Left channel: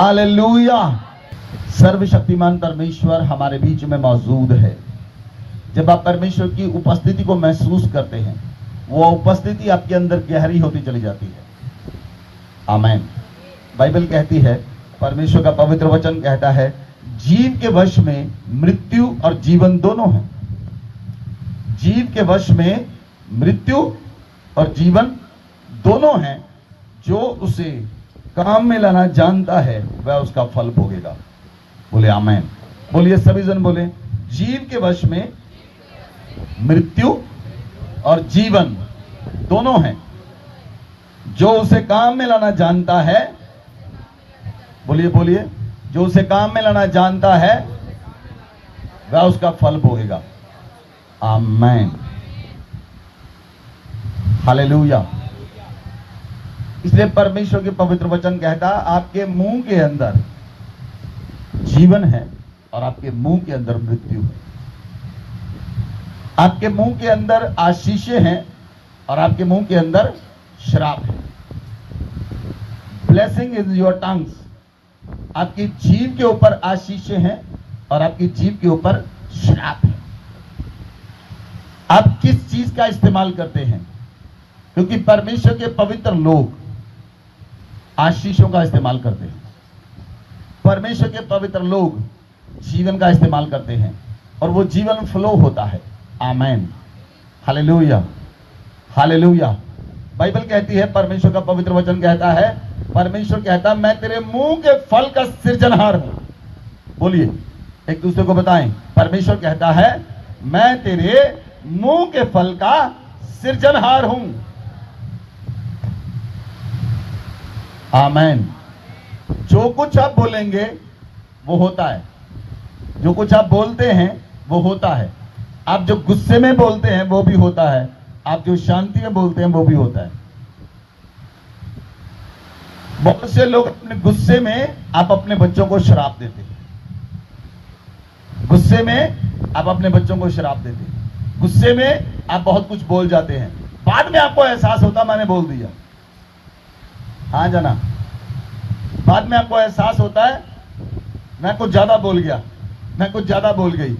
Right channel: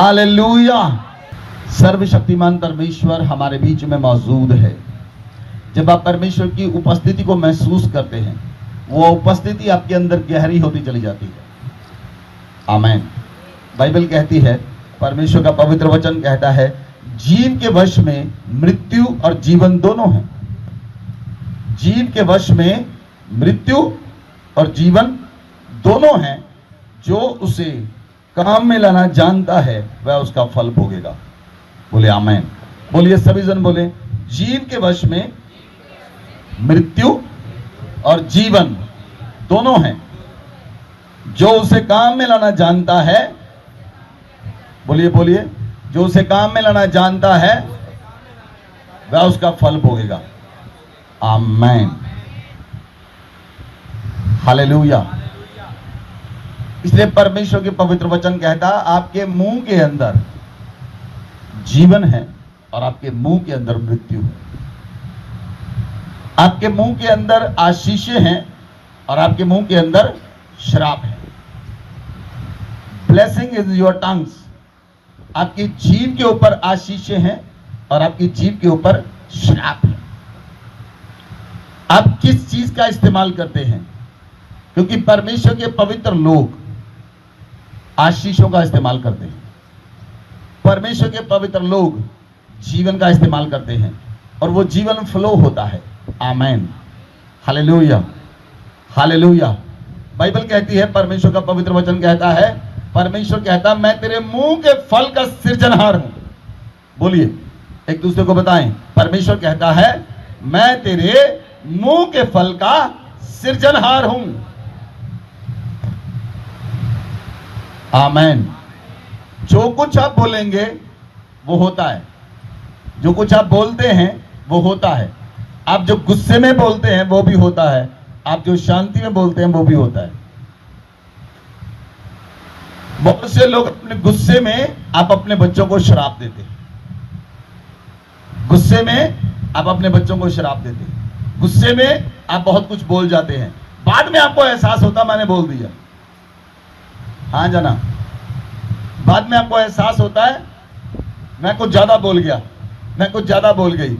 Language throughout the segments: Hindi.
हालेलुया। सर्वशक्तिमान परमेश्वर हमारे बीच में मौजूद है। जब आप परमेश्वर की उपस्थिति को महसूस करते हैं, वो उपस्थिति आपके अंदर गहरी होती चली जाती है। आमीन। बाइबल कहती है, परमेश्वर का पवित्र वचन कहता है, जीव के वश में मृत्यु और जीवन दोनों हैं। जीव के वश में मृत्यु और जीवन दोनों हैं। जो उसे काम में लाना जानता है वह उसका फल भोगेगा। बोले आमीन। बोलिए सभी जन बोले, जीव के वश में मृत्यु और जीवन दोनों हैं। जो उसे काम में लाना जानता है, बोलिए बोलिए, जो उसे काम में लाना जानता है वह उसका फल भोगेगा। आमीन। हालेलुया। इसलिए परमेश्वर के पवित्र वचन कहता, आपके मुंह के अंदर जीवन है और आपके मुंह के अंदर मृत्यु है। आपके मुंह के अंदर आशीषें हैं और आपके मुंह के अंदर श्राप है। Blessing is your tongues. आपकी जीभ के ऊपर आशीषें हैं और आपकी जीभ के ऊपर श्राप है। आप किस चीज का इस्तेमाल करते हैं? क्योंकि परमेश्वर के पवित्र लोग आशीषों का इस्तेमाल करते हैं। परमेश्वर के पवित्र लोग जीवन का इस्तेमाल करते हैं और वो जीवन फ्लो होता है। आमीन। हालेलुया। हालेलुया। बाइबल कहती है, परमेश्वर का पवित्र वचन कहता है, परमेश्वर कहता, मैं तेरे मुंह के फल का सृजनहार हूं। बोलिए, एक दूसरे को बताएं। परमेश्वर कहता है, मैं तेरे मुंह के फल का सृजनहार हूं। आमीन। जो कुछ आप बोलेंगे वो होता है। जो कुछ आप बोलते हैं वो होता है। आप जो गुस्से में बोलते हैं वो भी होता है। आप जो शांति में बोलते हैं वो भी होता है। बहुत से लोग अपने गुस्से में आप अपने बच्चों को श्राप देते हैं। गुस्से में आप अपने बच्चों को श्राप देते हैं। गुस्से में आप बहुत कुछ बोल जाते हैं। बाद में आपको एहसास होता, मैंने बोल दिया। हाँ जाना, बाद में आपको एहसास होता है, मैं कुछ ज्यादा बोल गया, मैं कुछ ज्यादा बोल गई,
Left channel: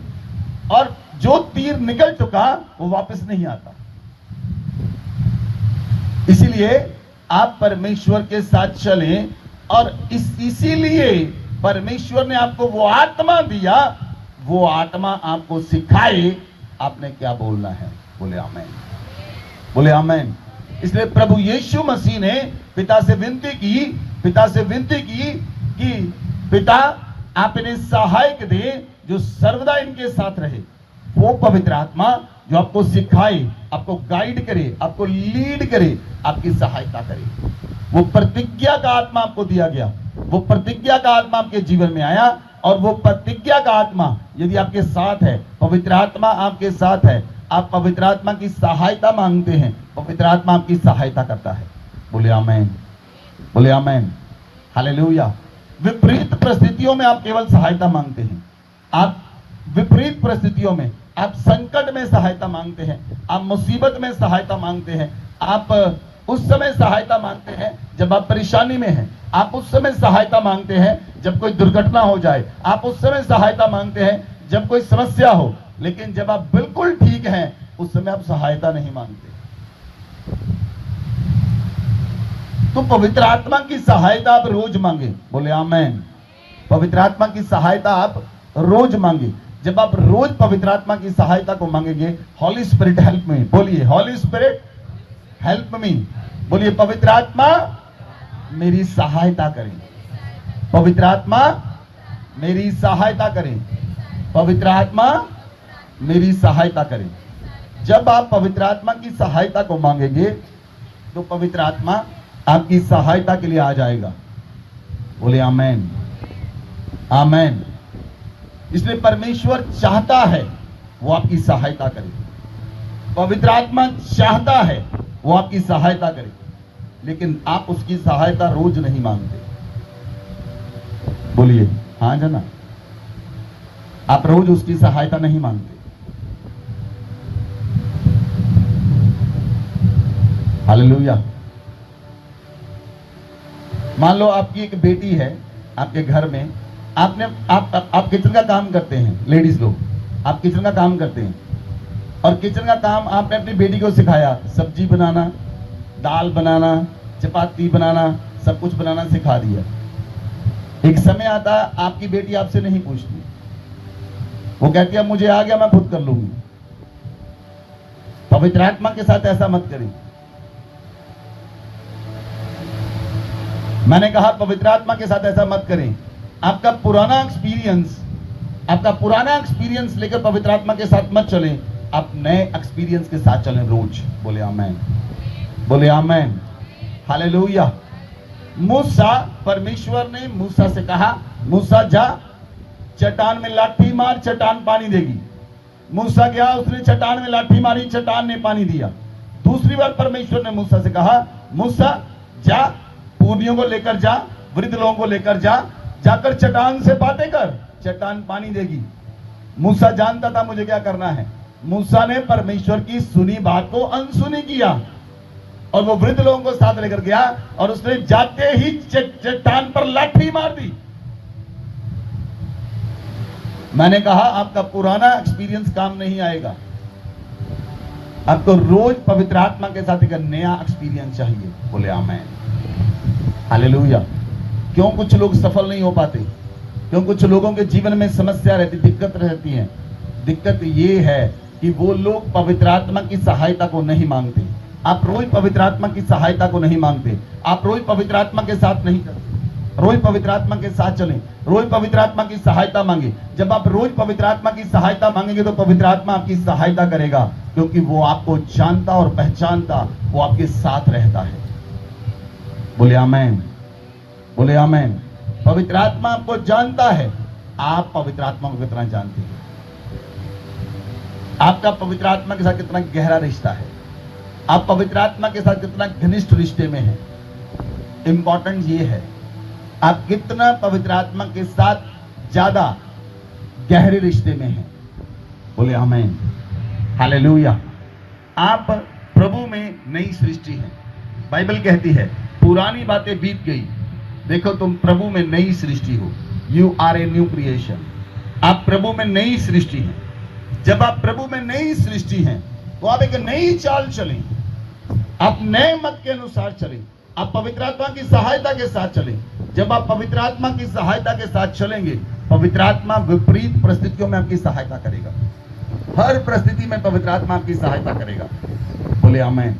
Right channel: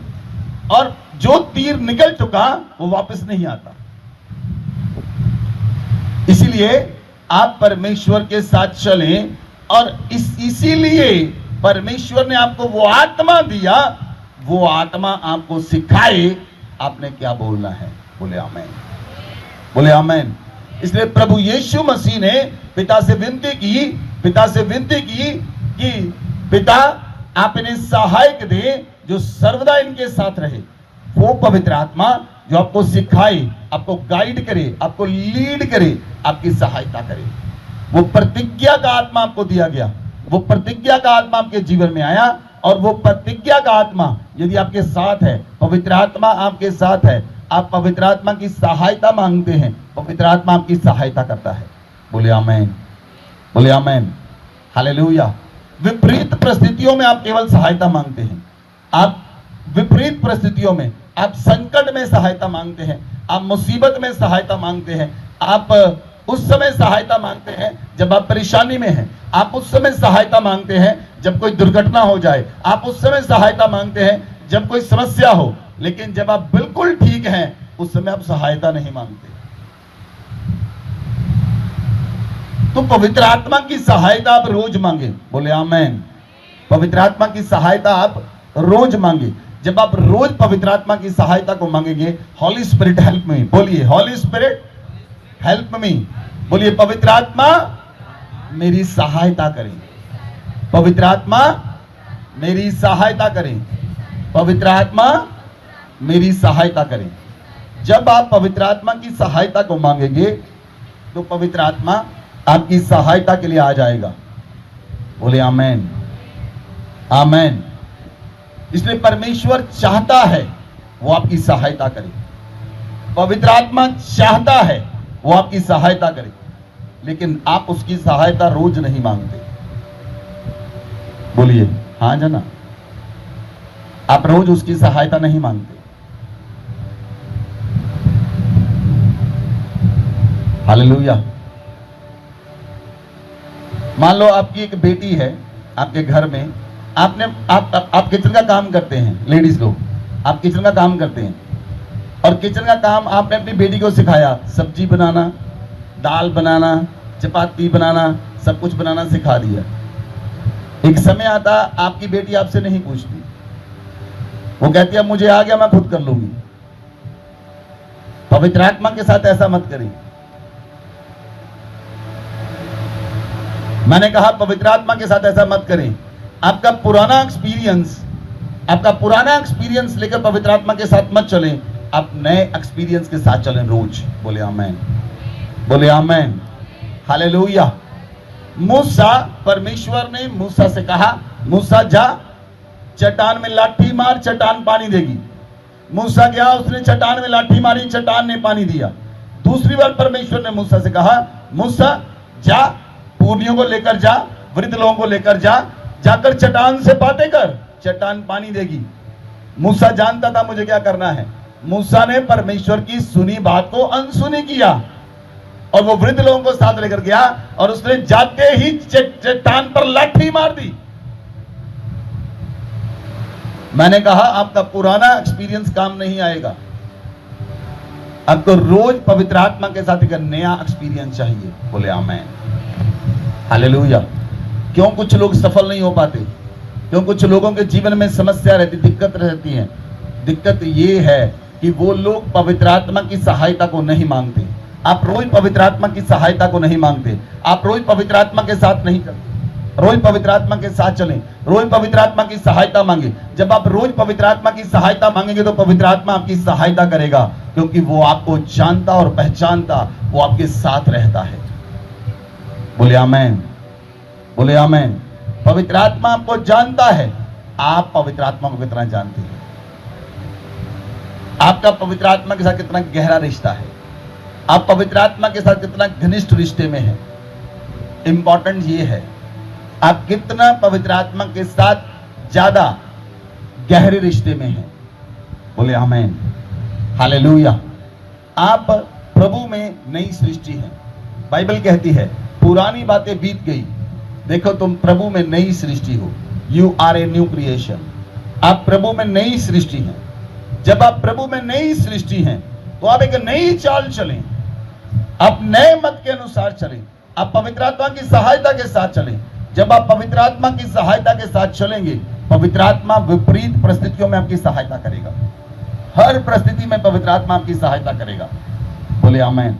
और जो तीर निकल चुका वो वापस नहीं आता। इसीलिए आप परमेश्वर के साथ चलें, और इसीलिए परमेश्वर ने आपको वो आत्मा दिया, वो आत्मा आपको सिखाए आपने क्या बोलना है। बोले आमीन। बोले आमीन। इसलिए प्रभु यीशु मसीह ने पिता से विनती की कि पिता आप इन्हें सहायक दे जो सर्वदा इनके साथ रहे। वो पवित्र आत्मा जो आपको सिखाए, आपको गाइड करे, आपको लीड करे, आपकी सहायता करे। वो प्रतिज्ञा का आत्मा आपको दिया गया। वो प्रतिज्ञा का आत्मा आपके जीवन में आया, और वो प्रतिज्ञा का आत्मा यदि आपके साथ है, पवित्र आत्मा आपके साथ है, आप पवित्र आत्मा की सहायता मांगते हैं, पवित्र आत्मा आपकी सहायता करता है। बोले आमीन। बोले आमीन। हालेलुया। विपरीत परिस्थितियों में आप केवल सहायता मांगते हैं। आप विपरीत परिस्थितियों में, आप संकट में सहायता मांगते हैं, आप मुसीबत में सहायता मांगते हैं, आप उस समय सहायता मांगते हैं जब आप परेशानी में हैं, आप उस समय सहायता मांगते हैं जब कोई दुर्घटना हो जाए, आप उस समय सहायता मांगते हैं जब कोई समस्या हो। लेकिन जब आप बिल्कुल ठीक हैं उस समय आप सहायता नहीं मांगते। तो पवित्र आत्मा की सहायता आप रोज मांगे। बोले आमीन। पवित्र आत्मा की सहायता आप रोज मांगे। जब आप रोज पवित्र आत्मा की सहायता को मांगेंगे, हॉली स्पिरिट हेल्प मी। बोलिए, हॉली स्पिरिट हेल्प मी। बोलिए, पवित्र आत्मा मेरी सहायता करें। पवित्र आत्मा मेरी सहायता करें। पवित्र आत्मा मेरी सहायता करें। जब आप पवित्र आत्मा की सहायता को मांगेंगे तो पवित्र आत्मा आपकी सहायता के लिए आ जाएगा। बोले आमीन। आमीन। इसलिए परमेश्वर चाहता है वो आपकी सहायता करे। पवित्र आत्मा चाहता है वो आपकी सहायता करे, लेकिन आप उसकी सहायता रोज नहीं मांगते। बोलिए हाँ जना, आप रोज उसकी सहायता नहीं मांगते। हालेलुया। मान लो आपकी एक बेटी है, आपके घर में आपने आप किचन का काम करते हैं, लेडीज लोग आप किचन का काम करते हैं, और किचन का काम आपने अपनी बेटी को सिखाया, सब्जी बनाना, दाल बनाना, चपाती बनाना, सब कुछ बनाना सिखा दिया। एक समय आता आपकी बेटी आपसे नहीं पूछती, वो कहती है मुझे आ गया, मैं खुद कर लूंगी। पवित्र आत्मा के साथ ऐसा मत करें। मैंने कहा पवित्र आत्मा के साथ ऐसा मत करें। आपका पुराना एक्सपीरियंस लेकर पवित्र आत्मा के साथ मत चलें, आप नए एक्सपीरियंस के साथ चलें रोज। बोले आमेन, बोले आमेन, हालेलुया। मूसा, परमेश्वर ने मूसा से कहा, मूसा जा चट्टान में लाठी मार, चट्टान पानी देगी। मूसा गया, उसने चट्टान में लाठी मारी, चट्टान ने पानी दिया। दूसरी बार परमेश्वर ने मूसा से कहा, मूसा जा पूर्णियों को लेकर जा, वृद्ध लोगों को लेकर जा, जाकर चट्टान से बातें कर, चट्टान पानी देगी। मूसा जानता था मुझे क्या करना है। मूसा ने परमेश्वर की सुनी बात को अनसुनी किया और वो वृद्ध लोगों को साथ लेकर गया और उसने जाते ही चट्टान पर लाठी मार दी। मैंने कहा आपका पुराना एक्सपीरियंस काम नहीं आएगा, आपको रोज पवित्र आत्मा के साथ एक नया एक्सपीरियंस चाहिए। बोले आमेन, हालेलुया। क्यों कुछ लोग सफल नहीं हो पाते? क्यों कुछ लोगों के जीवन में समस्या रहती, दिक्कत रहती है? दिक्कत ये है कि वो लोग पवित्र आत्मा की सहायता को नहीं मांगते। आप रोज पवित्र आत्मा की सहायता को नहीं मांगते, आप रोज पवित्र आत्मा के साथ नहीं चलते। रोज पवित्र आत्मा के साथ चलें, रोज पवित्र आत्मा की सहायता मांगे। जब आप रोज पवित्र आत्मा की सहायता मांगेंगे तो पवित्र आत्मा आपकी सहायता करेगा, क्योंकि वो आपको जानता और पहचानता, वो आपके साथ रहता है। बोले आमेन, बोले आमेन। पवित्र आत्मा आपको जानता है, आप पवित्र आत्मा को कितना जानते हैं? आपका पवित्र आत्मा के साथ कितना गहरा रिश्ता है? आप पवित्र आत्मा के साथ कितना घनिष्ठ रिश्ते में है? इंपॉर्टेंट ये है आप कितना पवित्र आत्मा के साथ ज्यादा गहरे रिश्ते में है। बोले आमेन, हालेलुया। आप प्रभु में नई सृष्टि है। बाइबल कहती है पुरानी बातें बीत गई, देखो तुम प्रभु में नई सृष्टि हो। You are a new creation. आप प्रभु में नई सृष्टि हैं। जब आप प्रभु में नई सृष्टि हैं तो आप एक नई चाल चलें, आप नए मत के अनुसार चलें, आप पवित्र आत्मा की सहायता के साथ चलें। जब आप पवित्र आत्मा की सहायता के साथ चलेंगे, पवित्र आत्मा विपरीत परिस्थितियों में आपकी सहायता करेगा। हर परिस्थिति में पवित्र आत्मा आपकी सहायता करेगा। बोले आमेन।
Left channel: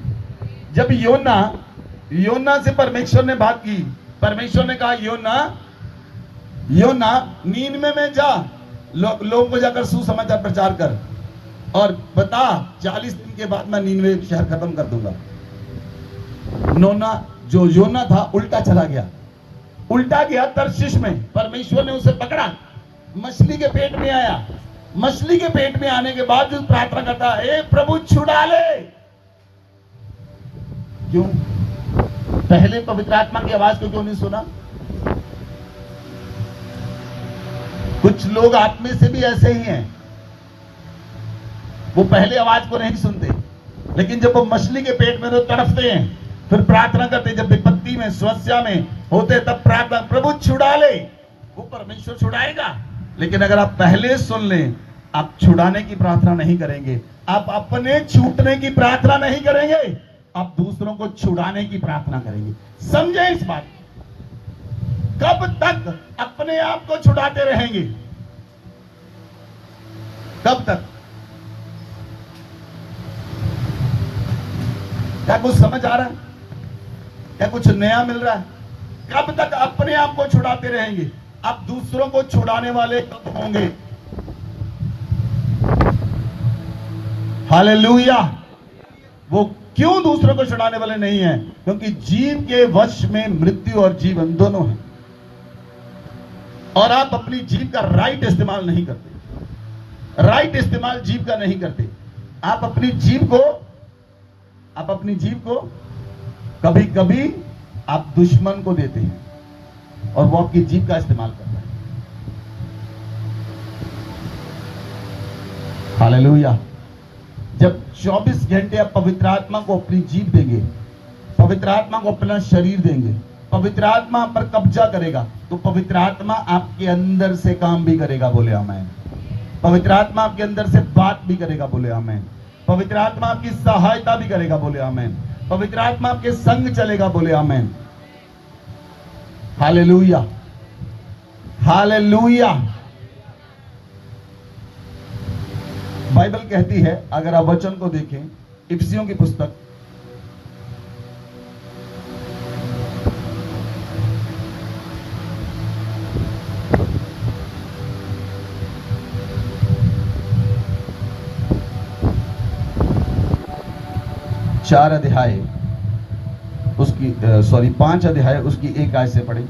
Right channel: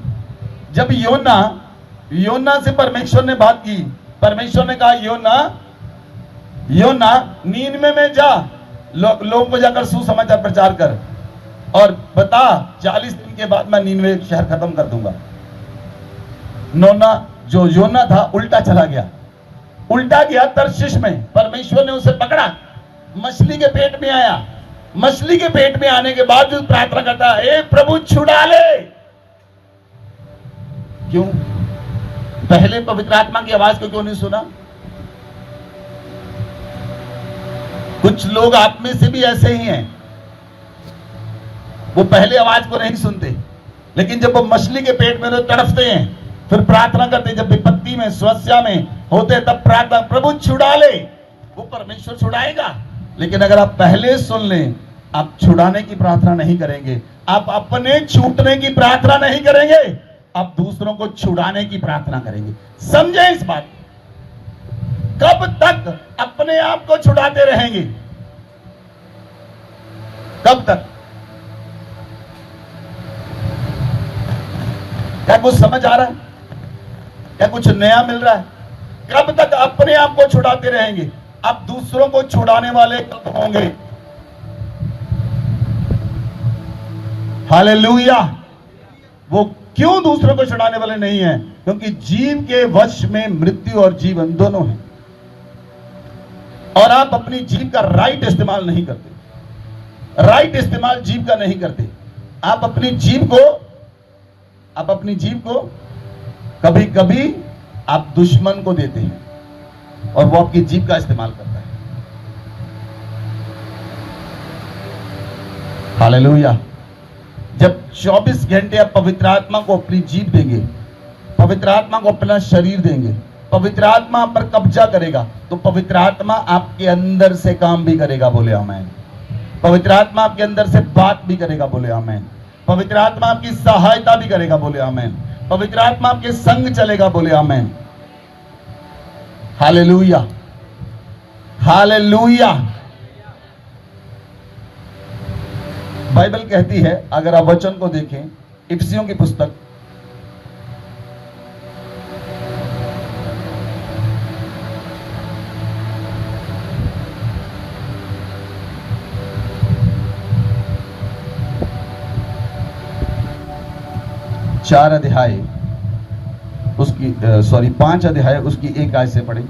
जब योना से परमेश्वर ने बात की, परमेश्वर ने कहा योना नीनवे में जा, लोगों को जाकर सुसमाचार प्रचार कर और बता 40 दिन के बाद मैं नीनवे शहर खत्म कर दूंगा। जो योना था उल्टा चला गया, उल्टा गया तर्शीश में। परमेश्वर ने उसे पकड़ा, मछली के पेट में आया। मछली के पेट में आने के बाद जो प्रार्थना करता है, हे प्रभु छुड़ा ले। क्यों? पहले पवित्र आत्मा की आवाज को क्यों नहीं सुना? कुछ लोग आप में से भी ऐसे ही हैं, वो पहले आवाज को नहीं सुनते, लेकिन जब वो मछली के पेट में तो तड़फते हैं, फिर प्रार्थना करते, जब विपत्ति में समस्या में होते तब प्रार्थना, प्रभु छुड़ा ले। वो परमेश्वर छुड़ाएगा। लेकिन अगर आप पहले सुन लें, आप छुड़ाने की प्रार्थना नहीं करेंगे, आप अपने छूटने की प्रार्थना नहीं करेंगे, आप दूसरों को छुड़ाने की प्रार्थना करेंगे। समझे इस बात? कब तक अपने आप को छुड़ाते रहेंगे? कब तक? क्या कुछ समझ आ रहा है? क्या कुछ नया मिल रहा है? कब तक अपने आप को छुड़ाते रहेंगे? आप दूसरों को छुड़ाने वाले कब होंगे? हालेलुया। वो क्यों दूसरों को छुड़ाने वाले नहीं हैं? क्योंकि जीव के वश में मृत्यु और जीवन दोनों हैं, और आप अपनी जीव का राइट इस्तेमाल नहीं करते। राइट इस्तेमाल जीव का नहीं करते। आप अपनी जीव को कभी कभी आप दुश्मन को देते हैं और वो आपकी जीव का इस्तेमाल करता है। हालेलुया। जब 24 घंटे आप पवित्र आत्मा को अपनी जीव देंगे, पवित्र आत्मा को अपना शरीर देंगे, पवित्र आत्मा आप पर कब्जा करेगा तो पवित्र आत्मा आपके अंदर से काम भी करेगा, बोले आमीन। पवित्र आत्मा आपके अंदर से बात भी करेगा, बोले आमीन। पवित्र आत्मा आपकी सहायता भी करेगा, बोले आमीन। पवित्र आत्मा आपके संग चलेगा, बोले आमीन। हालेलुया, हालेलुया। बाइबल कहती है, अगर आप वचन को देखें, इफिसियों की पुस्तक 4 अध्याय उसकी 5 अध्याय उसकी 1 आयत से पढ़े।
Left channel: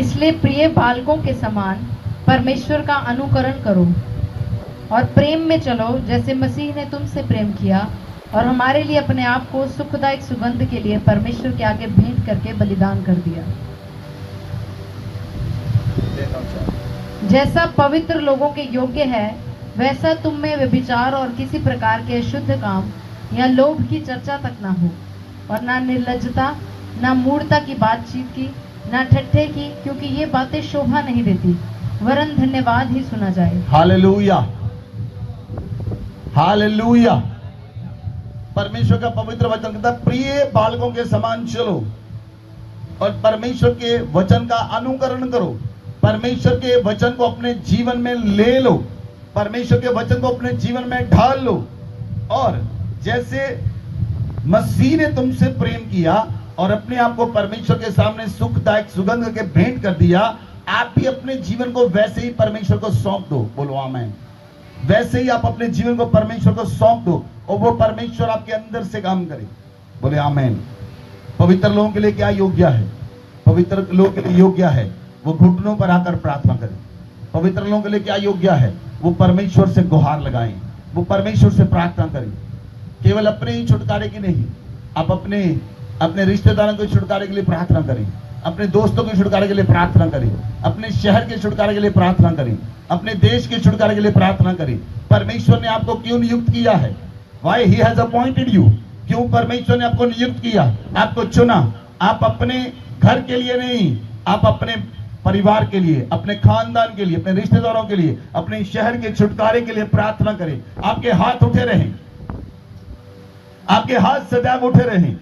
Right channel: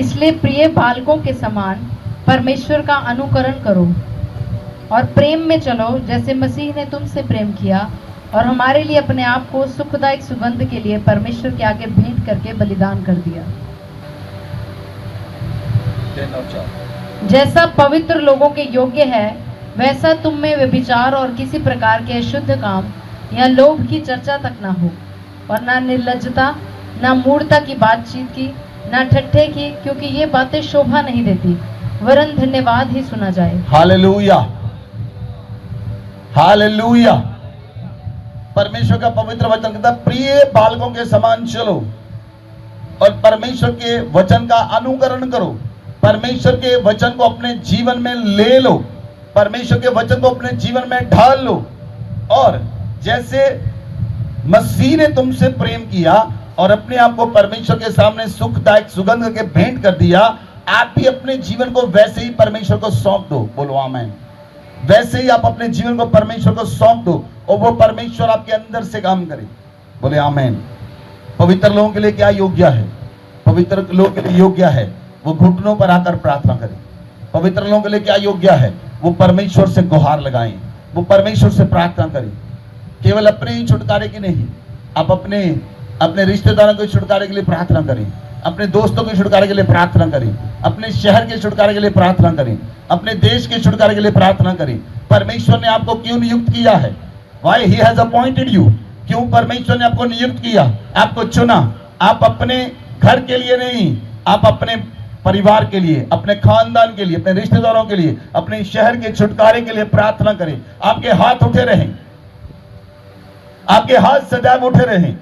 इसलिए प्रिय बालकों के समान परमेश्वर का अनुकरण करो और प्रेम में चलो, जैसे मसीह ने तुमसे प्रेम किया और हमारे लिए अपने आप को सुखदायक सुगंध के लिए परमेश्वर के आगे भेंट करके बलिदान कर दिया। जैसा पवित्र लोगों के योग्य है, वैसा तुम में व्यभिचार और किसी प्रकार के अशुद्ध काम या लोभ की चर्चा तक ना हो, और ना निर्लज्जता, ना मूढ़ता की बातचीत की, ना ठट्ठे की, क्योंकि ये बातें शोभा नहीं देती, वरन धन्यवाद ही सुना जाए। Hallelujah, hallelujah. परमेश्वर का पवित्र वचन कहता है, प्रिय बालकों के समान चलो और परमेश्वर के वचन का अनुकरण करो। परमेश्वर के वचन को अपने जीवन में ले लो, परमेश्वर के वचन को अपने जीवन में ढाल लो। और जैसे मसीह ने तुमसे प्रेम किया और अपने आप को परमेश्वर के सामने सुखदायक सुगंध के भेंट कर दिया, आप भी अपने जीवन को वैसे ही परमेश्वर को सौंप दो। बोलो आमीन। वैसे ही आप अपने जीवन को परमेश्वर को सौंप दो और वो परमेश्वर आपके अंदर से काम करे। बोले आमीन। पवित्र लोगों के लिए क्या योग्य है? पवित्र लोगों के लिए योग्य है वो घुटनों पर आकर प्रार्थना करें। पवित्र लोगों के लिए क्या योग्य है? वो परमेश्वर से गुहार लगाएं, वो परमेश्वर से प्रार्थना करें। केवल अपने ही छुटकारे की नहीं, आप अपने रिश्तेदारों के छुटकारे के लिए प्रार्थना करें, अपने दोस्तों के छुटकारे के लिए प्रार्थना करें, अपने शहर के छुटकारे के लिए प्रार्थना करें, अपने देश के छुटकारे के लिए प्रार्थना करें। परमेश्वर ने आपको क्यों नियुक्त किया है? Why he has appointed you? क्यों परमेश्वर ने आपको नियुक्त किया, आपको चुना? आप अपने घर के लिए नहीं, आप अपने परिवार के लिए, अपने खानदान के लिए, अपने रिश्तेदारों के लिए, अपने शहर के छुटकारे के लिए प्रार्थना करें। आपके हाथ उठे रहें, आपके हाथ सदैव उठे रहें।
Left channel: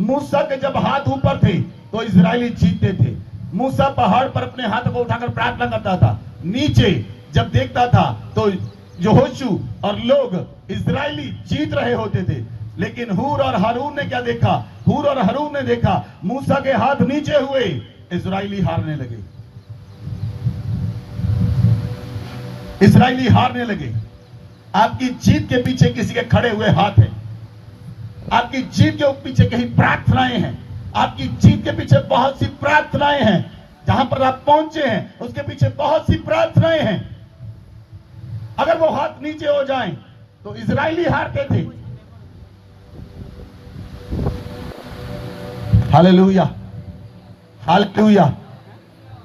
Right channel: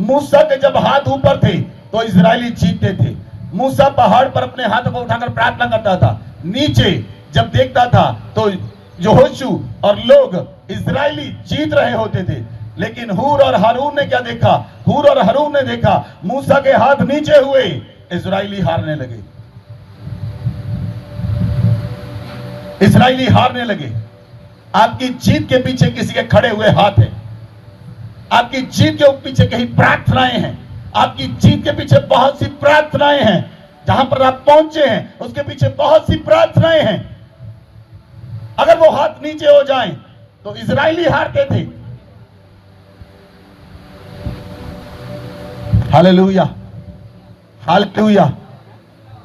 मूसा के जब हाथ ऊपर थे तो इजरायली जीतते थे। मूसा पहाड़ पर अपने हाथों को उठाकर प्रार्थना करता था, नीचे जब देखता था तो यहोशू और लोग इजरायली जीत रहे होते थे। लेकिन हूर और हारून ने क्या देखा? हूर और हारून ने देखा मूसा के हाथ नीचे हुए, इजरायली हारने लगे, इजरायली हारने लगे। आपकी जीत के पीछे किसी के खड़े हुए हाथ है, आपकी जीत के पीछे कहीं प्रार्थनाएं हैं, आपकी जीत के पीछे बहुत सी प्रार्थनाएं हैं। जहां पर आप पहुंचे हैं उसके पीछे बहुत सी प्रार्थनाएं हैं। अगर वो हाथ नीचे हो जाएं तो इजरायली हारते थे। Hallelujah, hallelujah.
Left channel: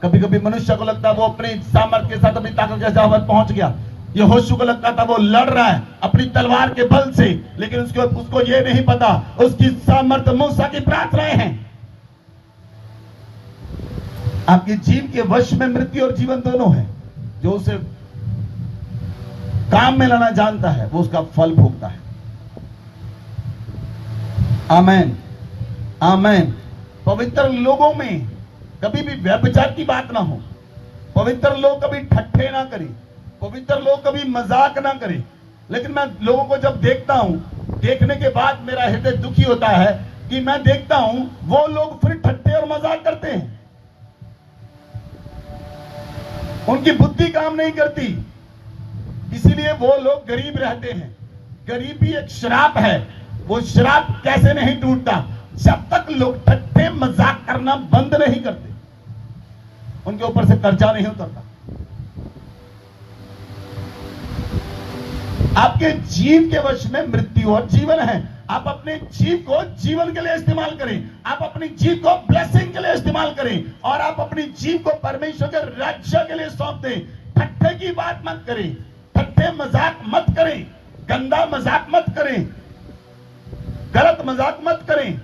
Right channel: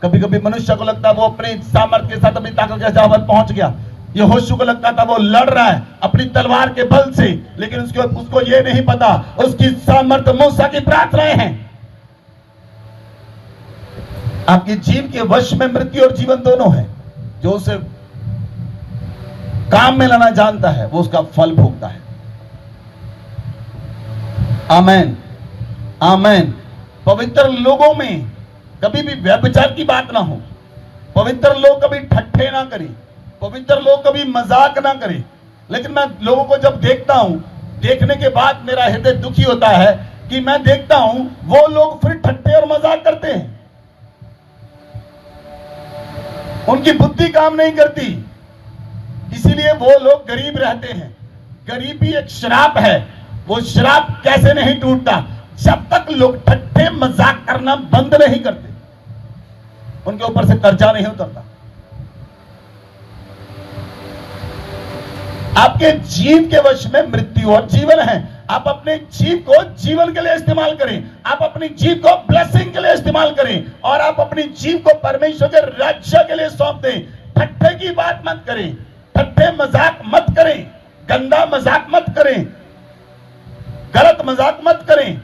कभी कभी मनुष्य को लगता है वो अपने सामर्थ्य के साथ अपनी ताकत के साथ पहुंच गया। यहोशू को लगता था वो लड़ रहा है अपनी तलवार के बल से, लेकिन उसको ये नहीं पता उसकी सामर्थ्य मूसा की प्रार्थनाएं हैं। आपके जीव के वश में मृत्यु और जीवन दोनों है। जो उसे काम में लाना जानता है वो उसका फल भोगता है। आमीन, आमीन। पवित्र लोगों में कभी भी व्यभिचार की बात ना हो, पवित्र लोग कभी ठट्ठे ना करें, पवित्र लोग कभी मजाक ना करें। लेकिन मैं लोगों को जब देखता हूं, देखने के बाद मेरा हृदय दुखी होता है कि मैं देखता हूं वो लोग फिर ठट्ठे और मजाक करते हैं। उनकी बुद्धि काम नहीं करती, इसीलिए वो लोग गरीब रहते हैं। गरीबी एक श्राप है, वो श्राप कैसे नहीं टूटता? जब तक लोग ठट्ठे मजाक करना बंद नहीं करते, उनके ऊपर से कर्जा नहीं उतरता। आपके जीव के वश में मृत्यु और जीवन है। आप अपने जीव को जीवन के लिए इस्तेमाल करें, आप अपनी जीव को ब्लेसिंग के लिए इस्तेमाल करें, और आप अपनी जीव को परमेश्वर के राज्य के लिए सौंप दें। ठट्ठे की बात मत करें, ठट्ठे मजाक मत करें, गंदा मजाक मत करें, गलत मजाक मत करें।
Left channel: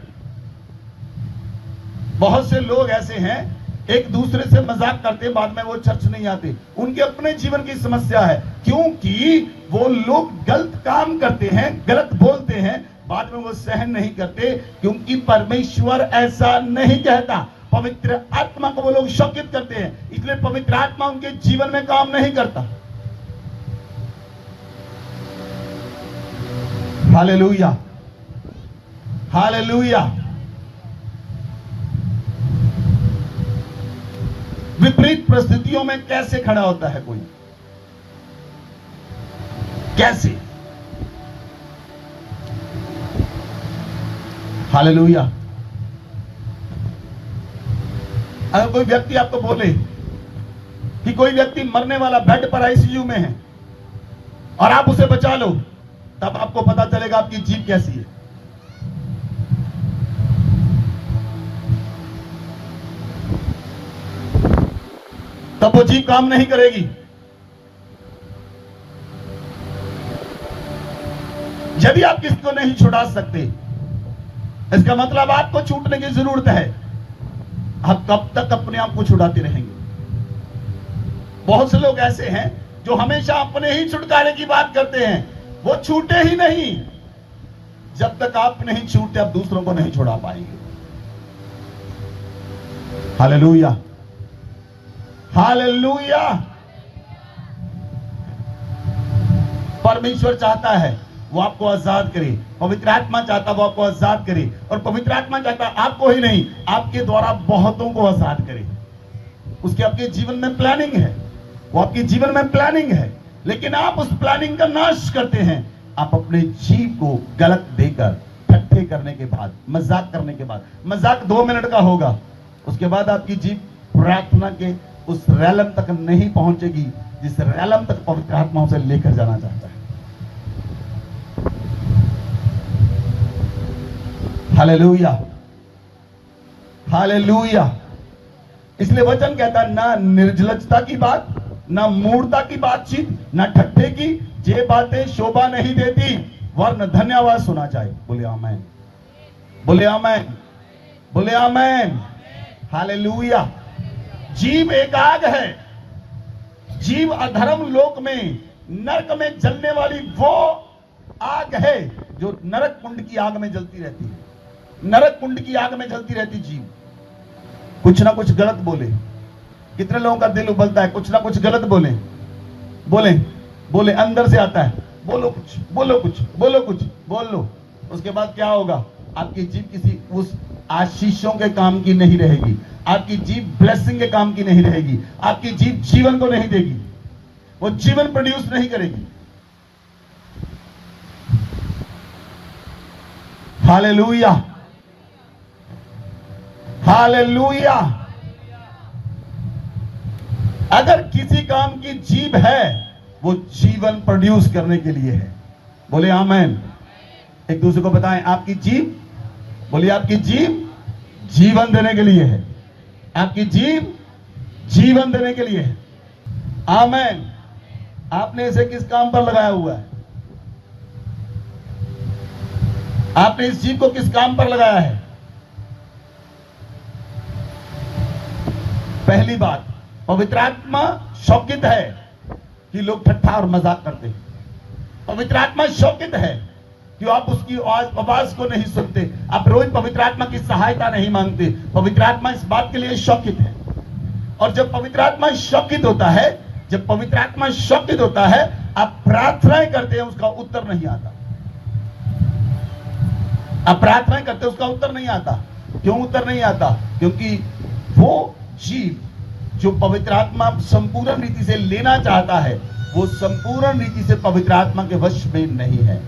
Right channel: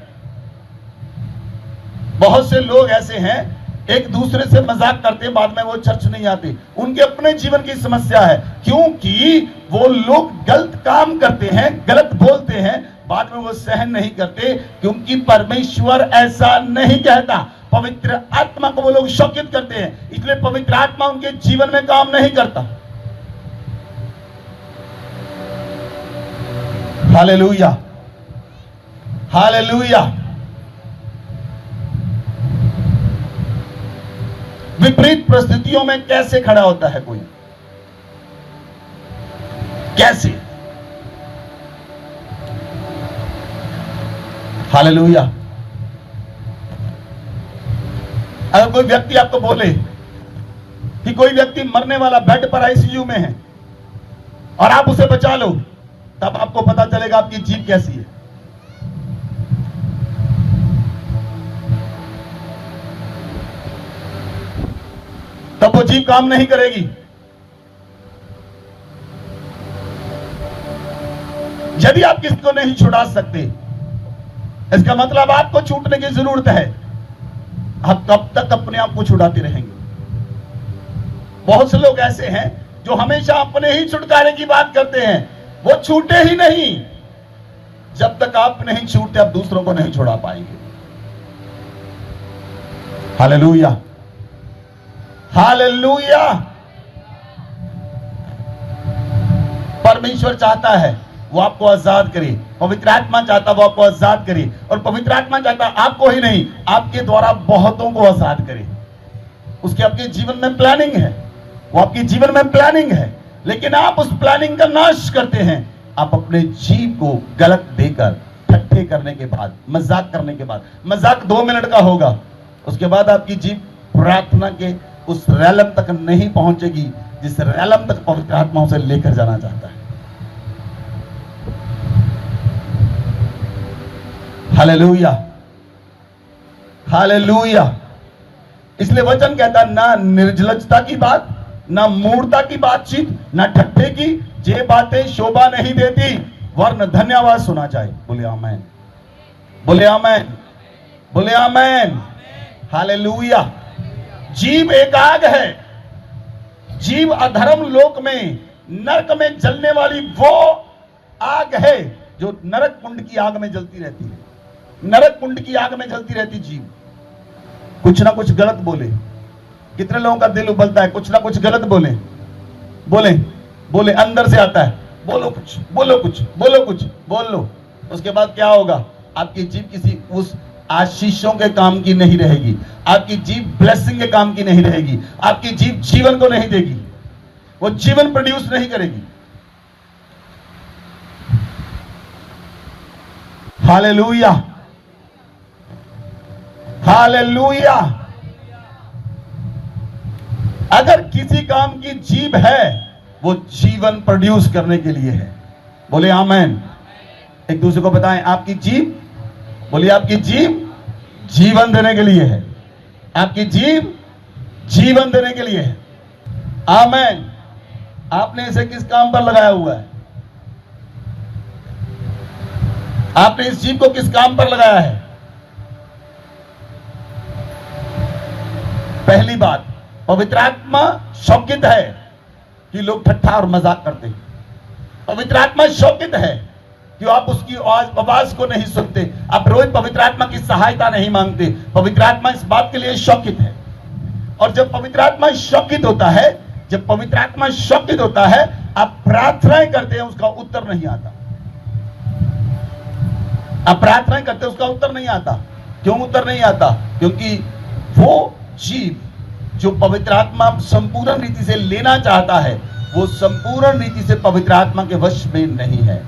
बहुत से लोग ऐसे हैं, एक दूसरे से मजाक करते हैं, बाद में वो चर्च नहीं आते। उनके अपने जीवन की समस्या है, क्योंकि वो लोग गलत काम करते हैं, गलत बोलते हैं, बाद में वो सहन नहीं करते, क्योंकि परमेश्वर ऐसा नहीं कहता। पवित्र आत्मा को वो लोग शोकित करते हैं, इसलिए पवित्र आत्मा उनके जीवन में काम नहीं करता। Hallelujah, hallelujah. विपरीत परिस्थितियों में कैसे खड़ा होता है कोई? कैसे? हालेलुया। अगर कोई व्यक्ति आपको बोले कि कोई व्यक्ति मरने वाला बेड पर आईसीयू में है और आप उसे बचा लो, तब आपको पता चलेगा आपकी जीभ कैसी है। तब वो जीभ काम नहीं करेगी। यदि आप किसी को नहीं छुड़ा सकते, इसका मतलब आपको छूटने की जरूरत है। आप कब तक अपने आप को छुड़ाते रहेंगे? बहुत से लोग ऐसे हैं जो हमेशा अपने ही छुटकारे की बात करते हैं, वो छूटे ही नहीं। जब तक आप नहीं छूटते, आप दूसरों को नहीं छुड़ा पाएंगे। Hallelujah, hallelujah. परमेश्वर चाहता है वो आपको आजाद करे, पवित्र आत्मा चाहता है वो आपको आजाद करे, और पवित्र आत्मा चाहता है आपको ही नहीं, आपके द्वारा बहुतों को आजाद करे। उसके आपके जीवन में प्लानिंग है, वो आपके जीवन में प्लानिंग है, लेकिन आप उस प्लानिंग का नाश करते हैं। आप अपने जीव को गलत देकर, ठट्ठे करने के बाद, मजाक करने के बाद, मजाक 2 मिनट का होगा, उसके बाद आपकी जीव प्रार्थना के उस रैलम तक नहीं पहुंचेगी जिस रैलम तक पवित्र आत्मा उसे लेकर जाना चाहता है। हालेलुया, हालेलुया। इसलिए वचन कहता है, ना निर्लज्जता की बात, ना मूर्ता की बातचीत, ना ठट्ठे की, जे बातें शोभा नहीं देती, वरन धन्यवाद सुना जाए। बोले आमेन, बोले आमेन, बोले आमेन। हालेलुया। जीव एक आग है, जीव अधर्म लोक में, नरक में जलने वाली वो आग है जो नरक कुंड की आग में जलती रहती है। नरक कुंड की आग में जलती रहती जीव, कुछ ना कुछ गलत बोले। कितने लोगों का दिल उबलता है, कुछ ना कुछ गलत बोले, बोले बोले, अंदर से आता है, बोलो कुछ, बोलो कुछ, बोलो कुछ, बोल लो। उसके बाद क्या होगा? आपकी जीभ किसी उस आशीषों के काम की नहीं रहेगी, आपकी जीभ ब्लेसिंग के काम की नहीं रहेगी, आपकी जीभ जीवन को नहीं देगी, वो जीवन प्रोड्यूस नहीं करेगी। Hallelujah, hallelujah. अगर किसी काम की जीभ है, वो जीवन प्रोड्यूस करने के लिए है। बोले आमेन। एक दूसरे को बताएं, आपकी जीभ, बोलिए आपकी जीभ जीवन देने के लिए है, आपकी जीभ जीवन देने के लिए है। आमेन। आपने इसे किस काम पर लगाया हुआ है? आपने इस जीभ को किस काम पर लगाया है? पहली बात, पवित्र आत्मा शौकित है कि लोग ठट्ठा और मजाक करते हैं। पवित्र आत्मा शौकित है कि आप उसकी आवाज को नहीं सुनते, आप रोज पवित्र आत्मा की सहायता नहीं मांगते। पवित्र आत्मा इस बात के लिए शौकित है। और जब पवित्र आत्मा शौकित होता है, जब पवित्र आत्मा शौकित होता है, आप प्रार्थनाएं करते हैं, उसका उत्तर नहीं आता। आप प्रार्थनाएं करते हैं, उसका उत्तर नहीं आता। क्यों उत्तर नहीं आता? क्योंकि वो जीव जो पवित्र आत्मा संपूर्ण रीति से लेना चाहता है, वो संपूर्ण रीति से पवित्र आत्मा के वश में नहीं है।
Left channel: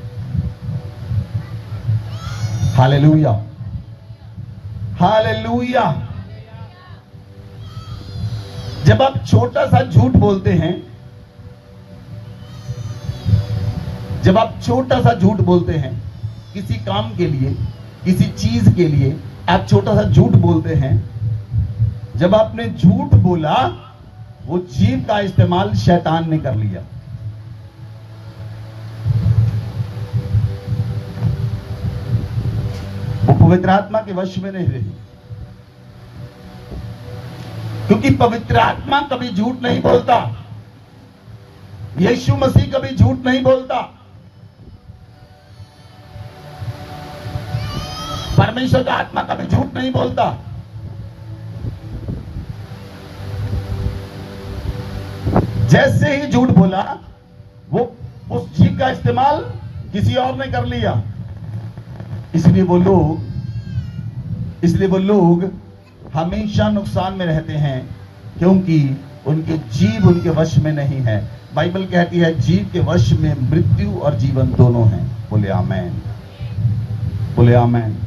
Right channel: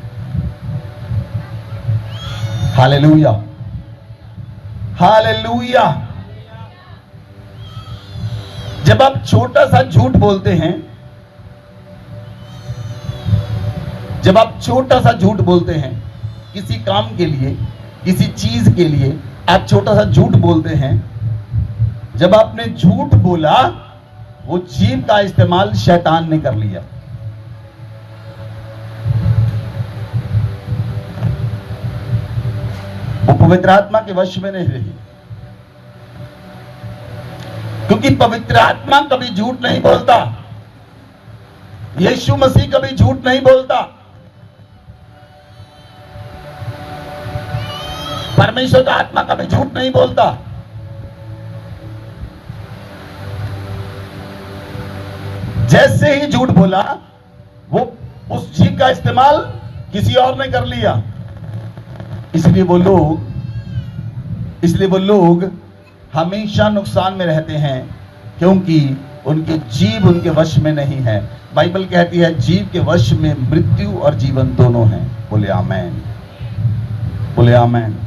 Hallelujah, hallelujah. जब आप छोटा सा झूठ बोलते हैं, जब आप छोटा सा झूठ बोलते हैं किसी काम के लिए, किसी चीज के लिए, आप छोटा सा झूठ बोलते हैं। जब आपने झूठ बोला, वो जीभ का इस्तेमाल शैतान ने कर लिया। वो पवित्र आत्मा के वश में नहीं रही। क्योंकि पवित्र आत्मा कभी झूठ नहीं बोलता, यीशु मसीह कभी झूठ नहीं बोलता, परमेश्वर का आत्मा कभी झूठ नहीं बोलता। जैसे ही झूठ बोला, वो उस जीव का इस्तेमाल किसी और ने कर लिया। इसलिए वो लोग हमेशा नुकसान में रहते हैं, क्योंकि उनके जीव उनके वश में नहीं है। बाइबल कहती है जीव के वश में मृत्यु और जीवन दोनों हैं। बोले आमेन, बोले आमेन।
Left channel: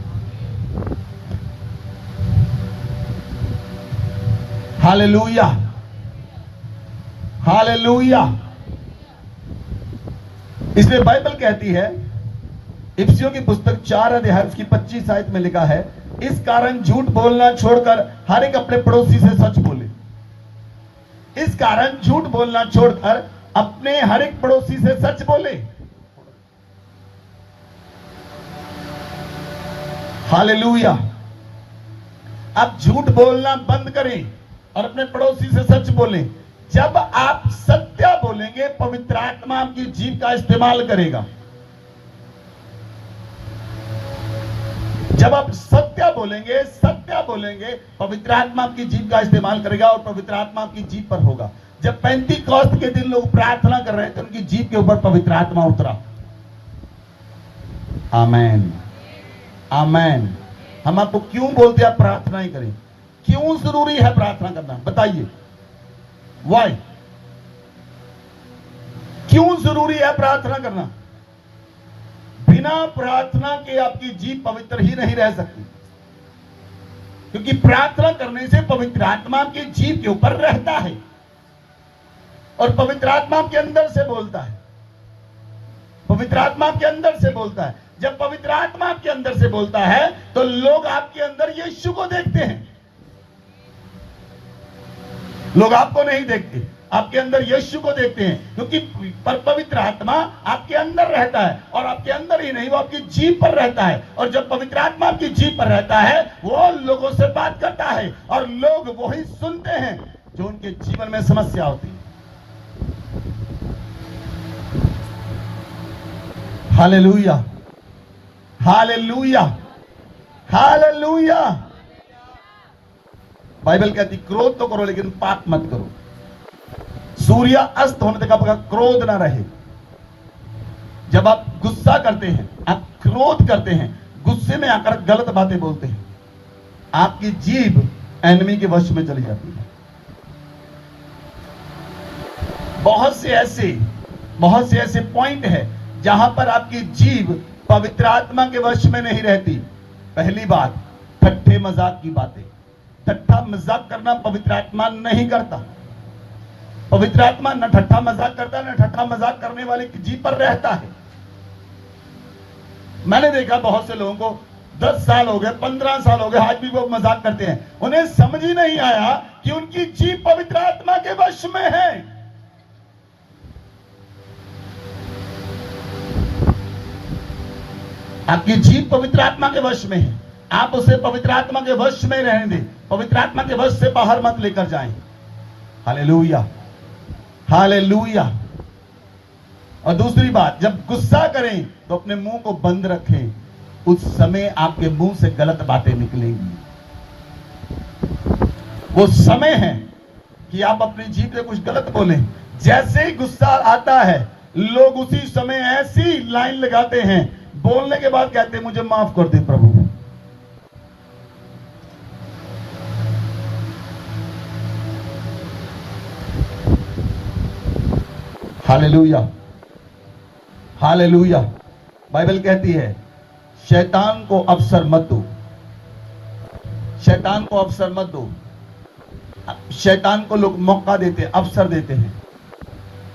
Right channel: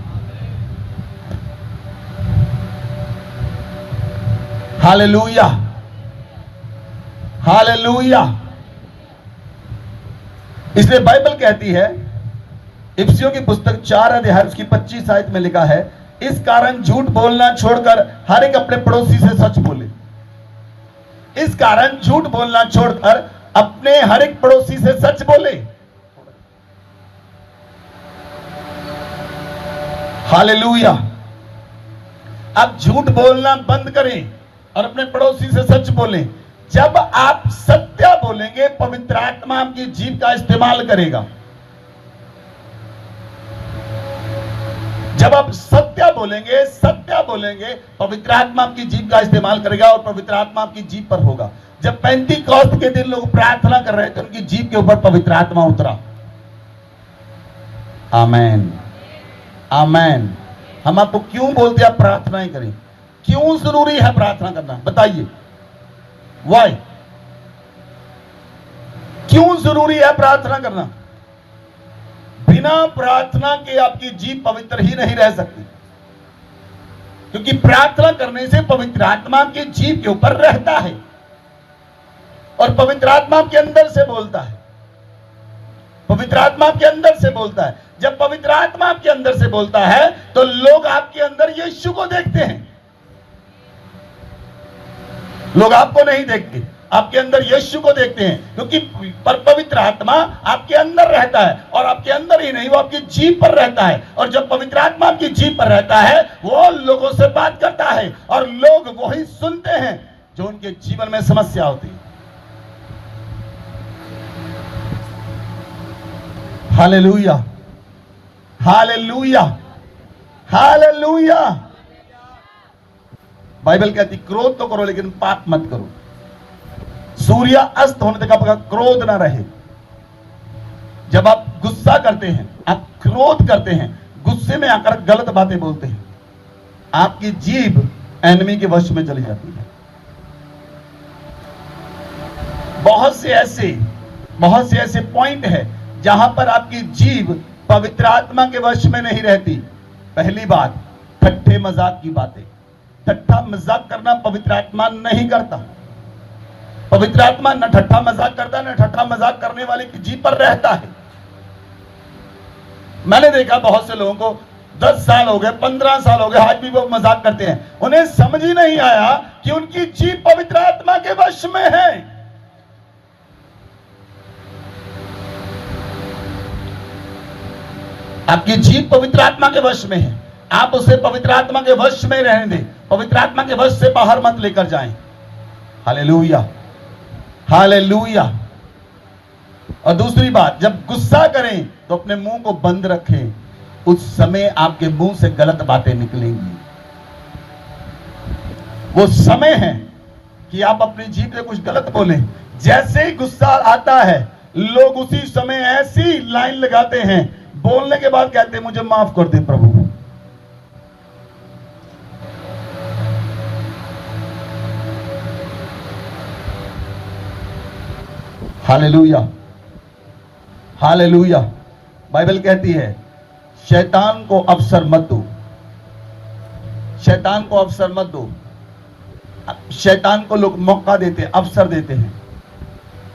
हालेलुया, हालेलुया। इसलिए बाइबल कहती है, इफिसियों की पुस्तक 4 अध्याय उसकी 25 आयत में लिखा है, इस कारण झूठ बोलना छोड़कर हर एक अपने पड़ोसी से सच बोले। इस कारण झूठ बोलना छोड़कर अपने हर एक पड़ोसी से सच बोले। हालेलुया। अब झूठ बोलना बंद करें और अपने पड़ोसी से सच बोलें। जब आप सत्य बोलेंगे, पवित्र आत्मा आपकी जीभ का इस्तेमाल करेगा। जब आप सत्य बोलेंगे, पवित्र आत्मा आपकी जीभ का इस्तेमाल करेगा और पवित्र आत्मा आपकी जीभ पर होगा। जब पेंतीकोस्त के दिन लोग प्रार्थना कर रहे थे, उनकी जीभ के ऊपर पवित्र आत्मा उतरा। आमेन, आमेन। हम आपको क्यों बोलते हैं आप प्रार्थनाएं करें? क्यों जरूरी है प्रार्थना करना? बताइए, वाई? क्यों जरूरी है प्रार्थना करना? बिना प्रार्थना के आपकी जीभ पवित्र ही नहीं रह सकती, क्योंकि प्रार्थना करने से पवित्र आत्मा की जीभ के ऊपर रहता है और पवित्र आत्मा के अंदर से बोलता है। पवित्र आत्मा के अंदर से बोलता है। जब पवित्र आत्मा आपके अंदर से बोलता है तो लोग आपके अंदर यीशु को देखते हैं। लोग आपको नहीं देखते, आपके अंदर यीशु को देखते हैं, क्योंकि पवित्र आत्मा आपके अंदर रहता है और आपके अंदर ही नहीं, वो आपकी जीभ पर रहता है। और जब पवित्र आत्मा आपकी जीभ पर रहता है, वो लोगों से बात करता है और लोग वही सुनते हैं जो उनके जीवन में समस्या होती है। हालेलुया, हालेलुया, हालेलुया। बाइबल कहती क्रोध तो करो लेकिन पाप मत करो। सूर्य अस्त होने तक आपका क्रोध ना रहे। जब आप गुस्सा करते हैं, आप क्रोध करते हैं, गुस्से में आकर गलत बातें बोलते हैं, आपकी जीभ एनिमी के वश में चली जाती है। बहुत से ऐसे पॉइंट है जहां पर आपकी जीभ पवित्र आत्मा के वश में नहीं रहती। पहली बात, ठट्ठे मजाक की बातें। ठट्ठा मजाक करना पवित्र आत्मा नहीं करता। पवित्र आत्मा न ठट्ठा मजाक करता, न ठट्ठा मजाक करने वाले की जीभ पर रहता है। मैंने देखा बहुत से लोगों को 10 साल हो गए, 15 साल हो गए, आज भी वो मजाक करते हैं। उन्हें समझ ही नहीं आया कि उनकी जीभ पवित्र आत्मा के वश में है। आपकी जीभ पवित्र आत्मा के वश में है। आप उसे पवित्र आत्मा के वश में रहने दें, पवित्र आत्मा के वश से बाहर मत लेकर जाएं। Hallelujah, hallelujah. और दूसरी बात, जब गुस्सा करें तो अपने मुंह को बंद रखें। उस समय आपके मुंह से गलत बातें निकलेंगी। वो समय है कि आप अपनी जीभ से कुछ गलत बोलें। जैसे ही गुस्सा आता है, लोग उसी समय ऐसी लाइन लगाते हैं, बोलने के बाद कहते हैं मुझे माफ कर दे प्रभु। हालेलुया, हालेलुया। बाइबल कहती है शैतान को अवसर मत दो। शैतान को अवसर मत दो। शैतान को लोग मौका देते, अवसर देते हैं।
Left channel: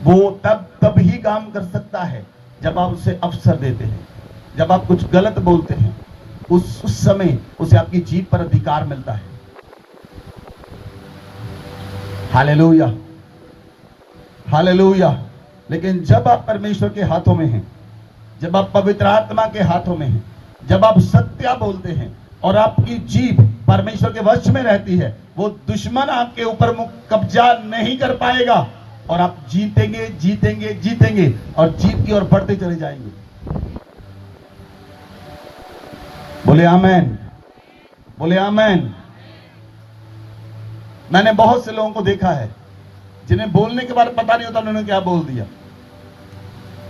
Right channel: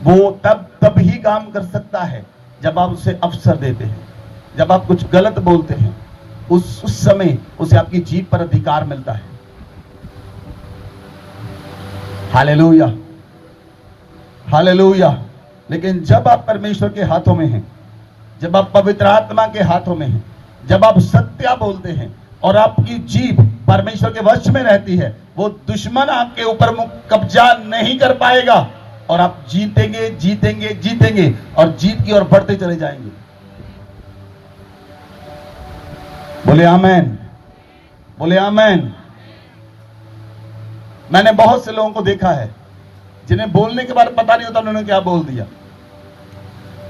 वो तब ही काम कर सकता है जब आप उसे अवसर देते हैं। जब आप कुछ गलत बोलते हैं, उस समय उसे आपकी जीभ पर अधिकार मिलता है। Hallelujah, hallelujah. लेकिन जब आप परमेश्वर के हाथों में हैं, जब आप पवित्र आत्मा के हाथों में हैं, जब आप सत्य बोलते हैं और आपकी जीभ परमेश्वर के वश में रहती है, वो दुश्मन आपके ऊपर कब्जा नहीं कर पाएगा और आप जीतेंगे जीतेंगे जीतेंगे और जीत की ओर बढ़ते चले जाएंगे। बोले आमेन, बोले आमेन। मैंने बहुत से लोगों को देखा है जिन्हें बोलने के बाद पता नहीं होता उन्होंने क्या बोल दिया,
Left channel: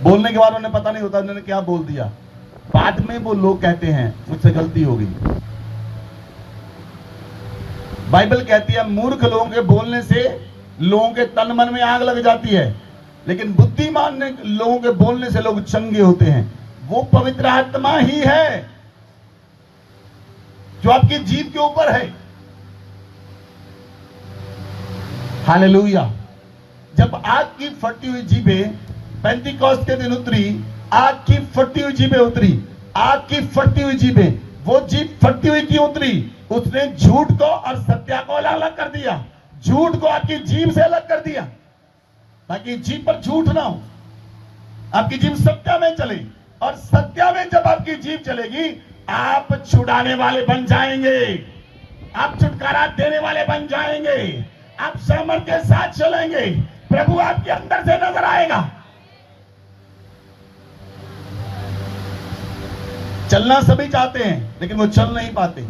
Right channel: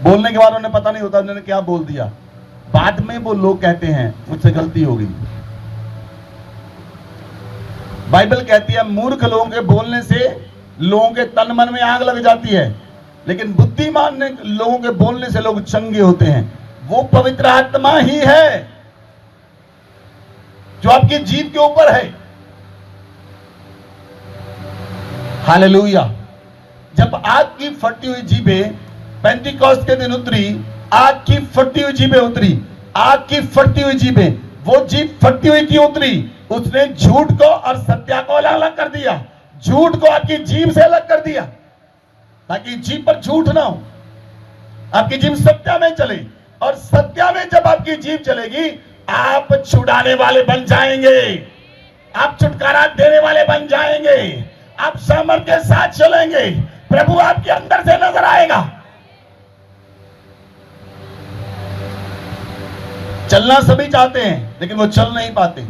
बोलने के बाद उन्हें पता नहीं होता उन्होंने क्या बोल दिया। बाद में वो लोग कहते हैं मुझसे गलती हो गई। बाइबल कहती है मूर्ख लोगों के बोलने से लोगों के तन मन में आग लग जाती है, लेकिन बुद्धिमान लोगों के बोलने से लोग चंगे होते हैं। वो पवित्र आत्मा ही है जो आपकी जीत के ऊपर है। हालेलुया। जब आग की फटी हुई जीभें पेंटिकॉस्ट के दिन उतरी, आग की फटी हुई जीभें उतरी, आग की फटी हुई जीभें, वो जीभ फटी हुई क्यों उतरी? उसने झूठ को और सत्य को अलग कर दिया, झूठ को आपकी जीभ से अलग कर दिया ताकि जीभ पर झूठ ना हो, आपकी जीभ सत्य में चले। और सत्य में जब आपकी जीभ चलेगी, आप छुड़ाने वाले बन जाएंगे, आप छुटकारा देने वाले बन जाएंगे, आप सामर्थ्य के साथ चलेंगे, प्रभु आपके अंदर से नजर आएगा। चलना सभी चाहते हैं लेकिन वो चल नहीं पाते,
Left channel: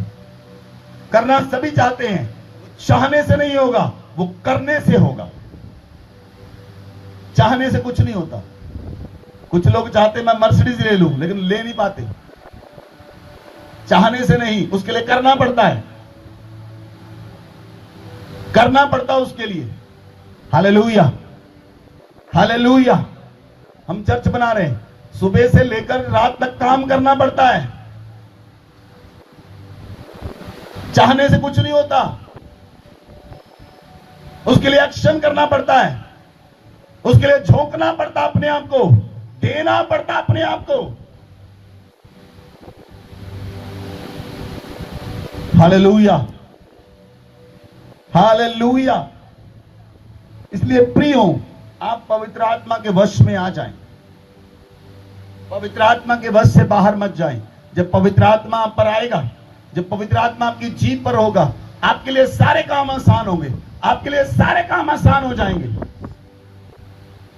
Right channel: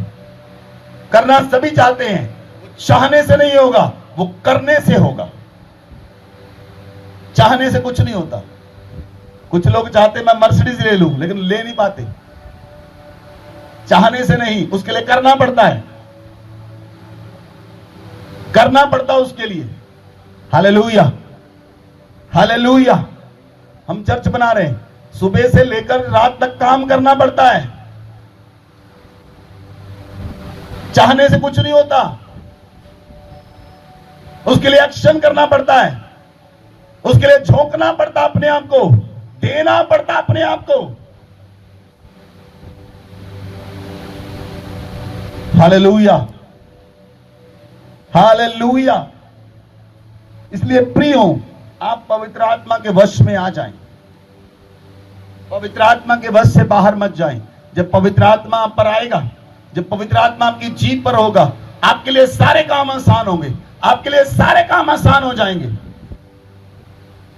करना सभी चाहते हैं, वो चाहने से नहीं होगा, वो करने से होगा। चाहने से कुछ नहीं होता। कुछ लोग चाहते मैं मर्सिडीज ले लूं लेकिन ले नहीं पाते, चाहने से नहीं, उसके लिए करना पड़ता है, करना पड़ता है उसके लिए। Hallelujah, hallelujah. हम चर्च बना रहे हैं, सुबह से लेकर रात तक काम करना पड़ता है, चाहने से कुछ नहीं होता, उसके लिए एक्शन करना पड़ता है, उसके लिए झोंकना पड़ता अपने आप को, देना पड़ता अपने आप को। हालेलुया, हालेलुया। इसलिए प्रियो, आप पवित्र आत्मा के वश में आ जाएं, पवित्र आत्मा के वश से बाहर मत जाएं। जब पवित्र आत्मा आप पर आएगा, जब पवित्र आत्मा आपकी जीत पर होगा, आपके लिए सारे काम आसान होंगे, आपके लिए सारे काम आसान हो जाएंगे।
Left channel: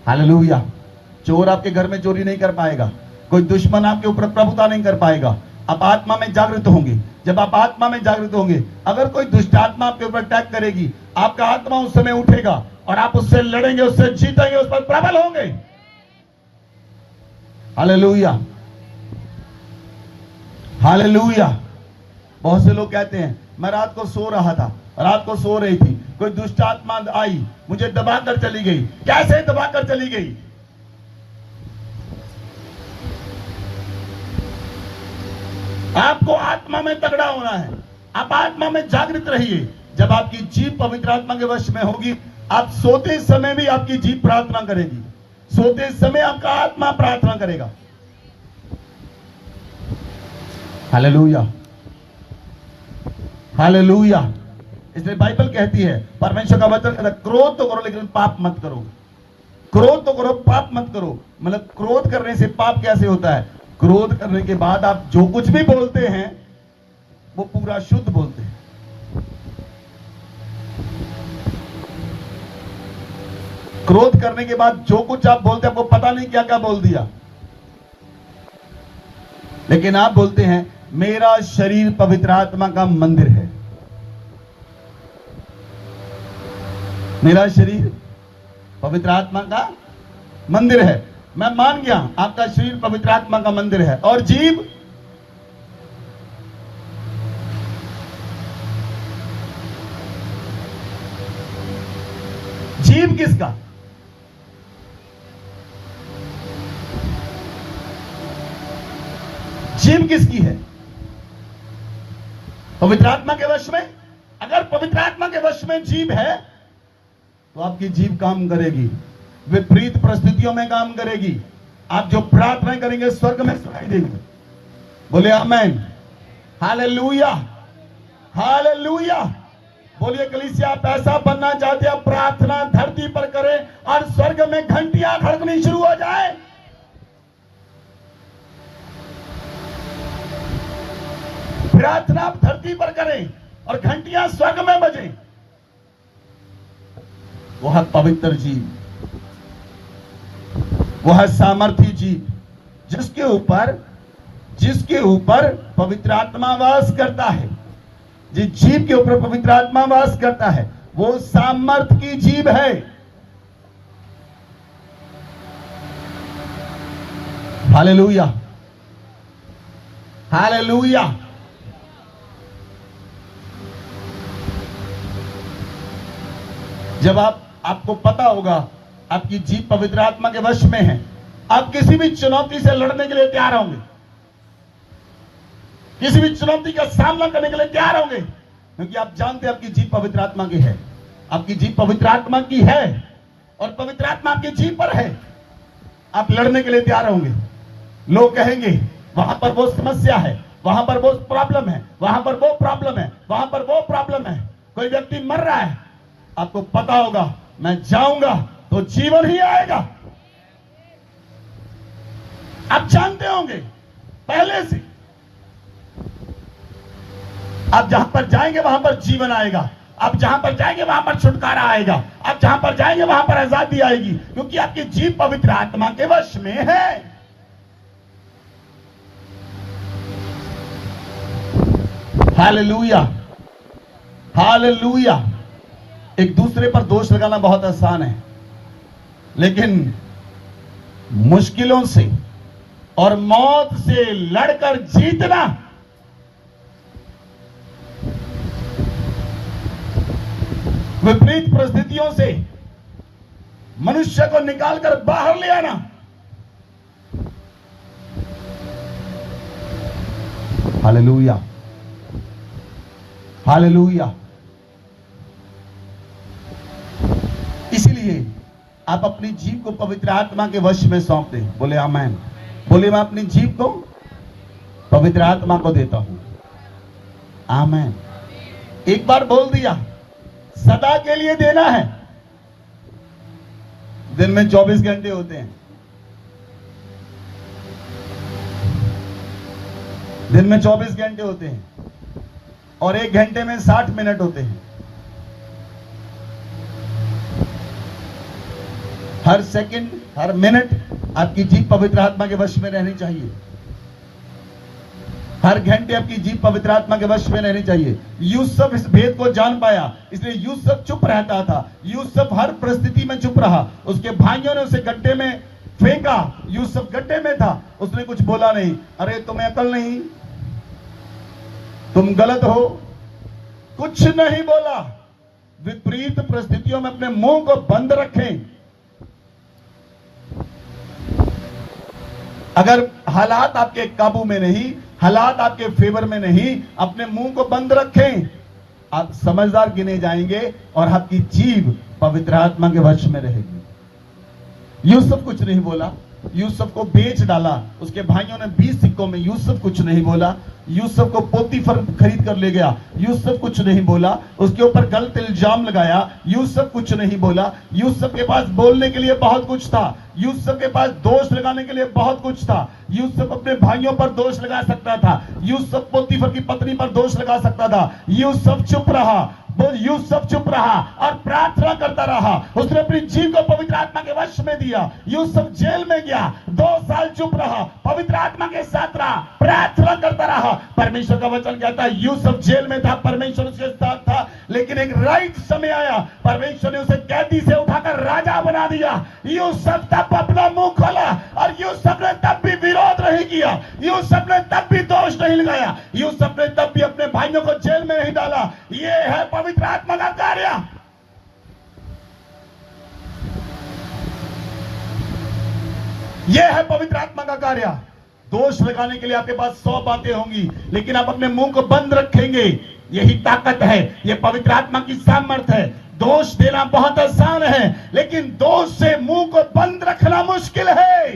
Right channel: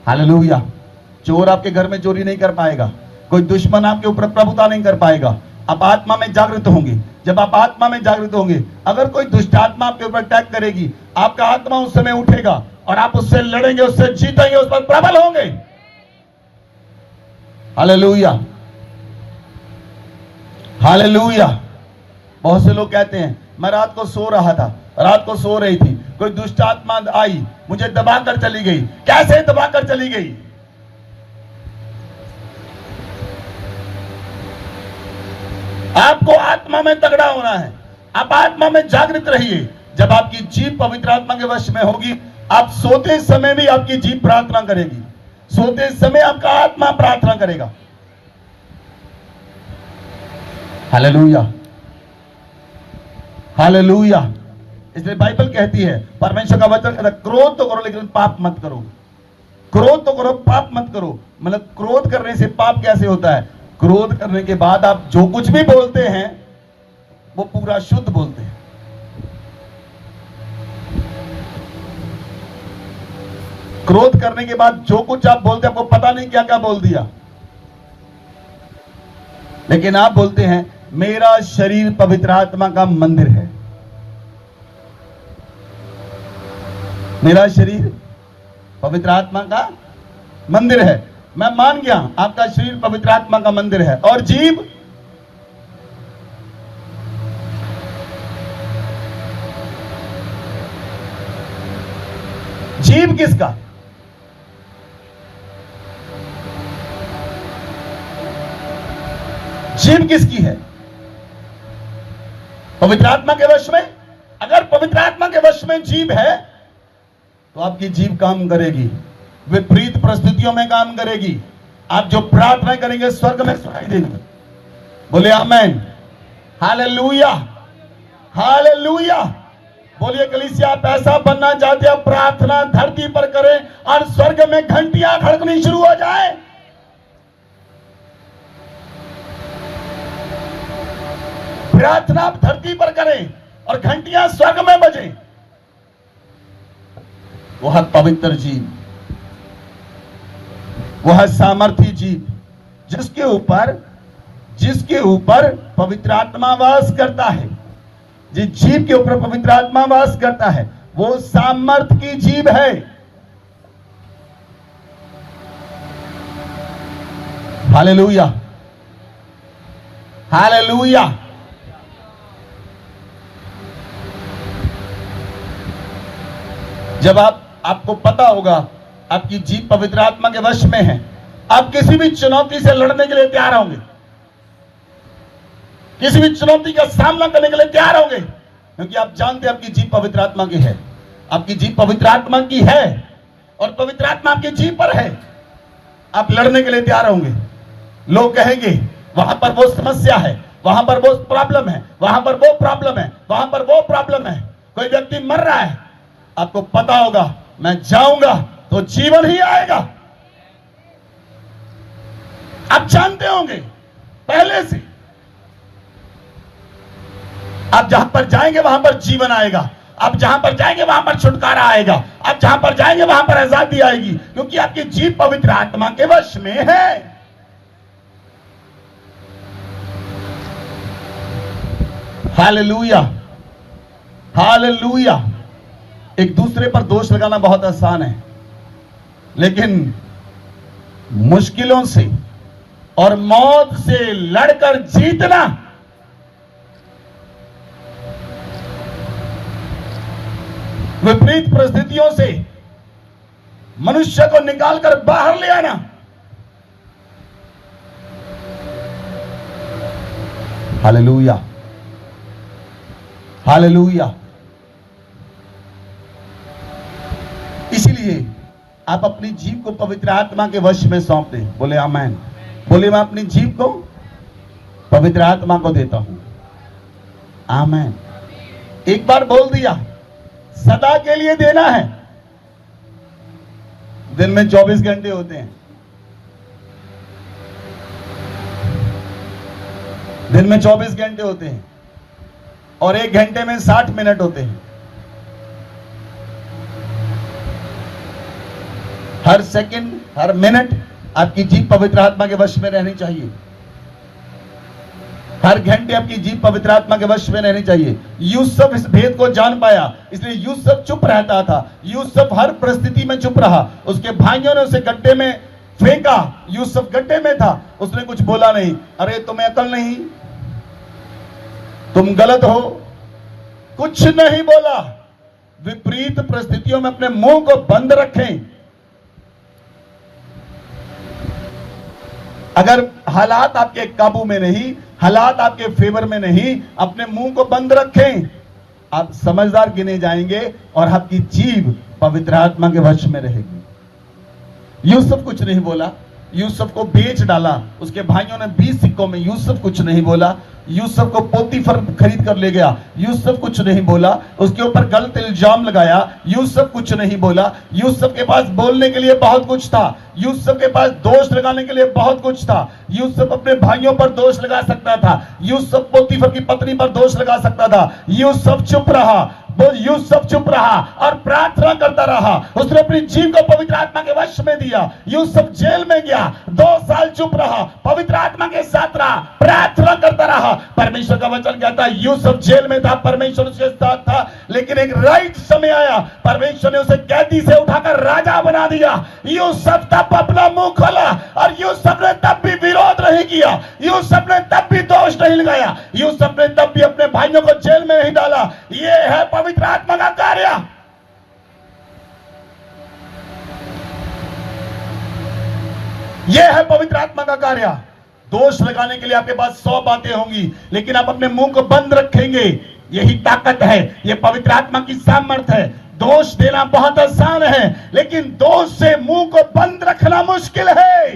हालेलुया। चोर आपके घर में चोरी नहीं कर पाएगा, कोई दुश्मन आपके ऊपर प्रभुता नहीं कर पाएगा। आप आत्मा में जागृत होंगे। जब आप आत्मा में जागृत होंगे, अगर कोई दुष्ट आत्मा आपके ऊपर अटैक करेगी, आपका आत्मा उस समय उठेगा और आप उससे लड़ेंगे, उससे जीतेंगे, उस पर प्रबल होंगे। Hallelujah, hallelujah. बहुत से लोग कहते हैं मैं रात को सो रहा था, रात को सो रही थी, कोई दुष्ट आत्मा आई, मुझे दबाकर चली गई। कैसे दबाकर चली गई? आपको आत्मा में तगड़ा होना है, आप आत्मा में जागृत रहिए। जब आपकी जीभ पवित्र आत्मा के वश में होगी, आप सोते समय भी आपकी जीभ प्रार्थना करेगी, सोते समय आपका आत्मा प्रार्थना करेगा। हालेलुया, हालेलुया। इसलिए बाइबल कहती है, परमेश्वर का वचन कहता है, क्रोध तो करो लेकिन पाप मत करो। क्रोध तो करो, पाप मत करो। मतलब क्रोध करने से पाप कैसे होता है? क्रोध करने के बाद आप जो कुछ भी बोलते हैं वो पूरा शुद्ध बोलते हैं। क्रोध करने के बाद जो कुछ आप बोलते हैं, आपको पता नहीं क्या क्या बोल दिया, लेकिन आप बोलते हैं मेरा शरीर पवित्र आत्मा का मंदिर है, मेरा शरीर पवित्र आत्मा का मंदिर है। मैं मान गया आपका शरीर पवित्र आत्मा का मंदिर है। और जीभ, जीभ किसका? जीभ किसकी है? पवित्र आत्मा के वश में। अगर पवित्र आत्मा के वश में जीभ है तो आपकी जीभ काम करेगी, विपरीत परिस्थितियों में काम करेगी। आप जो प्रार्थना करेंगे स्वर्ग में सुनाई देगी। बोले आमेन, हालेलुया, हालेलुया। बोलिए कलीसिया, आप ऐसा बनना चाहते हैं, प्रार्थना धरती पर करें और स्वर्ग में घंटियां खड़कनी शुरू हो जाए। प्रार्थना आप धरती पर करें, और घंटियां स्वर्ग में बजे। वो है पवित्र जीव, वो है सामर्थी जीव, जिसके ऊपर पवित्र आत्मा वास करता है। जिस जीव के ऊपर पवित्र आत्मा वास करता है वो सामर्थ की जीव है। Hallelujah, hallelujah. जब आपको पता होगा आपकी जीव पवित्र आत्मा के वश में है, आप किसी भी चुनौती से लड़ने के लिए तैयार होंगे, किसी भी चुनौती का सामना करने के लिए तैयार होंगे, क्योंकि आप जानते हैं आपकी जीव पवित्र आत्मा की है। आपकी जीव पवित्र आत्मा की है और पवित्र आत्मा आपकी जीव पर है। आप लड़ने के लिए तैयार होंगे। लोग कहेंगे वहां पर वो समस्या है, वहां पर वो प्रॉब्लम है, वहां पर वो प्रॉब्लम है, वहां पर वो प्रॉब्लम है, कोई व्यक्ति मर रहा है, आपको पता होगा मैं जाऊंगा तो जीवन ही आएगा। आप जानते होंगे पहले से, आप जहां पर जाएंगे वहां पर जीवन आएगा, आप जहां पर जाएंगे वहां पर छुटकारा आएगा, आप जहां पर जाएंगे वहां पर आजादी आएगी, क्योंकि आपकी जीव पवित्र आत्मा के वश में है। Hallelujah, hallelujah. एक दूसरे पर दोष लगाना बहुत आसान है, लेकिन मुश्किलों से और मौत से लड़कर जीतना विपरीत परिस्थितियों से मनुष्य को निकालकर बाहर ले आना, हालेलुया, हालेलुया। इसीलिए आप अपनी जीव को पवित्र आत्मा के वश में सौंप दें। बोले आमीन। बोले मैं अपनी जीव को पवित्र आत्मा को देता हूं। आमीन। एक बार बोल दिया, सदा के लिए देना है। दिन में 24 घंटे होते हैं, दिन में 24 घंटे होते हैं और 1 घंटे में 60 मिनट होते हैं। हर सेकंड, हर मिनट आपकी जीव पवित्र आत्मा के वश में रहनी चाहिए। हर घंटे आपकी जीव पवित्र आत्मा के वश में रहनी चाहिए। यूसुफ इस भेद को जान पाया, इसलिए यूसुफ चुप रहता था। यूसुफ हर परिस्थिति में चुप रहा। उसके भाइयों ने उसे गड्ढे में फेंका, यूसुफ गड्ढे में था, उसने कुछ बोला नहीं। अरे तुम्हें अकल नहीं, तुम गलत हो, कुछ नहीं बोला। विपरीत परिस्थितियों में अपने मुंह को बंद रखें। अगर हालात आपके काबू में नहीं, हालात आपके फेवर में नहीं, अपने मुंह को बंद रखें। आप समझदार गिने जाएंगे और आपकी जीव पवित्र आत्मा के वश में रहेगी। यूसुफ कुछ नहीं बोला, यूसुफ को बेच डाला। उसके भाइयों ने 20 सिक्कों में, यूसुफ कुछ नहीं बोला। यूसुफ को पोतीफर खरीद कर ले गया, यूसुफ कुछ नहीं बोला। उसके ऊपर गलत इल्जाम लगाया, यूसुफ कुछ नहीं बोला। यूसुफ के पास बोलने के लिए बहुत कुछ था, यूसुफ के पास दोष लगाने के लिए बहुत कुछ था। यूसुफ अपने भाइयों पर दोष लगा सकता था, यूसुफ पोतीफर की पत्नी पर दोष लगा सकता था। यूसुफ चुप रहा, वो यूसुफ चुप रहा और प्रार्थना करता रहा। उसने अपनी जीव को पवित्र आत्मा के वश में दिया। यूसुफ जेल में गया, 2 साल चुप रहा, पवित्र आत्मा के साथ रहा, प्रार्थना करता रहा। परमेश्वर का वचन कहता है यूसुफ जेल में था, परमेश्वर उसके साथ था, लेकिन एक राइट समय आया, परमेश्वर ने उसे कैदी से उठाकर राजा बना दिया। यूसुफ तब अपना मुंह खोला और यूसुफ ने तब भी विरोध नहीं किया, यूसुफ ने तब भी दोष नहीं लगाया, यूसुफ ने तब भी अपने भाइयों को जेल में नहीं डाला। ये है पवित्र आत्मा का कार्य। यह है पवित्र आत्मा का कार्य। दोष लगाने के लिए आपके पास 100 बातें होंगी, लेकिन आप अपने मुंह को बंद रखेंगे। यही ताकत है, यह पवित्र आत्मा की सामर्थ है। दोष देना बहुत आसान है, लेकिन दोष से मुंह को बंद रखना मुश्किल है।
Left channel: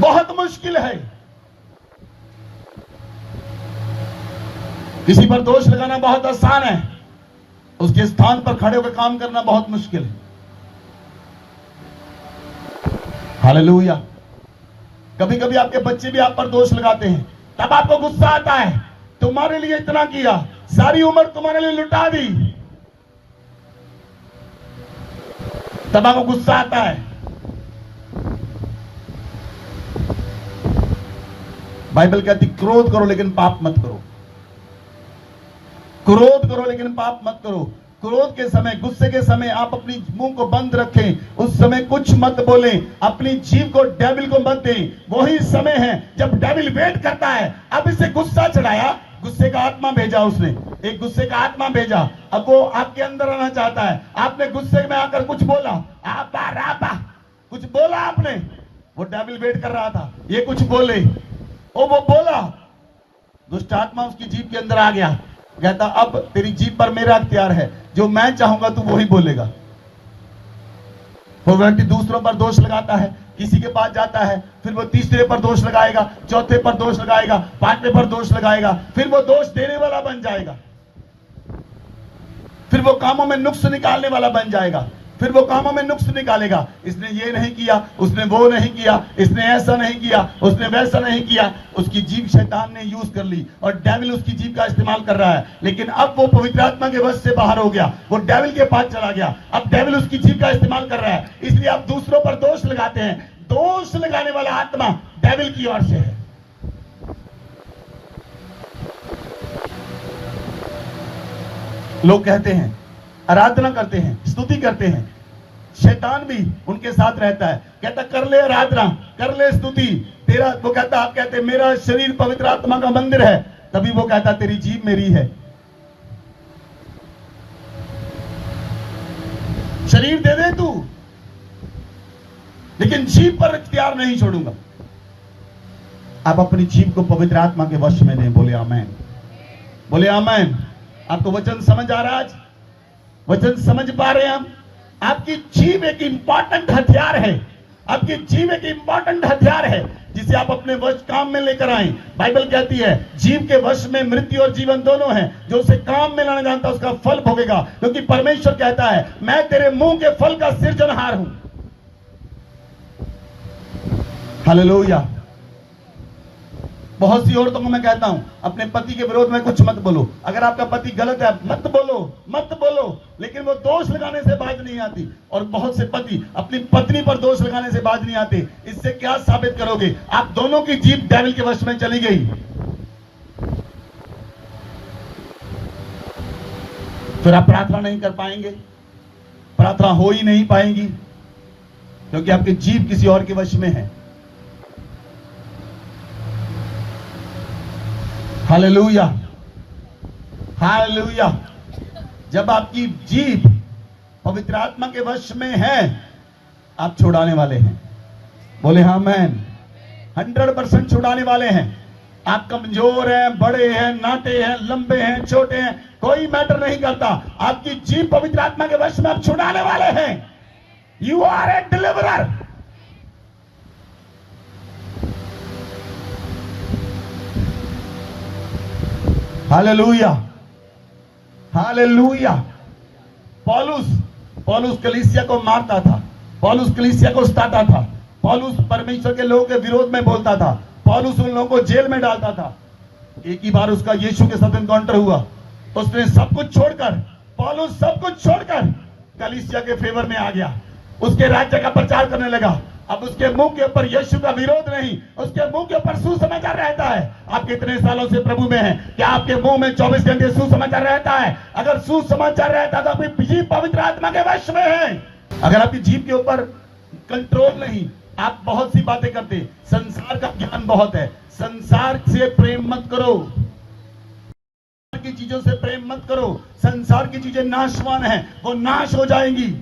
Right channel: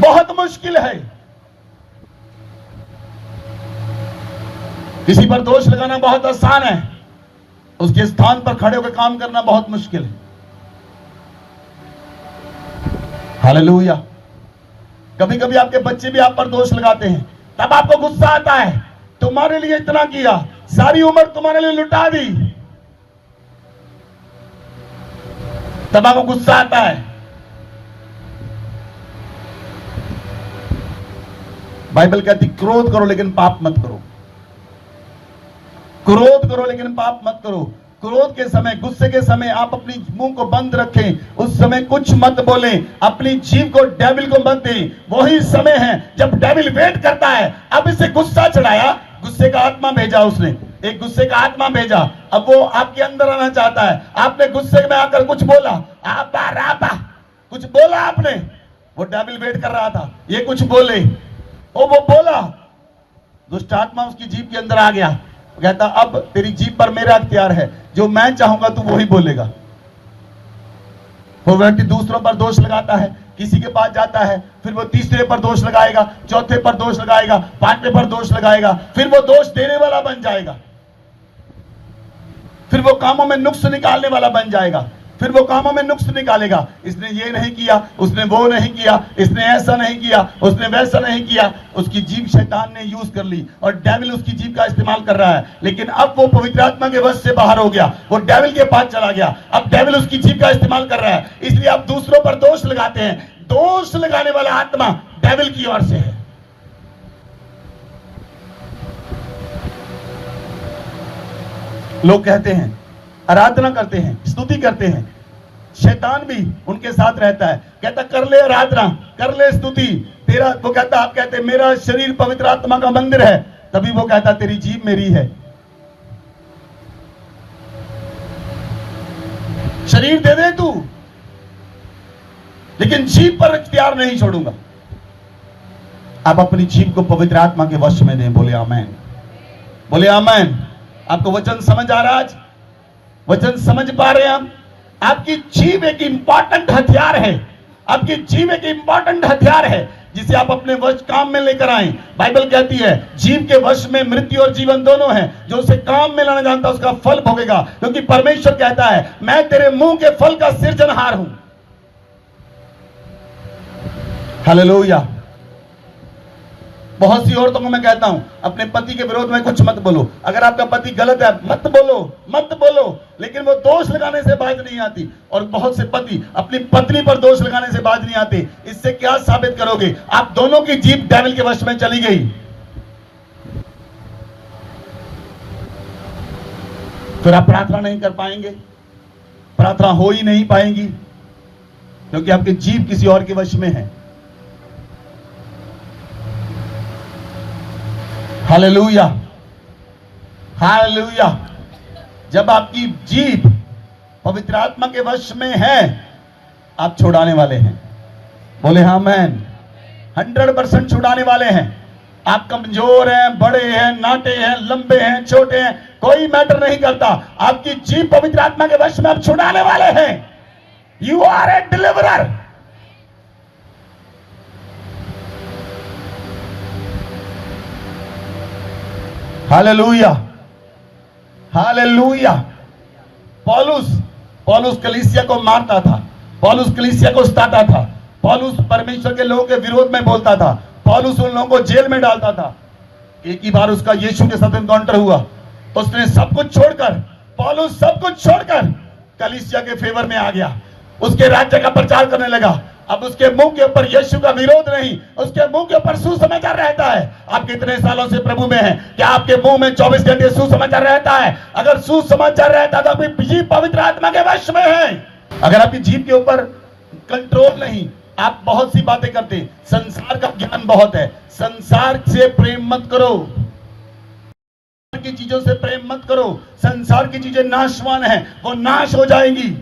बहुत मुश्किल है। किसी पर दोष लगाना बहुत आसान है, उसके स्थान पर खड़े होकर काम करना बहुत मुश्किल है। 「」 हालेलुया। 「」 「」 « कभी कभी आपके बच्चे भी आप पर दोष लगाते हैं, तब आपको गुस्सा आता है, तुम्हारे लिए इतना किया, सारी उम्र तुम्हारे लिए लुटा दी, तब आपको गुस्सा आता है। बाइबल कहती क्रोध करो लेकिन पाप मत करो, क्रोध करो लेकिन पाप मत करो। क्रोध के समय, गुस्से के समय आप अपनी मुंह को बंद रखें, उस समय कुछ मत बोलें, अपनी जीभ को डेविल को मत दें। वही समय है जब डेविल वेट करता है, अब इसे गुस्सा चढ़ाया, गुस्से का आत्मा भेजा उसने, एक गुस्से का आत्मा भेजा, अब वो आपके अंदर आना चाहता है। आपने गुस्से में आकर कुछ बोला, आपा रापा कुछ बोला आपने, वो डेविल वेट कर रहा था ये कुछ बोले, वो बोला, दुष्ट आत्मा उसकी जीभ के अंदर आ गया, कहता अब तेरी जीभ पर मेरा अख्तियार है, जो मैं चाहूंगा तू वही बोलेगा। वो व्यक्ति दूसरों पर दोष लगाता है, किसी के पास जाता है, फिर वो तीसरे पर दोष लगाएगा, चौथे पर दोष लगाएगा, पांचवें पर दोष लगाएगा, फिर वो दोष देने वाला बन जाएगा, फिर वो कामों में नुक्स निकालने वाला बन जाएगा, फिर वो कामों में नुक्स निकालेगा। इसने ये नहीं किया, उसने वो नहीं किया, इसने ऐसा नहीं किया, उसने वैसा नहीं किया। उसकी जीभ शैतान ने यूज कर ली और डेविल उसकी जीभ का इस्तेमाल कर रहा है, लेकिन अब वो पवित्र आत्मा के वश से बाहर हो गया, वो डेविल के पास चला गया, अब डेविल उसकी जीभ का इस्तेमाल कर रहा है। इसलिए आप दूसरों पर दोष लगाते हैं, दोष लगाने वाला आत्मा डेविल की ओर से है। लोग कहते हैं, आराधना करते हैं, स्तुति करते हैं, शैतान भी उनके साथ रहता है, कहता कर ले आराधना, कर ले स्तुति, तेरा, वो कहता, आप कहते मेरा शरीर पवित्र आत्मा का मंदिर है, तभी वो कहता तेरी जीभ मेरी है। शरीर दे दे तू, लेकिन जीभ पर इख्तियार नहीं छोड़ूंगा। आप अपनी जीभ को पवित्र आत्मा के वश में दें। बोले आमेन, बोले आमेन। आपको वचन समझ आ रहा है? आज वचन समझ पा रहे हैं हम? आपकी जीभ एक इंपॉर्टेंट हथियार है, आपकी जीभ एक इंपॉर्टेंट हथियार है जिसे आप अपने वश काम में लेकर आए। बाइबल कहती है जीभ के वश में मृत्यु और जीवन दोनों हैं, जो उसे काम में लाना जानता है उसका फल भोगेगा, क्योंकि परमेश्वर कहता है मैं तेरे मुंह के फल का सृजनहार हूं। हालेलुया। बहुत सी औरतों को मैं कहता हूं अपने पति के विरोध में कुछ मत बोलो। अगर आपका पति गलत है मत बोलो, मत बोलो, लेकिन वो दोष लगाने से बाज नहीं आती। और बहुत से पति अपनी पत्नी पर दोष लगाने से बाज नहीं आते। इससे क्या साबित करोगे? आप दोनों की जीभ डेविल के वश में चली गई। फिर आप प्रार्थना नहीं कर पाएंगे, प्रार्थना हो ही नहीं पाएंगी, क्योंकि आपकी जीभ किसी और के वश में है। Hallelujah, hallelujah. जब आपकी जीभ पवित्र आत्मा के वश में है, आप छुड़ाने वाले हैं। बोले आमेन। 100% छुड़ाने वाले हैं। आप कमजोर हैं, बड़े हैं, नाटे हैं, लंबे हैं, छोटे हैं, कोई मैटर नहीं करता। आपकी जीभ पवित्र आत्मा के वश में आप छुड़ाने वाले हैं। You are a deliverer. Hallelujah, hallelujah. पौलुस कलीसिया को मारता था, पौलुस कलीसिया को सताता था, पौलुस परमेश्वर के लोगों के विरोध में बोलता था, पौलुस उन लोगों को जेल में डालता था। एक ही बार उसका यीशु के साथ एनकाउंटर हुआ, उसने सब कुछ छोड़कर, पौलुस सब कुछ छोड़कर कलीसिया के फेवर में आ गया, उसके राज्य का प्रचार करने लगा। अब उसके मुंह के ऊपर यीशु का विरोध नहीं, उसके मुंह के ऊपर सुसमाचार रहता है। आप कितने सालों से प्रभु में हैं? क्या आपके मुंह में 24 घंटे सुसमाचार रहता है? अगर सुसमाचार रहता तो आपकी जीभ पवित्र आत्मा के वश में है। अगर आपकी जीभ के ऊपर कंट्रोल नहीं, आप बहुत सी बातें करते, संसार का ज्ञान बहुत है, संसार से प्रेम मत करो, संसार की चीजों से प्रेम मत करो। संसार की चीजें नाशवान है, वो नाश हो जाएंगी।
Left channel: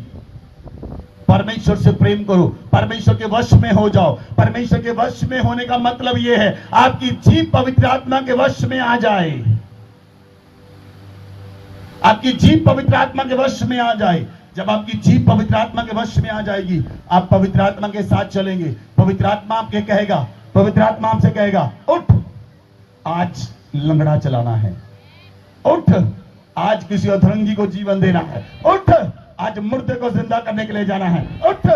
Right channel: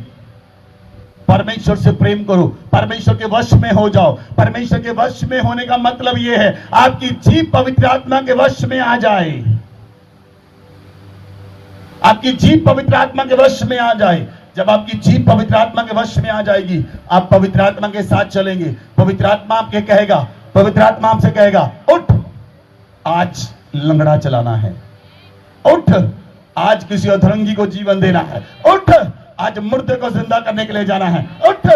परमेश्वर से प्रेम करो, परमेश्वर के वश में हो जाओ। परमेश्वर के वश में होने का मतलब यह है आपकी जीभ पवित्र आत्मा के वश में आ जाए, आपकी जीभ पवित्र आत्मा के वश में आ जाए। जब आपकी जीभ पवित्र आत्मा के वश में आ जाएगी, आप पवित्र आत्मा के साथ चलेंगे। पवित्र आत्मा आपके कहेगा, पवित्र आत्मा आपसे कहेगा उठ, आज लंगड़ा चलाना है, उठ, आज किसी अधरंगी को जीवन देना है, उठ, आज मुर्दे को जिंदा करने के लिए जाना है, उठ।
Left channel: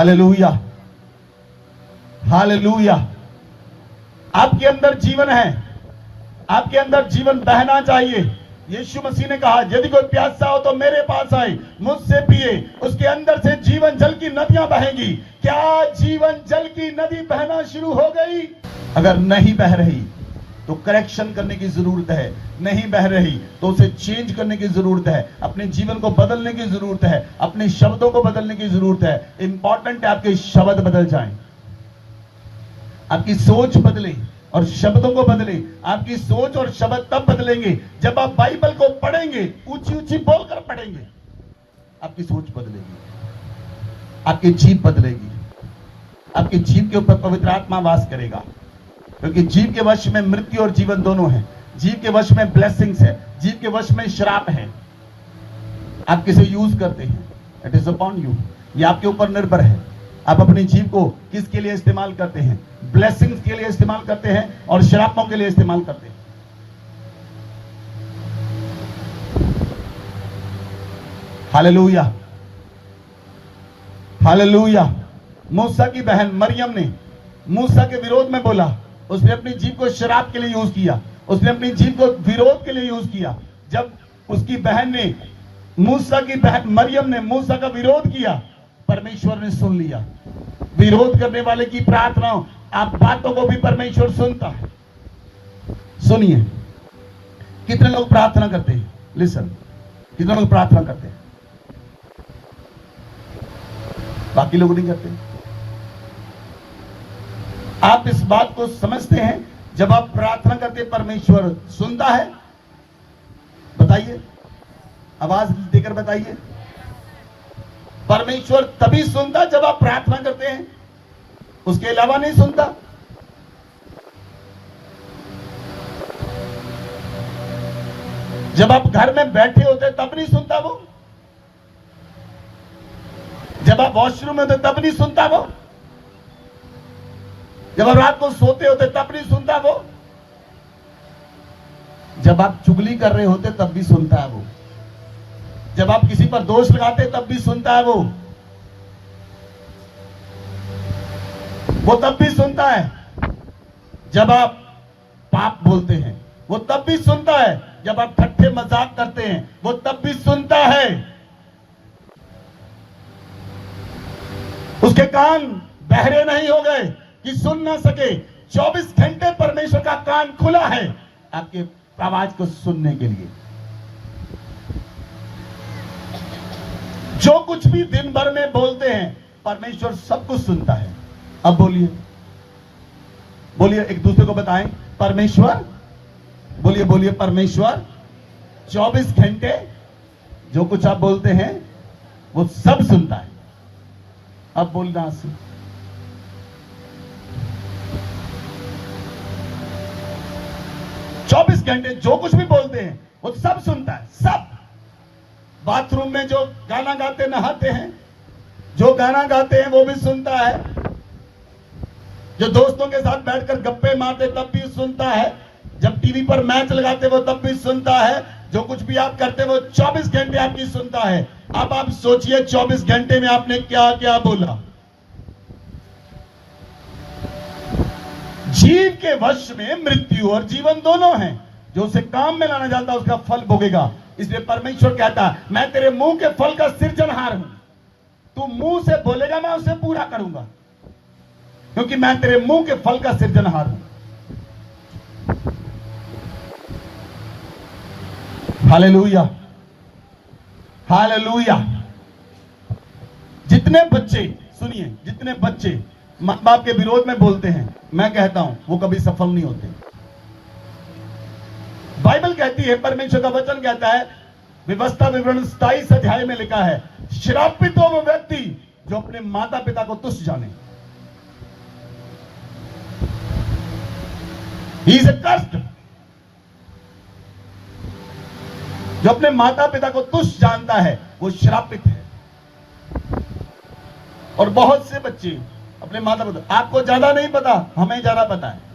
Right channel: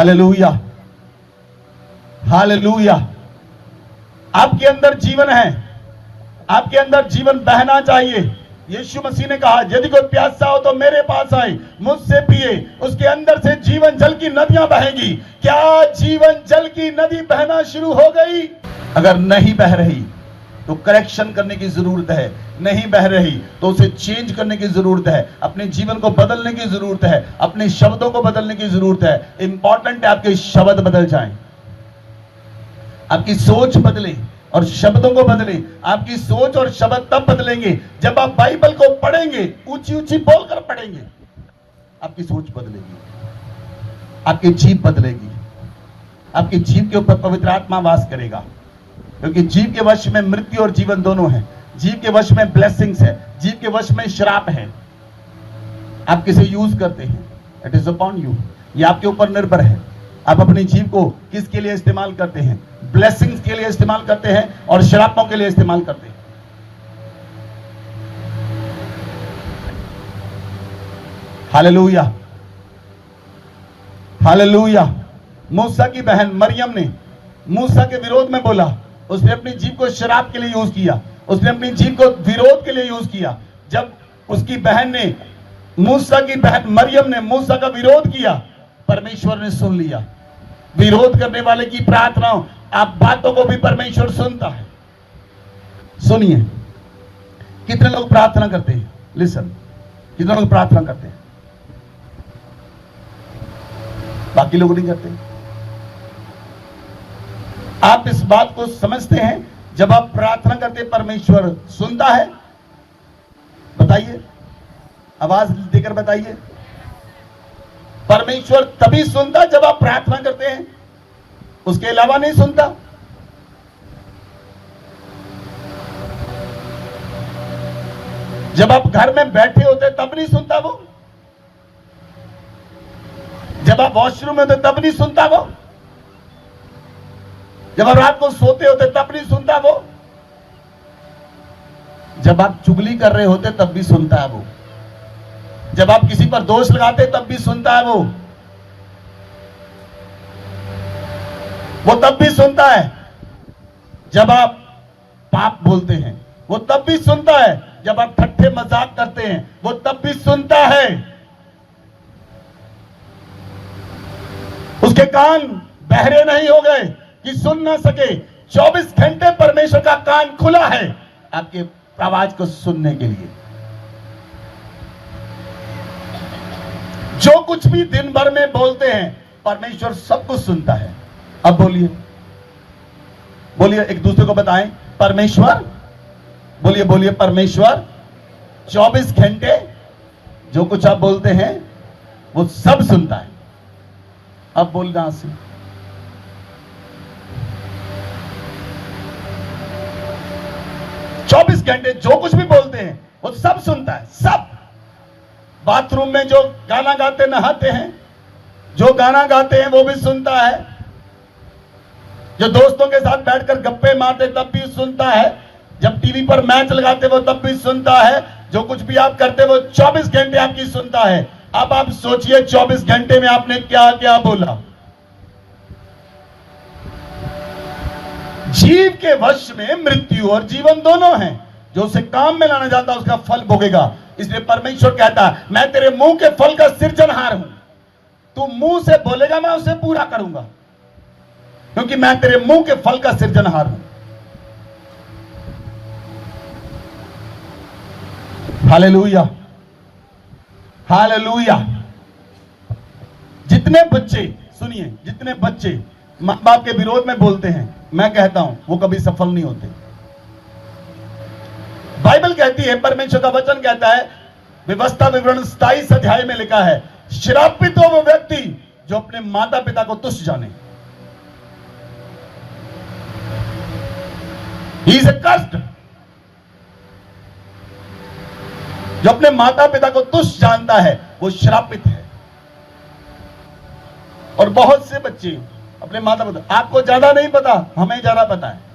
Hallelujah, hallelujah. आपके अंदर जीवन है, आपके अंदर जीवन बहना चाहिए। यीशु मसीह ने कहा यदि कोई प्यासा हो तो मेरे पास आए, मुझसे पिए, उसके अंदर से जीवन जल की नदियां बहेंगी। क्या जीवन जल की नदी बहना शुरू हो गई? अगर नहीं बह रही तो करेक्शन करने की जरूरत है, नहीं बह रही तो उसे चेंज करने की जरूरत है, अपने जीवन को बदलने की जरूरत है, अपने शब्दों को बदलने की जरूरत है। इंपॉर्टेंट है आपके शब्द बदल जाएं, आपकी सोच बदले और शब्दों को बदले। आपकी सोच और शब्द तब बदलेंगे जब आप बाइबल को पढ़ेंगे, ऊंची ऊंची बोलकर पढ़ेंगे। आपकी सोच बदलेगी, आपकी जीभ बदलेगी, आपकी जीभ के ऊपर पवित्र आत्मा वास करेगा। क्योंकि जीव के वश में मृत्यु और जीवन दोनों है, जीव के वश में ब्लेसिंग्स है, जीव के वश में श्राप है। आप किसे यूज करते हैं, इट इज अपॉन यू, ये आपके ऊपर निर्भर है। आप अपनी जीव को किसके लिए इस्तेमाल करते हैं? ब्लेसिंग्स के लिए इस्तेमाल करते हैं और श्रापों के लिए इस्तेमाल करते हैं। Hallelujah, hallelujah. मूसा की बहन मरियम ने मूसा के विरोध में बोला, उसने अपनी जीभ को शराब के लिए यूज किया, उसने अपनी जीभ को विरोध के लिए यूज किया। जब उसकी बहन ने, मूसा की बहन मरियम ने मूसा का विरोध किया, परमेश्वर ने सुन लिया। विरोध करने वाले की प्रार्थनाओं, आप बातों को भी परमेश्वर सुनता है। सुनिए, कितने लोग प्रार्थना करते हैं? लिसन, कितने लोग प्रार्थना करते हैं? बाकी लोग नहीं करते। आप इस बात को समझते हैं, जब आप प्रार्थना करते परमेश्वर सुनता है? बताइए, आवाज देकर बताइए। परमेश्वर तभी सुनता जब आप प्रार्थना करते हैं, उसके अलावा नहीं सुनता। जब आप घर में बैठे होते तब नहीं सुनता वो, जब आप वॉशरूम में होते तब नहीं सुनता वो, जब आप रात को सोते होते तब नहीं सुनता वो, जब आप चुगली कर रहे होते तब भी सुनता है वो, जब आप किसी पर दोष लगाते तब भी सुनता है वो तब भी सुनता है। जब आप पाप बोलते हैं वो तब भी सुनता है, जब आप ठट्ठे मजाक करते हैं वो तब भी सुनता है। उसके कान बहरे नहीं हो गए कि सुन ना सके। 24 घंटे परमेश्वर का कान खुला है आपके आवाज को सुनने के लिए। जो कुछ भी दिन भर में बोलते हैं परमेश्वर सब कुछ सुनता है। अब बोलिए, बोलिए, एक दूसरे को बताएं, परमेश्वर, बोलिए बोलिए, परमेश्वर 24 घंटे जो कुछ आप बोलते हैं वो सब सुनता है। अब बोलना से 24 घंटे जो कुछ भी बोलते हैं वो सब सुनता है, सब। बाथरूम में जो गाना गाते नहाते हैं, जो गाना गाते हैं वो भी सुनता है। जो दोस्तों के साथ बैठकर गप्पे मारते तब भी सुनता है। जब टीवी पर मैच लगाते वो तब भी सुनता है। जो कुछ भी आप करते वो 24 घंटे आपकी सुनता है। अब आप सोचिए 24 घंटे में आपने क्या क्या बोला। जीव के वश में मृत्यु और जीवन दोनों हैं। जो उसे काम में लाना जाता है उसका फल भोगेगा। इसलिए परमेश्वर कहता है, मैं तेरे मुंह के फल का सृजनहार हूं। तू मुंह से बोलेगा मैं उसे पूरा करूंगा, क्योंकि मैं तेरे मुंह के फल का सृजनहार हूं। Hallelujah, hallelujah. जितने बच्चे, सुनिए, जितने बच्चे मां बाप के विरोध में बोलते हैं, मैं कहता हूं वो कभी सफल नहीं होते। बाइबल कहती है, परमेश्वर का वचन कहता है, व्यवस्था विवरण 27 अध्याय में लिखा है, श्रापित हो वो व्यक्ति जो अपने माता पिता को तुच्छ जाने। He is a cursed. जो अपने माता पिता को तुच्छ जानता है वो श्रापित है। और बहुत से बच्चे अपने माता पिता, आपको ज्यादा नहीं पता, हमें ज्यादा पता है।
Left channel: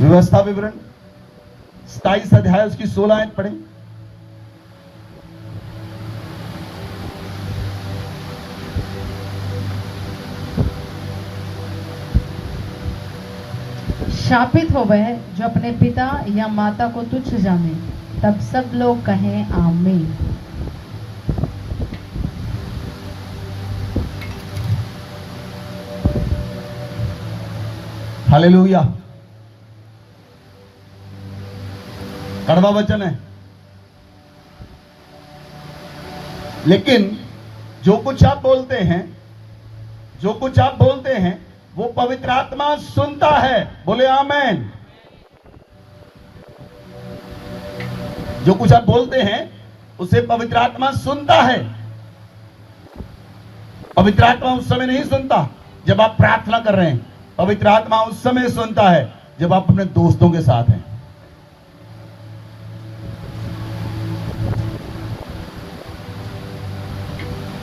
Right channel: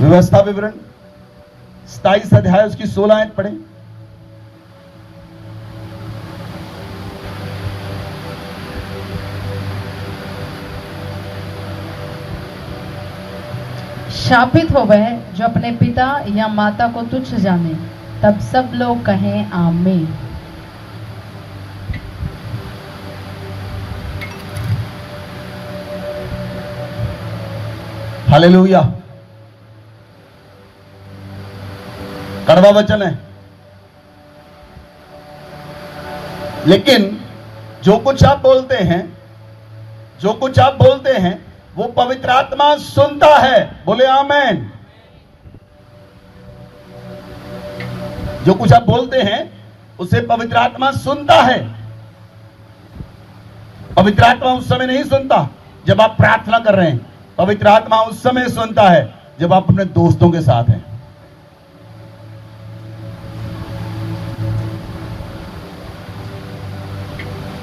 व्यवस्था विवरण 27 अध्याय उसकी 16 आयत पढ़ें। शापित हो वह जो अपने पिता या माता को तुच्छ जाने। तब सब लोग कहें आमीन। हालेलुया। कड़वा वचन है, लेकिन जो कुछ आप बोलते हैं, जो कुछ आप बोलते हैं वो पवित्र आत्मा सुनता है। बोले आमेन। जो कुछ आप बोलते हैं उसे पवित्र आत्मा सुनता है। पवित्र आत्मा उस समय नहीं सुनता जब आप प्रार्थना कर रहे हैं। पवित्र आत्मा उस समय सुनता है जब आप अपने दोस्तों के साथ हैं।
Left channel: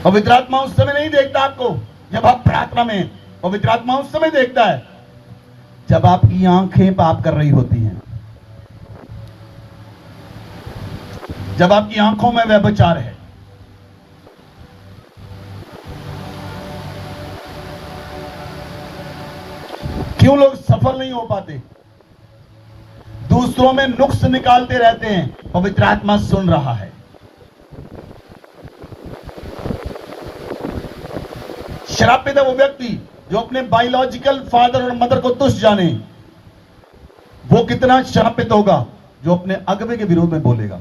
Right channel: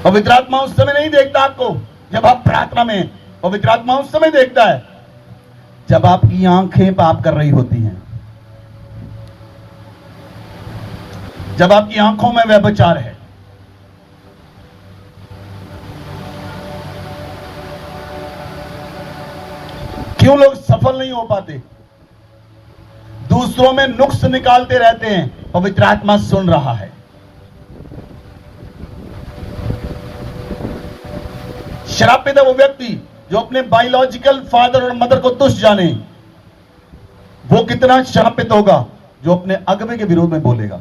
पवित्र आत्मा उस समय नहीं देखता आपको जब आप प्रार्थना में। पवित्र आत्मा उस समय देखता है जब आपकी आंखें पाप कर रही होती हैं, जब आपकी आंखों में व्यभिचार है। क्यों लोग सफल नहीं हो पाते? दूसरों में नुक्स निकालते रहते हैं। पवित्र आत्मा सुन रहा है। श्रापित है वो व्यक्ति जो अपने बायोलॉजिकल फादर और मदर को तुच्छ जाने। वो कितना श्रापित होगा जो अपने अगवे के विरोध में बोलेगा।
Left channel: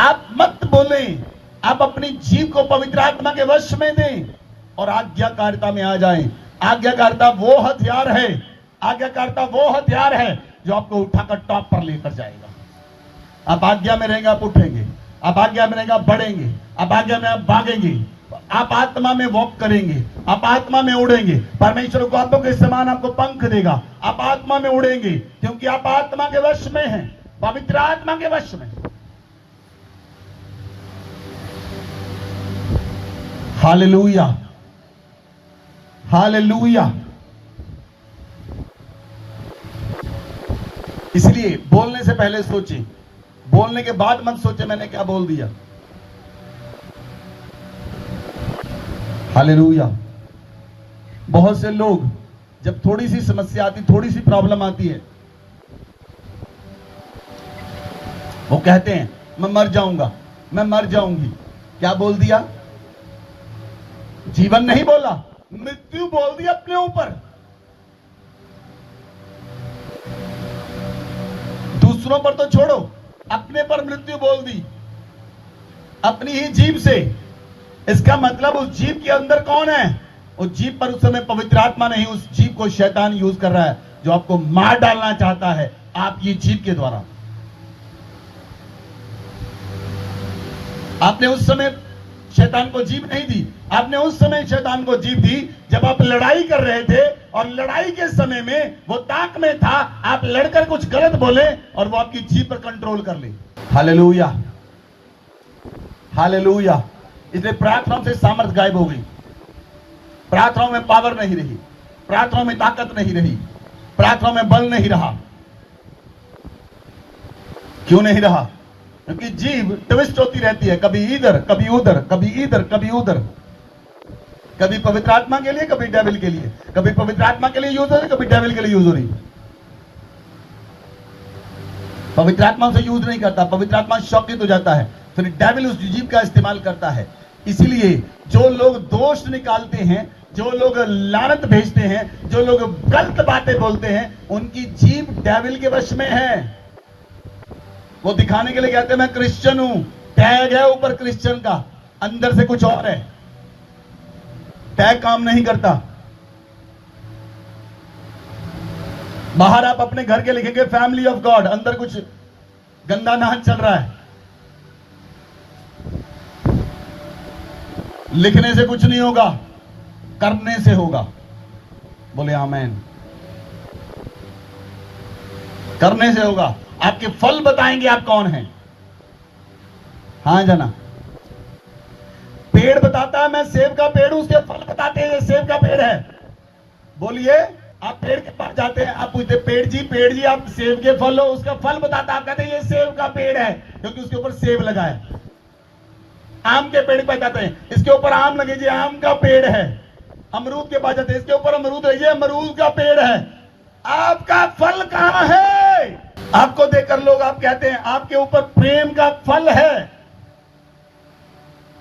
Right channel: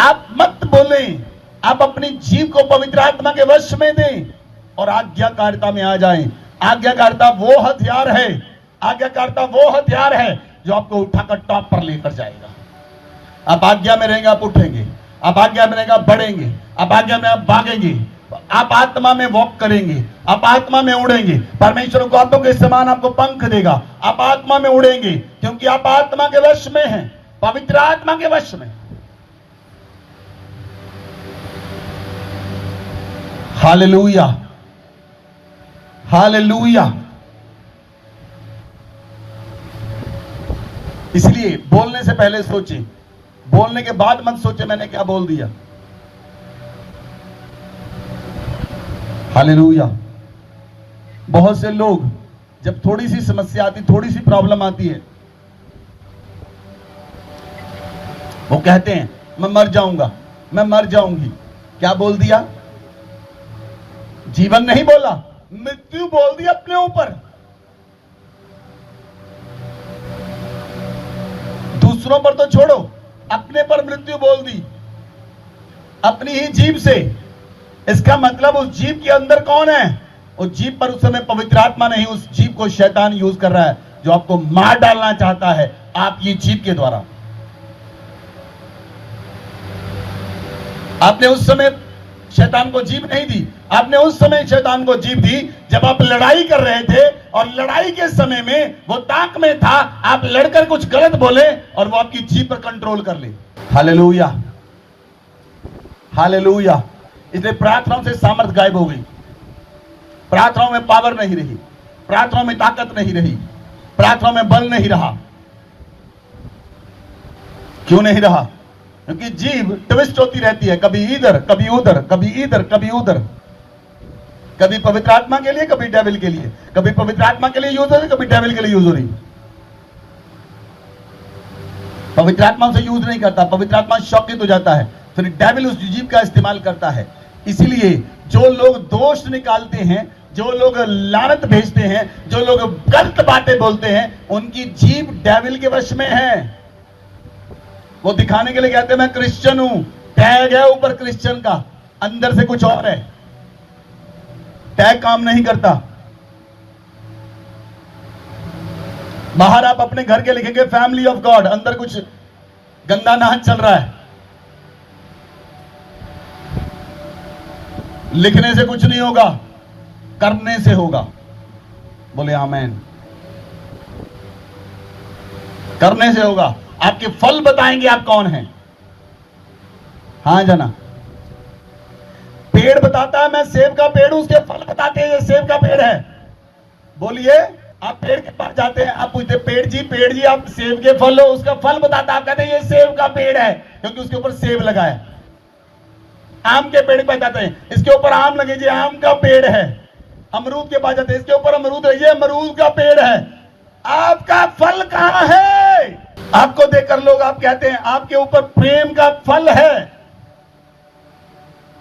आप मत बोलें, आप अपनी जीव को पवित्र आत्मा के वश में दें और आज्ञाकारिता में आ जाएं। आज्ञाकारिता वो हथियार है, आज्ञाकारिता वो हथियार है जो आपको उठाकर टॉप पर लेकर जाएगा। आप आज्ञा में रहेंगे, आप उठेंगे। आप आज्ञा में रहेंगे, आप बढ़ेंगे। आप आज्ञा में आप भागेंगे। आप आत्मा में वॉक करेंगे, आप आत्मा में उड़ेंगे। परमेश्वर को आपको के समान आपको पंख देगा। आप आत्मा में उड़ेंगे क्योंकि आप आत्मा के वश में हैं, पवित्र आत्मा के वश में। हालेलुया, हालेलुया। इसलिए बोलने से पहले सोचिए, बोलने के बाद मत सोचे मैंने क्या बोल दिया। हालेलुया। बहुत से लोग जब थोड़ी सी समस्या आती, थोड़ी सी प्रॉब्लम आती है, वो कहते हैं मैं मर जाऊंगा, मैं मर जाऊंगी। क्या बोल दिया? जीवन नहीं बोला, मृत्यु बोल दी अपने ऊपर। दूसरों पर तो छोड़ो, अपने पर मृत्यु बोल दी, अपनी ही जीव से। इसका मतलब उस जीव के अंदर कौन है? उस जीव पर उस समय पवित्र आत्मा नहीं, उस जीव को शैतान यूज कर रहा है जो आपको मार डालना चाहता है आपकी जीव के द्वारा। आपने उस समय शैतान को जीव नहीं दी, आपने उस समय शैतान को जीव दी जब आप लड़ाई कर रहे थे और लड़ाई के समय में वो ताक में था, आप लड़कर कुछ गलत बोले और वो आपकी जीव पर कंट्रोल कर ले। हालेलुया, हालेलुया। इसलिए प्रार्थनाओं से सामर्थ गायब हो गई, प्रार्थनाओं में पावर नहीं रही, प्रार्थनाओं में ताकत नहीं रही, प्रार्थनाओं में बल नहीं रहा। क्यों नहीं रहा? क्योंकि जीव ट्विस्ट होती रहती है, कभी इधर कभी उधर, कभी इधर कभी उधर। कभी पवित्र आत्मा के लिए, कभी डेविल के लिए। कभी पवित्र आत्मा के लिए यूज हो रही, कभी डेविल के लिए यूज हो रही। पवित्र आत्मा उसे यूज नहीं करता, पवित्र आत्मा शौकित हो जाता है, फिर डेविल उस जीव का इस्तेमाल करता है। इसलिए जो लोग दोष निकालते हैं, जो लोग लानत भेजते हैं, जो लोग गलत बातें बोलते हैं, उनकी जीव डेविल के वश में है। वो दिखाने के लिए कहते हैं मैं क्रिश्चियन हूं, टैग है ऊपर क्रिश्चियन का, अंदर से कुछ और है। टैग काम नहीं करता। बाहर आप अपने घर के लिखेंगे फैमिली ऑफ गॉड, अंदर कुछ गंदा नाच चल रहा है। लिखने से कुछ नहीं होगा, करने से होगा। बोले आमेन। करने से होगा। आपके फल बताएंगे आप कौन हैं। हाँ जाना, पेड़ बताता है मैं सेब का पेड़ हूं, उसके फल बताते हैं ये सेब का पेड़ है। बोलिए, आप पेड़ के पास जाते हैं, आप पूछते पेड़ जी आप सेब के फल हो, उसका फल बताता है, आप कहते हैं ये सेब का पेड़ है क्योंकि उसके ऊपर सेब लगा है। आम के पेड़ पे बताते हैं इसके ऊपर आम लगे जी, आम का पेड़ है। अमरूद के पास जाते, इसके ऊपर अमरूद है, ये अमरूद का पेड़ है, आपका फल कहां है? आपको देखकर लोग आप कहते हैं आपके ऊपर प्रेम का फल है,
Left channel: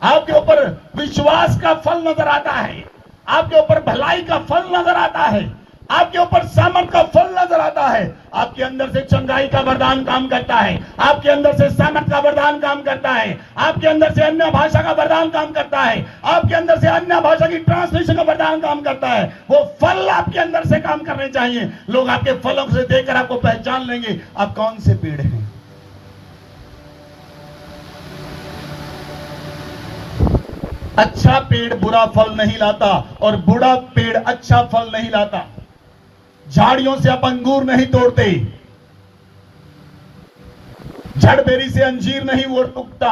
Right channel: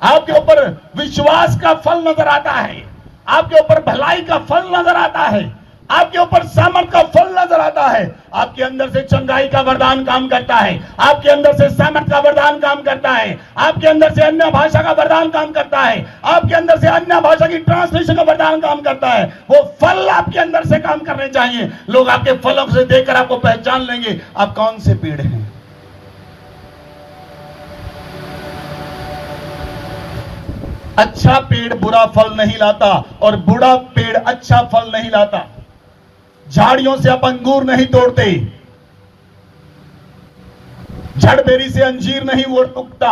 आपके ऊपर विश्वास का फल नजर आता है, आपके ऊपर भलाई का फल नजर आता है, आपके ऊपर सामर्थ का फल नजर आता है, आपके अंदर से चंगाई का वरदान काम करता है, आपके अंदर से सामर्थ का वरदान काम करता है, आपके अंदर से अन्य भाषा का वरदान काम करता है, आपके अंदर से अन्य भाषा की ट्रांसलेशन का वरदान काम करता है। वो फल आपके अंदर से काम करने चाहिए। लोग आपके फलों से देखकर आपको पहचान लेंगे आप कौन से पेड़ हैं। अच्छा पेड़ बुरा फल नहीं लाता और बुरा पेड़ अच्छा फल नहीं लाता। झाड़ियों से आप अंगूर नहीं तोड़ते, झड़बेरी से अंजीर नहीं वो टूटता।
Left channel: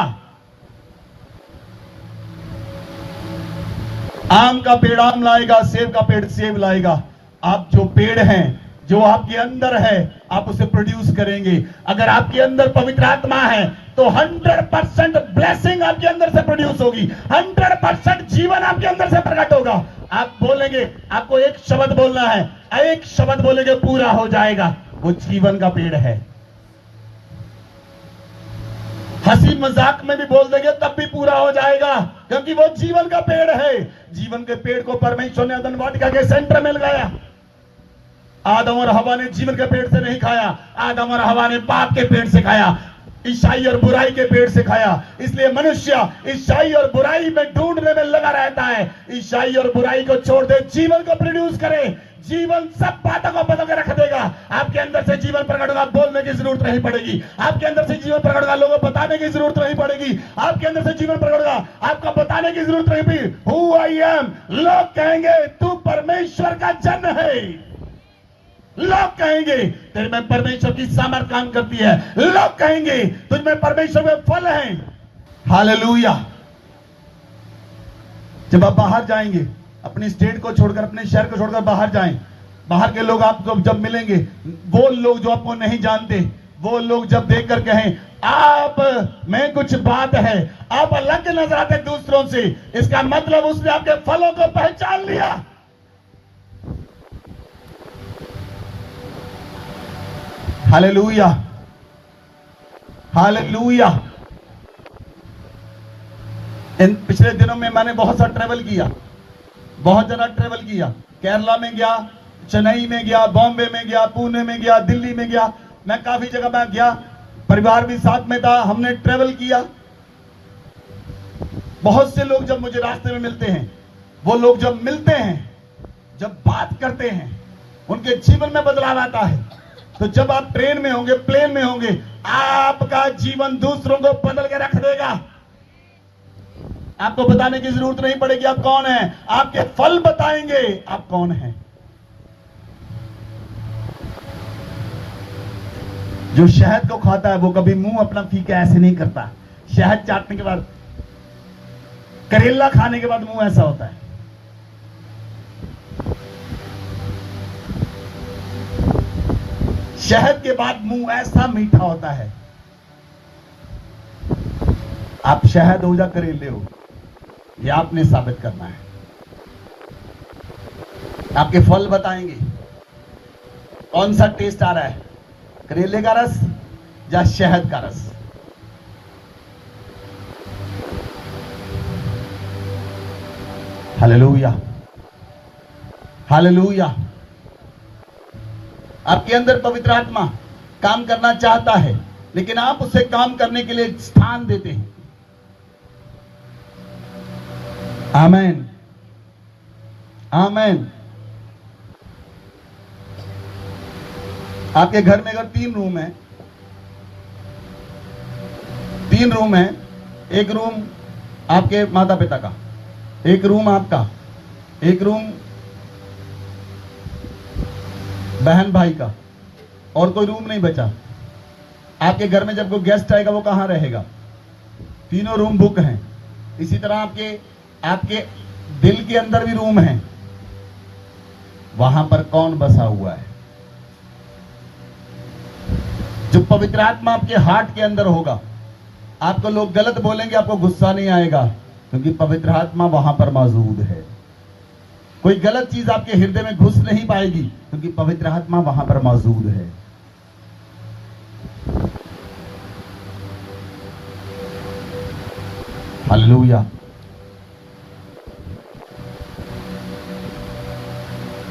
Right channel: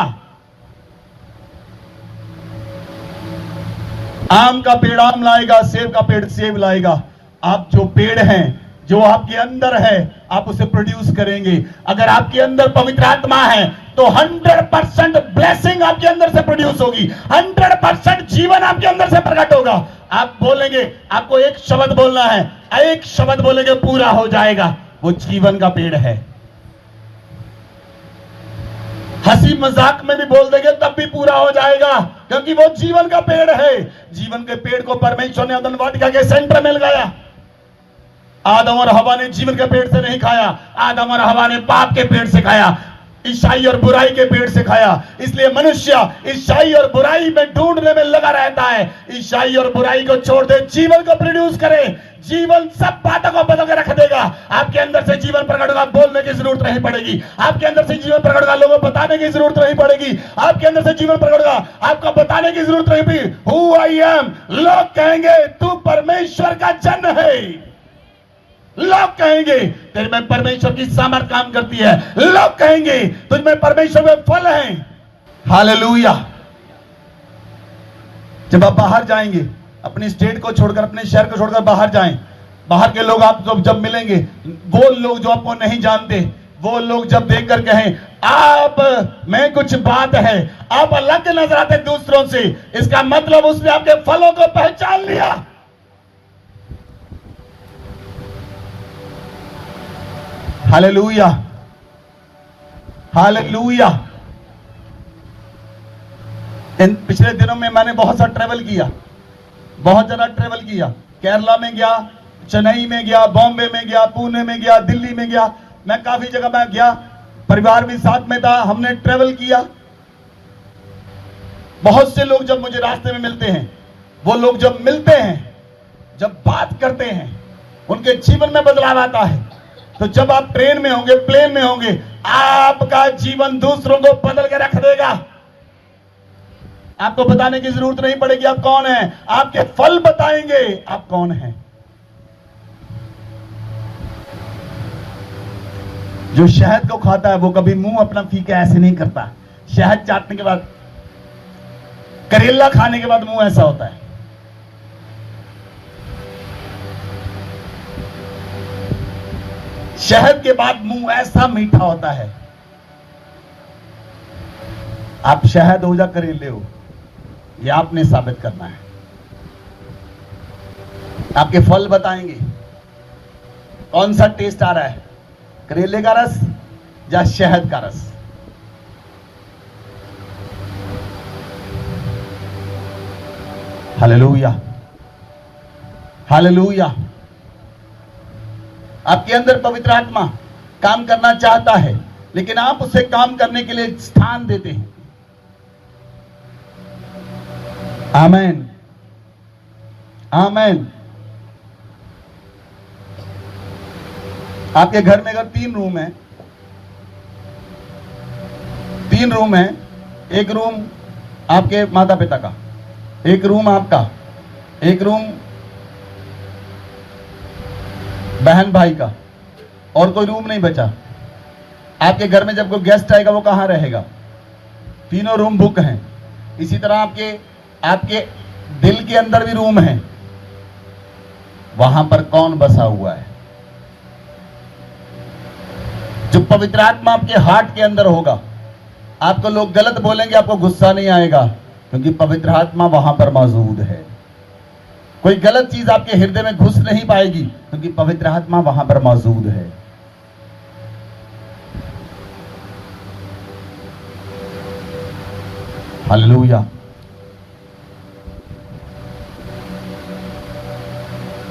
आम का पेड़ आम लाएगा, सेब का पेड़ सेब लाएगा। आप जो पेड़ हैं, जो आपके अंदर है, आप उसे प्रोड्यूस करेंगे। अगर आपके अंदर पवित्र आत्मा है तो 100% ब्लेसिंग आपके अंदर से प्रोड्यूस होगी, 100% जीवन आपके अंदर से प्रकट होगा। आप बोलेंगे, आपको एक शब्द बोलना है, एक शब्द बोलेंगे पूरा हो जाएगा। वो जीवन का पेड़ है। हंसी मजाक में भी बोल देंगे तब भी पूरा हो जाएगा, क्योंकि वो जीवन का पेड़ है। जीवन के पेड़ को परमेश्वर ने अदन वाटिका के सेंटर में लगाया। आदम और हवा ने जीवन के पेड़ से नहीं खाया, आदम और हवा ने पाप के पेड़ से खाया, ईसाई और बुराई के पेड़ से खाया। इसलिए मनुष्य ईसाई और बुराई में ढूंढने में लगा रहता है। ईसाई और बुराई को छोड़ दे, जीवन को प्रोड्यूस करे। जीवन सब बातों को बदल के रख देगा। आपके अंदर से जीवन प्रकट होगा, बोलने की जरूरत नहीं पड़ेगी। आपके अंदर से जीवन प्रकट होगा, लोगों को बताने की जरूरत नहीं पड़ेगी। आपके अंदर से जीवन प्रकट होगा, आपको बताने की जरूरत नहीं पड़ेगी। हु आई एम, लोग कहेंगे तू परमेश्वर का जन है। लोग कहेंगे तेरे में परमेश्वर की सामर्थ काम करती है। लोग कहेंगे तुझ में परमेश्वर में फल है। हालेलुया। जब आप बाहर जाएंगे, अपनी स्टेट को छोड़कर, अपने शहर को छोड़कर बाहर जाएं, बाहर के लोग आपको जब मिलेंगे, वो लोग जो आपको नहीं जानते, वो लोग जब देखकर कहें आप में कुछ बात है, आप अलग नजर आते दूसरों से, इसका मतलब उसने आपके फलों को पहचान लिया। Hallelujah, hallelujah. इन पिछले दिनों में मैंने बहुत सा ट्रेवल किया, बहुत ज्यादा ट्रेवल किया। केरला में गया, चेन्नई में गया, बॉम्बे में गया, पुणे में गया, दिल्ली में गया। मैं काफी जगह मैं गया, परिवार भी साथ में था, हमने ट्रेवल किया। बहुत से लोग जब मुझे रास्ते में मिलते हैं, वो लोग जब मिलते हैं, जब बात करते हैं, उनके जीवन में बदलाव आता है। तो जब आप ट्रेन में होंगे, प्लेन में होंगे, आपका जीवन दूसरों को बदल के रख देगा। आपको बताने की जरूरत नहीं पड़ेगी आप कौन हैं, आपके फल बताएंगे आप कौन हैं। जो शहद को खाता है वो कभी मुंह अपना फीका ऐसे नहीं करता। शहद चाटने के बाद, करेला खाने के बाद मुंह ऐसा होता है। शहद के बाद मुंह ऐसा मीठा होता है। आप शहद हो या करेले हो, ये आपने साबित करना है। आपके फल बताएंगे कौन सा टेस्ट आ रहा है, करेले का रस या शहद का रस। Hallelujah, hallelujah. आपके अंदर पवित्र आत्मा काम करना चाहता है, लेकिन आप उसे काम करने के लिए स्थान देते हैं। आमेन, आमेन। आपके घर में अगर 3 रूम है, 3 रूम है, एक रूम आपके माता पिता का, एक रूम आपका, एक रूम बहन भाई का, और कोई रूम नहीं बचा। आपके घर में जब कोई गेस्ट आएगा वो कहां रहेगा? तीनों रूम बुक हैं। इसी तरह आपके दिल के अंदर भी रूम है, वहां पर कौन बसा हुआ है? जो पवित्र आत्मा आपके हार्ट के अंदर होगा, आपको लोग गलत बोलेंगे, आपको गुस्सा नहीं आएगा, क्योंकि पवित्र आत्मा वहां पर मौजूद है। कोई गलत चीज आपके हृदय में घुस नहीं पाएगी, क्योंकि पवित्र आत्मा वहां पर मौजूद है। हालेलुया।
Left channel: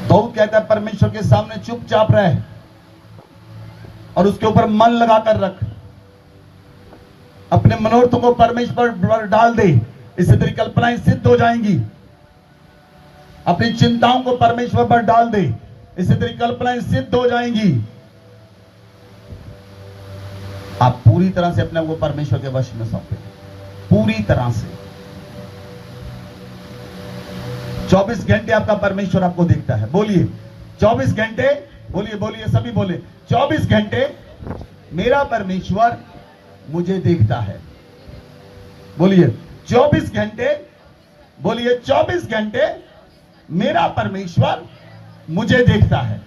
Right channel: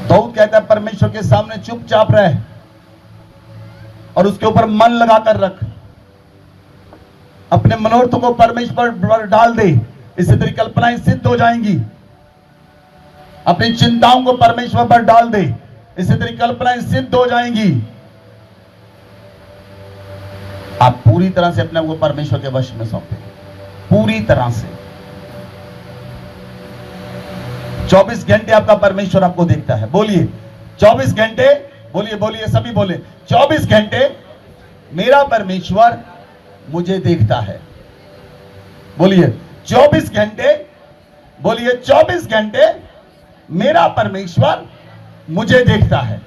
दाऊद कहता है परमेश्वर के सामने चुपचाप रह और उसके ऊपर मन लगाकर रख, अपने मनोरथों को परमेश्वर पर डाल दे, इससे तेरी कल्पनाएं सिद्ध हो जाएंगी। अपनी चिंताओं को परमेश्वर पर डाल दे, इससे तेरी कल्पनाएं सिद्ध हो जाएंगी। आप पूरी तरह से अपने को परमेश्वर के वश में सौंपे, पूरी तरह से। 24 घंटे आपका परमेश्वर आपको देखता है। बोलिए 24 घंटे, बोलिए बोलिए सभी बोले 24 घंटे मेरा परमेश्वर मुझे देखता है। बोलिए 24 घंटे, बोलिए 24 घंटे मेरा परमेश्वर मुझे देखता है।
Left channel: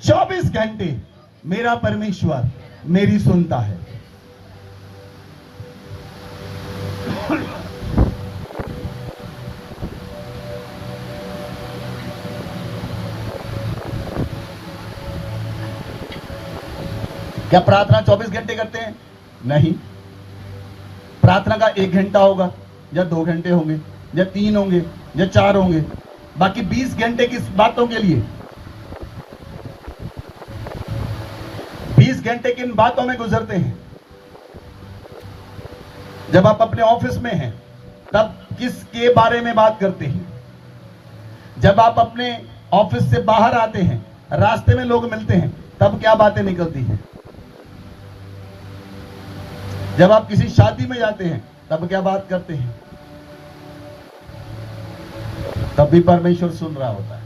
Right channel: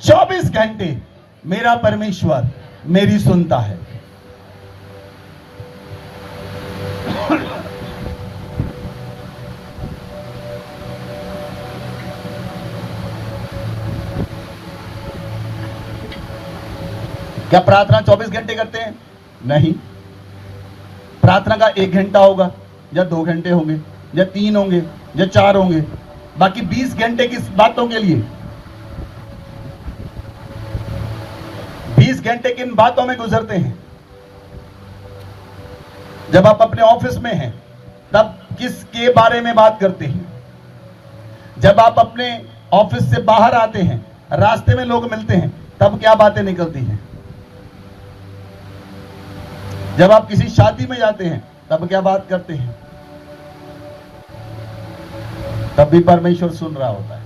24 घंटे मेरा परमेश्वर मेरी सुनता है। क्या प्रार्थना 24 घंटे करते हैं? नहीं। प्रार्थना का 1 घंटा होगा, या 2 घंटे होंगे, या 3 होंगे, या 4 होंगे। बाकी 20 घंटे किस बातों के लिए? 20 घंटे किन बातों में गुजरते हैं? जब आप अपने ऑफिस में हैं तब किसके बारे में बात करते हैं? जब आप अपने ऑफिस से बाहर आते हैं, रास्ते में लोग मिलते हैं, तब क्या बातें निकलती हैं? जब आप किसी शादी में जाते हैं तब क्या बात करते हैं? तब भी परमेश्वर सुन रहा होता है।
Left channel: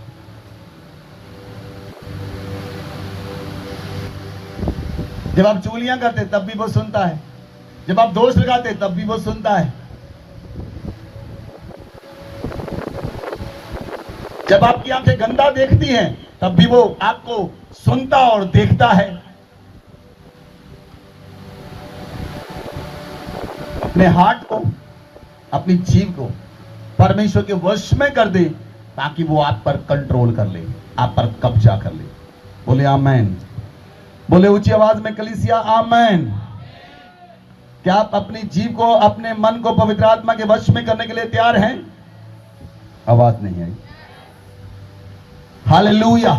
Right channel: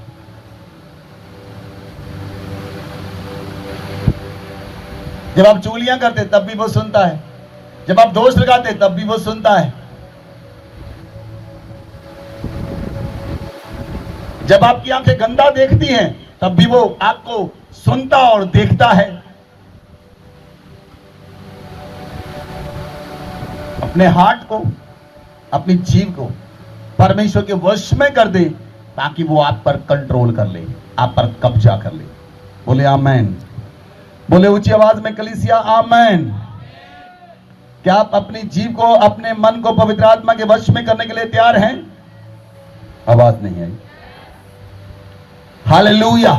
जब आप चुगलियां करते तब भी वो सुनता है। जब आप दोष लगाते तब भी वो सुनता है। जब आपकी आंखें गंदा देखती हैं तब भी वो आपको सुनता और देखता है। अपने हार्ट को, अपनी जीव को परमेश्वर के वश में कर दे, ताकि वो आप पर कंट्रोल कर ले, आप पर कब्जा कर ले। बोले आमेन। बोले ऊंची आवाज में कलीसिया आमेन। क्या आप अपनी जीव को, अपने मन को पवित्र आत्मा के वश में करने के लिए तैयार हैं? आवाज नहीं आई। हालेलुया।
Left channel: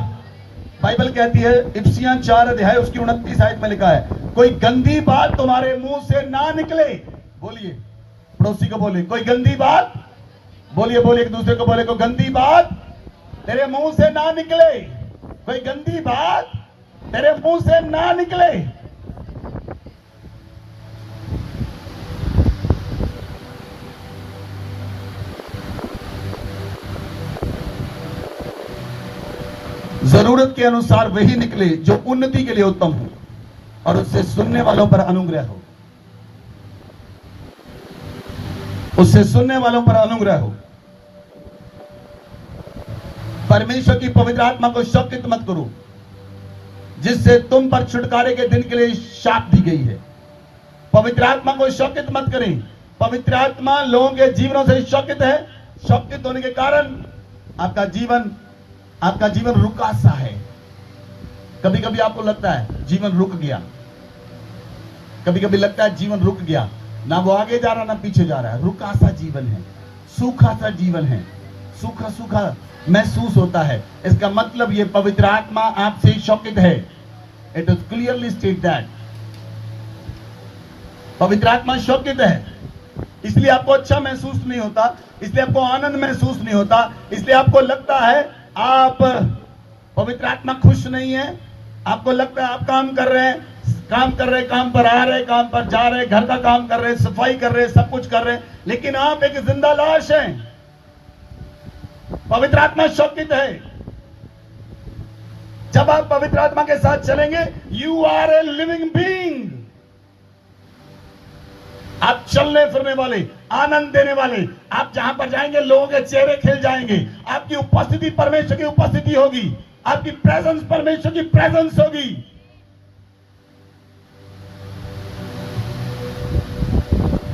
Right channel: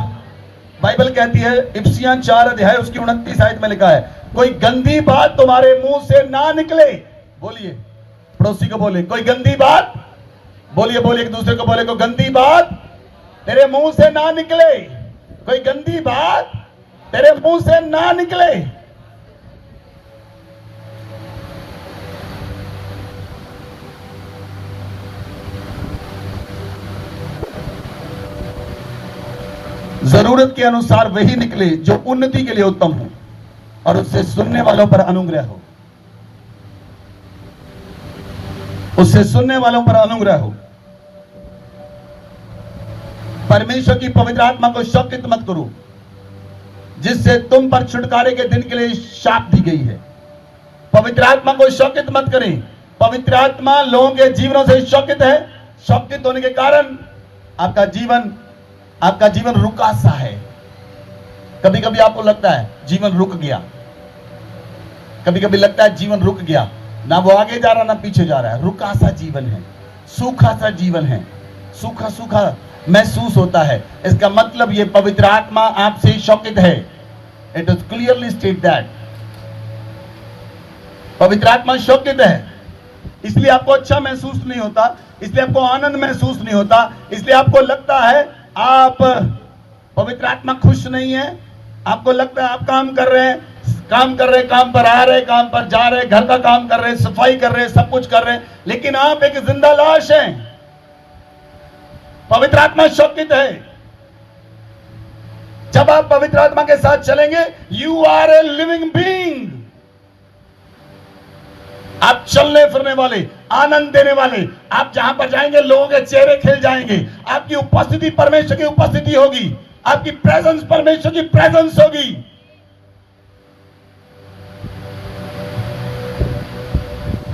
बाइबल कहती है, इफिसियन 4 अध्याय उसकी 29 आयत में लिखा है, कोई गंदी बात तुम्हारे मुंह से ना निकले। बोलिए, पड़ोसी को बोले कोई गंदी बात, बोलिए बोलिए एक दूसरे को बोले कोई गंदी बात तेरे मुंह से ना निकले। कोई गंदी बात तेरे मुंह से ना निकले। जरूरत के अनुसार वही निकले जो उन्नति के लिए उत्तम हो और उससे सुनने वालों पर अनुग्रह हो। उससे सुनने वालों पर अनुग्रह हो। परमेश्वर की पवित्र आत्मा को शोकित मत करो, जिससे तुम पर छुटकारे के दिन के लिए शाप दी गई है। पवित्र आत्मा को शोकित मत करें। पवित्र आत्मा लोगों के जीवनों से शोकित है। शोकित होने के कारण आपका जीवन रुका सा है। कभी कभी आपको लगता है जीवन रुक गया, कभी कभी लगता है जीवन रुक गया, ना वो आगे जा रहा ना पीछे जा रहा है। रुका सा जीवन है, सूखा सा जीवन है, सूखा सूखा महसूस होता है। इसका मतलब ये पवित्र आत्मा आपसे शोकित है। It is clearly state that पवित्र आत्मा शोकित है। इसलिए आपको अच्छा महसूस नहीं होता, इसलिए आपको आनंद महसूस नहीं होता, इसलिए आपको लगता है आप पवित्र आत्मा खुश नहीं है। आपको लगता है आप काम कर रहे हैं, काम पर आ रहे, काम पर जा रहे, घर का काम कर रहे, सफाई कर रहे, सब कुछ कर रहे, लेकिन आप एक जिंदा लाश हैं। पवित्र आत्मा शोकित है। जब आप पवित्र आत्मा के साथ चलेंगे, you are a living being. आप चलने फिरने वाले, आनंद देने वाले। आप जहां पर जाएंगे लोगों के चेहरे खिल जाएंगे। आपकी उपस्थिति परमेश्वर की उपस्थिति होगी, आपकी प्रेजेंस परमेश्वर की प्रेजेंस होगी।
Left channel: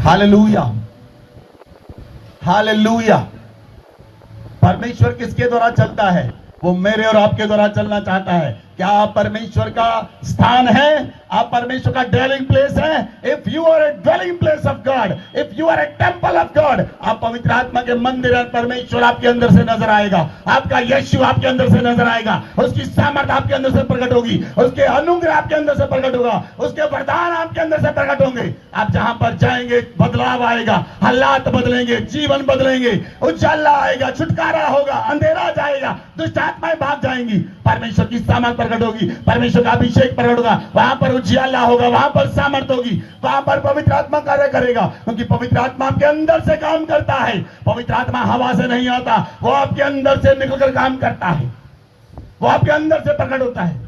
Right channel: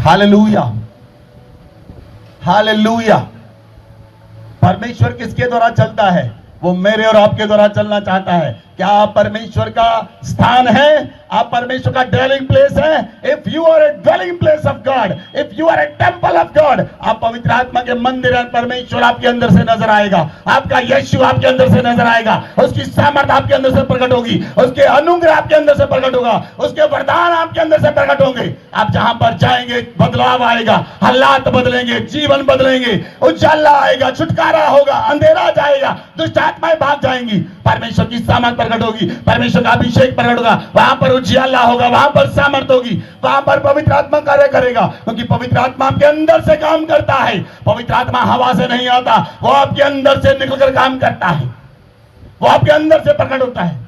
Hallelujah, hallelujah. परमेश्वर किसके द्वारा चलता है? वो मेरे और आपके द्वारा चलना चाहता है। क्या आप परमेश्वर का स्थान है? आप परमेश्वर का ड्वेलिंग प्लेस है? If you are a dwelling place of God, if you are a temple of God, आप पवित्र आत्मा के मंदिर और परमेश्वर आपके अंदर से नजर आएगा। आपका यीशु आपके अंदर से नजर आएगा। उसकी सामर्थ आपके अंदर से प्रकट होगी, उसके अनुग्रह आपके अंदर से प्रकट होगा, उसके वरदान आपके अंदर से प्रकट होंगे। आप जहां पर जाएंगे बदलाव आएगा, हालात बदलेंगे, जीवन बदलेंगे, उजाला आएगा, छुटकारा होगा, अंधेरा जाएगा, दुष्ट आत्माएं भाग जाएंगी, परमेश्वर की सामर्थ प्रकट होगी, परमेश्वर का अभिषेक प्रकट होगा। वहां पर उजियाला होगा, वहां पर सामर्थ होगी, वहां पर पवित्र आत्मा कार्य करेगा, क्योंकि पवित्र आत्मा आपके अंदर से काम करता है। पवित्र आत्मा हवा से नहीं आता, वो आपके अंदर से निकलकर काम करता है, वो आपके अंदर से प्रकट होता है।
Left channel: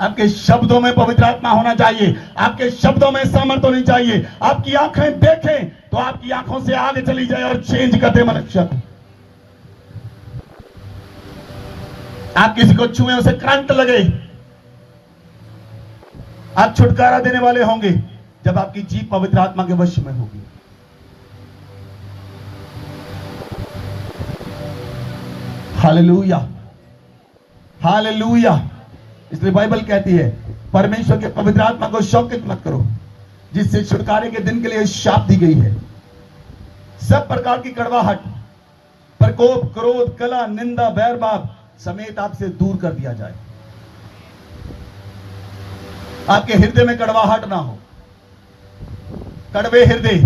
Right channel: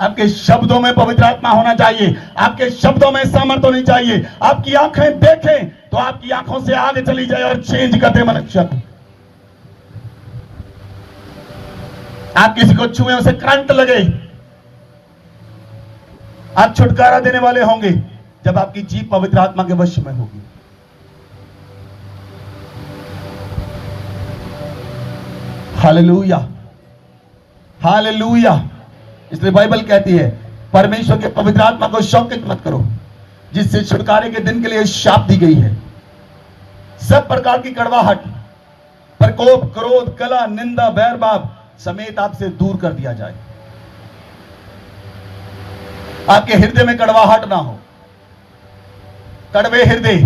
आपके शब्दों में पवित्र आत्मा होना चाहिए, आपके शब्दों में सामर्थ होनी चाहिए। आपकी आंखें देखें तो आपकी आंखों से आगे चली जाए और चेंज कर दे मनुष्य को। आप किसी को छुए उसे करंट लगे। आप छुटकारा देने वाले होंगे जब आपकी जीभ पवित्र आत्मा के वश में होगी। हालेलुया, हालेलुया। इसलिए बाइबल कहती है परमेश्वर के पवित्र आत्मा को शौकित मत करो, जिससे छुटकारे के दिन के लिए शाप दी गई है। सब प्रकार की कड़वाहट, प्रकोप, क्रोध, कलह, निंदा, बैर भाव समेत आपसे दूर कर दिया जाए। आपके हृदय में कड़वाहट ना हो। कड़वे हृदय,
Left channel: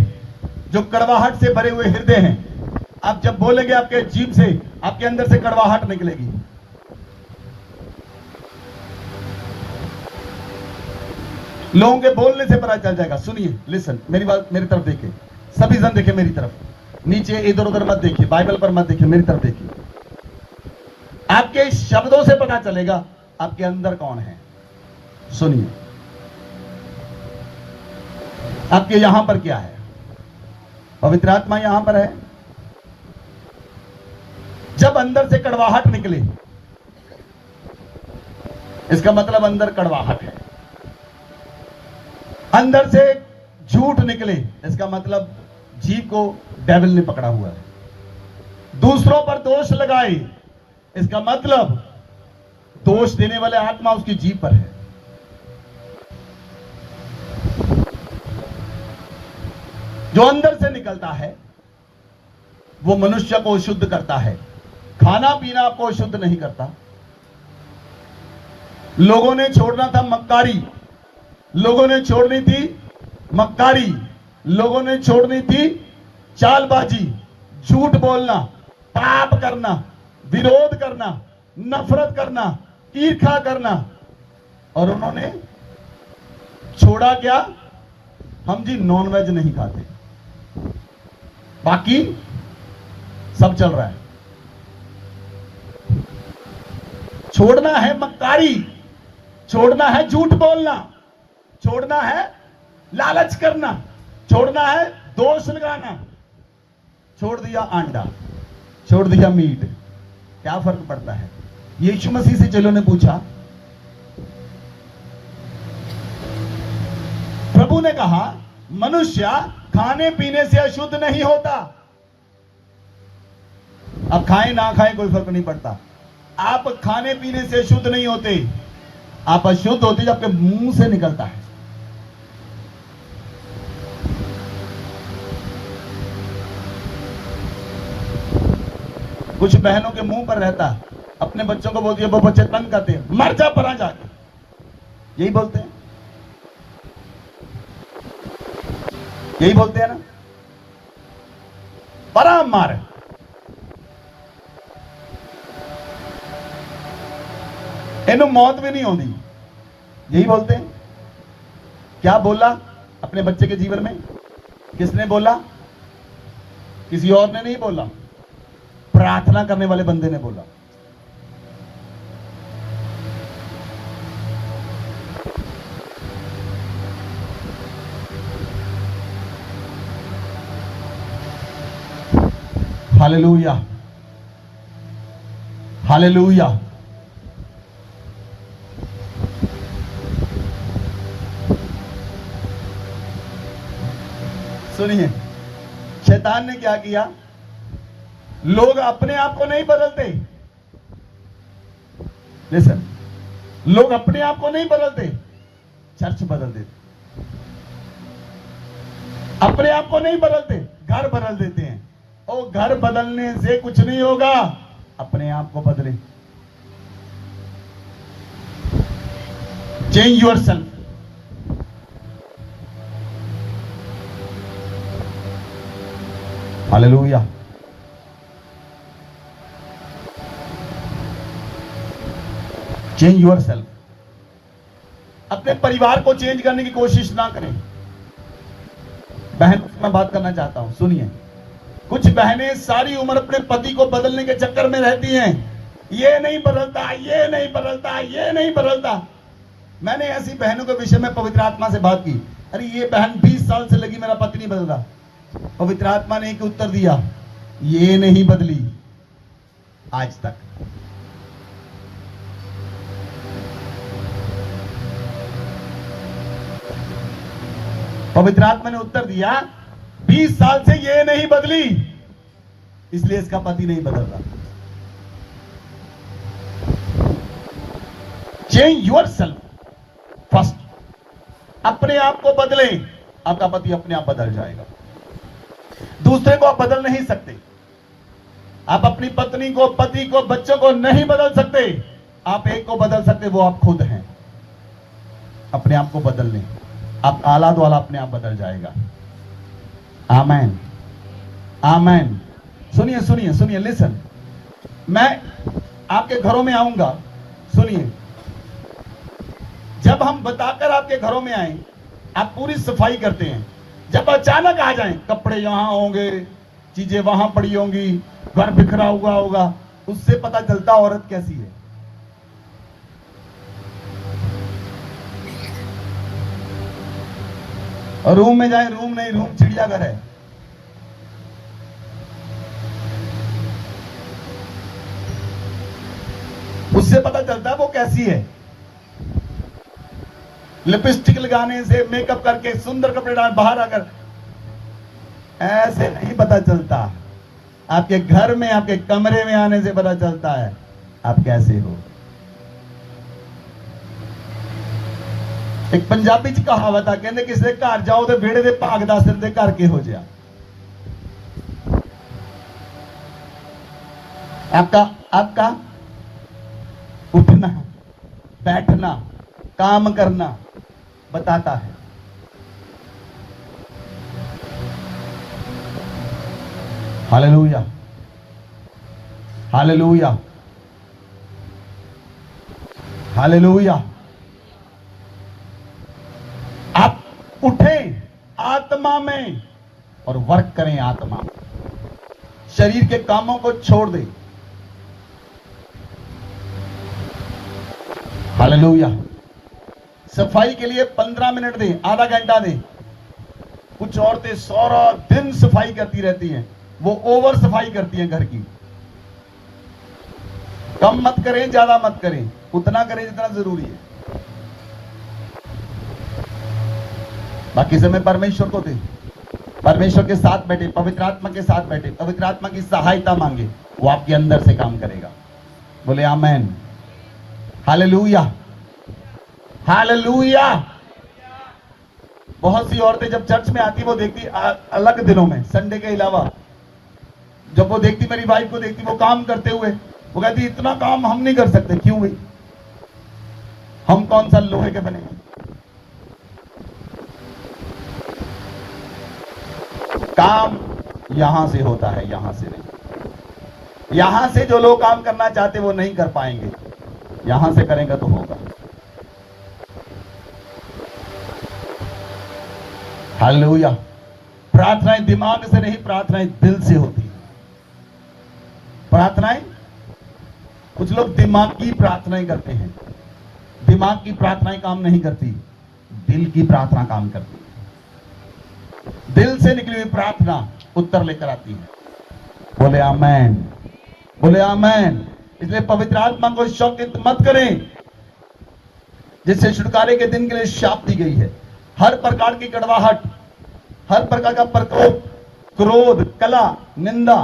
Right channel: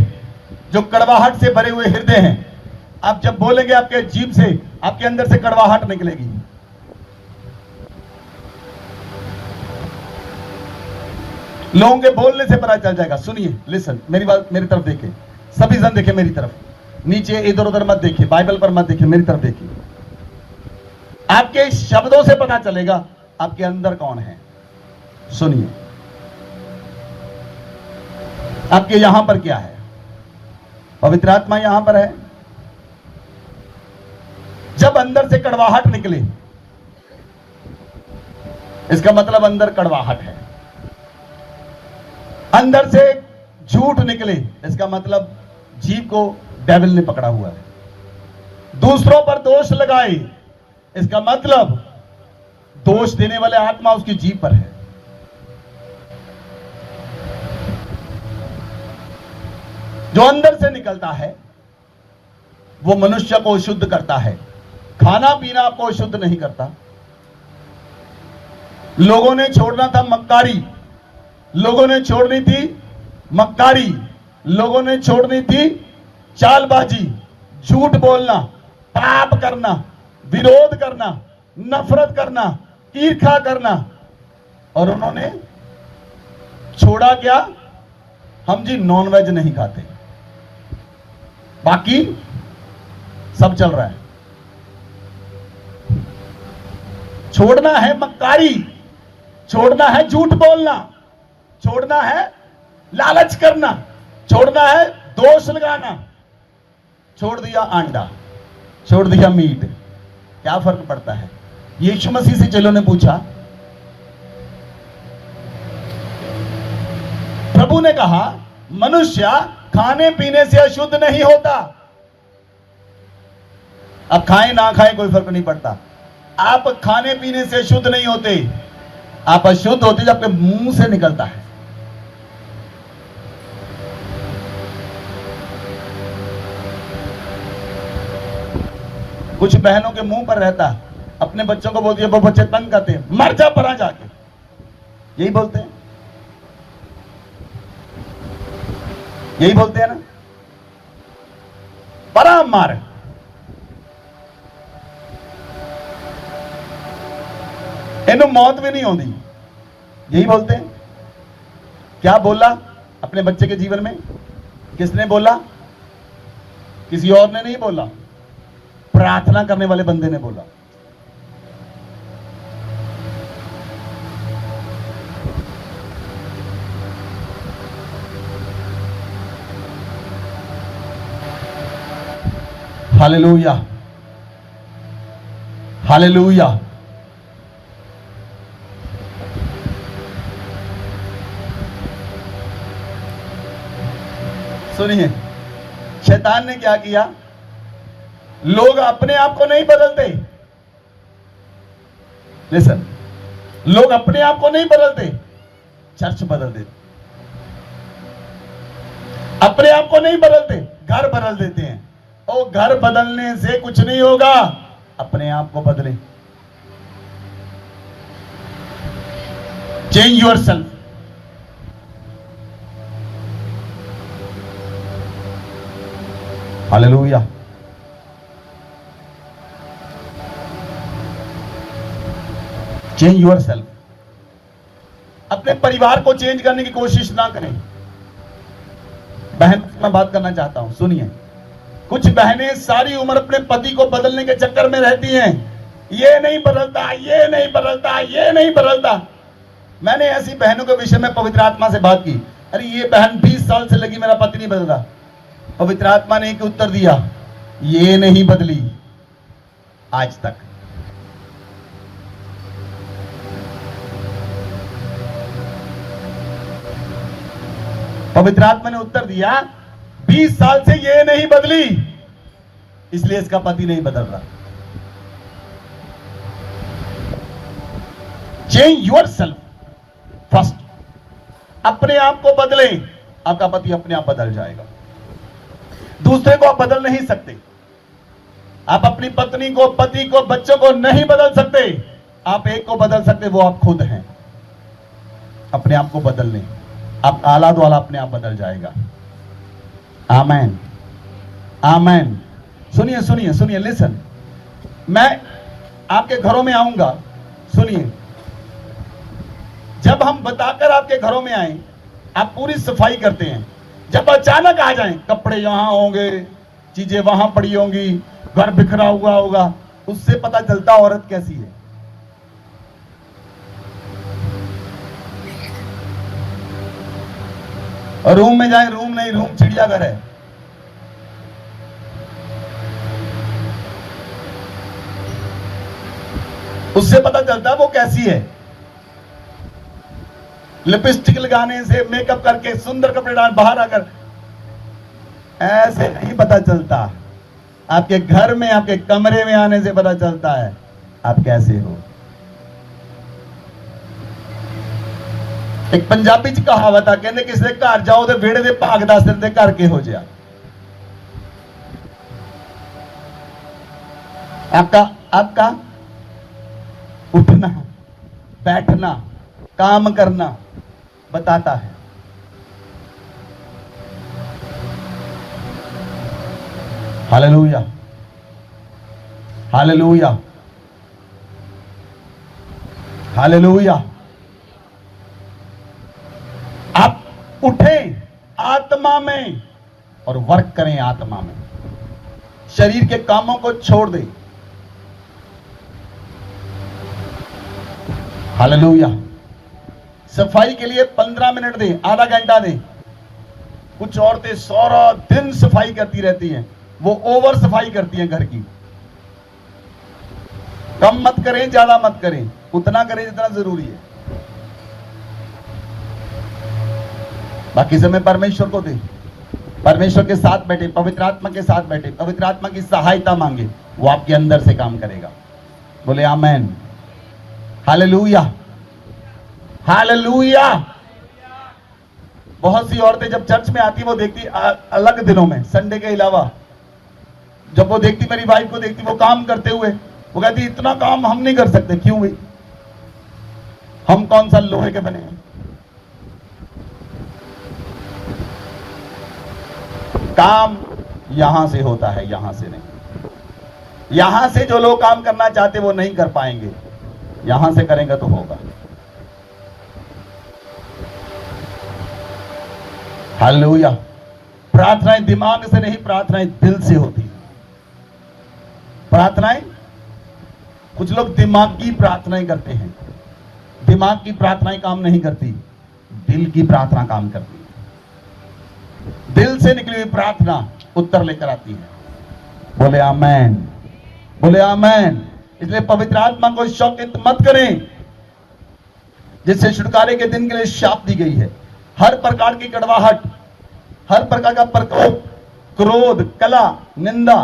जो कड़वाहट से भरे हुए हृदय हैं, आप जब बोलेंगे आपके जीभ से आपके अंदर से कड़वाहट निकलेगी। लोगों के बोलने से पता चल जाएगा। सुनिए, लिसन, मेरी बात मेरी तरफ देखिए, सभी जन देखिए मेरी तरफ, नीचे इधर उधर मत देखिए, बाइबल पर मत देखिए, मेरी तरफ देखिए। आपके शब्दों से पता चलेगा आपके अंदर कौन है। सुनिए, आपके यहां पर क्या है? पवित्र आत्मा यहां पर है। जब अंदर से कड़वाहट निकले, इसका मतलब अंदर कड़वाहट है। अंदर से झूठ निकले, इसका मतलब जीभ को डेविल ने पकड़ा हुआ है। दूसरों पर दोष लगाए, इसका मतलब दोष देने वाले आत्मा उसकी जीभ पर है। जो अंदर से निकलता है वो मनुष्य को शुद्ध करता है। खाना पीना आपको शुद्ध नहीं करता। लोगों ने छोड़ना था मक्कारी, लोगों ने छोड़नी थी मक्कारी, लोगों ने छोड़नी थी चालबाजी, झूठ बोलना, पाप करना, विरोध करना, नफरत करना, ईर्ष्या करना, और उन्होंने छोड़ा क्या? हम जी नॉनवेज नहीं खाते, बाकी सब चल रहा है। छोड़ना है मक्कारी, छोड़ना है झूठ बोलना, छोड़ना है लालच करना, छोड़ना है दोष लगाना। छोड़ दिया अंडा, छोड़ दिया मीट, क्या फर्क पड़ता है? यीशु मसीह से चेलों ने पूछा, प्रभु ने कहा मनुष्य खाने पीने से अशुद्ध नहीं होता। अब खाएं ना खाएं कोई फर्क नहीं पड़ता। आप खाने पीने से अशुद्ध नहीं होते, आप अशुद्ध होते जब आपके मुंह से निकलता है। कुछ बहनों के मुंह पर रहता है, अपने बच्चों को बोलती है, वो बच्चे तंग करते हैं, मर जा परा जाके, यही बोलते हैं, यही बोलते हैं ना, परा मार। इन्हें मौत भी नहीं होती, यही बोलते हैं। क्या बोला अपने बच्चे के जीवन में? किसने बोला? किसी और ने नहीं बोला, प्रार्थना करने वाले बंदे ने बोला। Hallelujah, hallelujah. सुनिए, शैतान ने क्या किया? लोग अपने आप को नहीं बदलते। लिसन, लोग अपने आप को नहीं बदलते, चर्च बदल देते। अपने आप को नहीं बदलते, घर बदल देते हैं। और घर बदलने से कुछ नहीं होगा, अपने आप को बदले। Change yourself. Hallelujah. Change yourself. अपने परिवार को चेंज करने की कोशिश ना करें। बहन, मैं बात करना चाहता हूं, सुनिए। कुछ बहनें सारी उम्र अपने पति को बदलने के चक्कर में रहती हैं। ये नहीं बदलता, ये नहीं बदलता, ये नहीं बदलता। मैंने ऐसी बहनों के विषय में पवित्र आत्मा से बात की। अरे ये बहन 20 साल से लगी, मेरा पति नहीं बदल रहा। पवित्र आत्मा ने एक उत्तर दिया, ये नहीं बदली आज तक। पवित्र आत्मा ने उत्तर दिया, 20 साल से ये नहीं बदली, इसलिए इसका पति नहीं बदल रहा। Change yourself first. अपने आप को बदले, आपका पति अपने आप बदल जाएगा। दूसरे को आप बदल नहीं सकते। आप अपनी पत्नी को, पति को, बच्चों को नहीं बदल सकते। आप एक को बदल सकते, वो आप खुद हैं। अपने आप को बदल लें, आप औलाद वाला अपने आप बदल जाएगा। आमेन, आमेन। सुनिए सुनिए सुनिए, लिसन। मैं आपके घरों में आऊंगा, सुनिए। जब हम बताकर आपके घरों में आए, आप पूरी सफाई करते हैं। जब अचानक आ जाएं, कपड़े यहां होंगे, चीजें वहां पड़ी होंगी, घर बिखरा हुआ होगा, उससे पता चलता औरत कैसी है। रूम में जाए, रूम नहीं, रूम चिड़ियाघर है। उससे पता चलता वो कैसी है। लिपस्टिक लगाने से, मेकअप करके, सुंदर कपड़े डाल बाहर आकर, ऐसे नहीं पता चलता। आपके घर में, आपके कमरे में आने से पता चलता है आप कैसे हो। एक पंजाबी च कहावत है, कहते किसी घर जाओ तो वेड़े दे भाग दस दिन घर के हो जा। आपका उठना, बैठना, काम करना बताता है। Hallelujah, hallelujah, hallelujah. आप उठे आत्मा में और वर्क करें आत्मा में। शरीर के कामों को छोड़ दें। हालेलुया। सफाई के लिए 15 मिनट दें, आधा घंटा दें। कुछ औरतें सारा दिन सफाई करती रहती हैं, वो ओवर सफाई करती हैं घर की। कम मत करें, ज्यादा मत करें, उतना करें जितना जरूरी है। बाकी समय परमेश्वर को दें। परमेश्वर के साथ बैठे, पवित्र आत्मा के साथ बैठे, पवित्र आत्मा की सहायता मांगे, वो आपके अंदर से काम करेगा। बोले आमेन, हालेलुया, हालेलुया। बहुत सी औरतें जब चर्च में आती, वो देखती अलग दिनों में, संडे के अलावा, जब वो देखती, मेरी वाइफ को देखती वो काम करते हुए, वो कहती इतना काम हम नहीं कर सकते। क्यों भाई? हम कौन सा लोहे के बने? काम यहां से होता है, यहां से नहीं। यहां से जो लोग काम करना चाहते वो नहीं कर पाएंगे, यहां से करेंगे तो होगा। हालेलुया। प्रार्थनाएं दिमाग से नहीं, प्रार्थनाएं दिल से होती है। प्रार्थनाएं, कुछ लोग दिमाग की प्रार्थनाएं करते हैं। दिमाग की प्रार्थनाएं काम नहीं करती, दिल की प्रार्थना काम करती है। दिल से निकली हुई प्रार्थना उत्तर लेकर आती है। बोले आमेन, बोले आमेन। इसलिए पवित्र आत्मा को शौकित मत करें, जिससे छुटकारे के दिन के लिए शाप दी गई है। हर प्रकार की कड़वाहट, हर प्रकार का प्रकोप, क्रोध, कला, निंदा,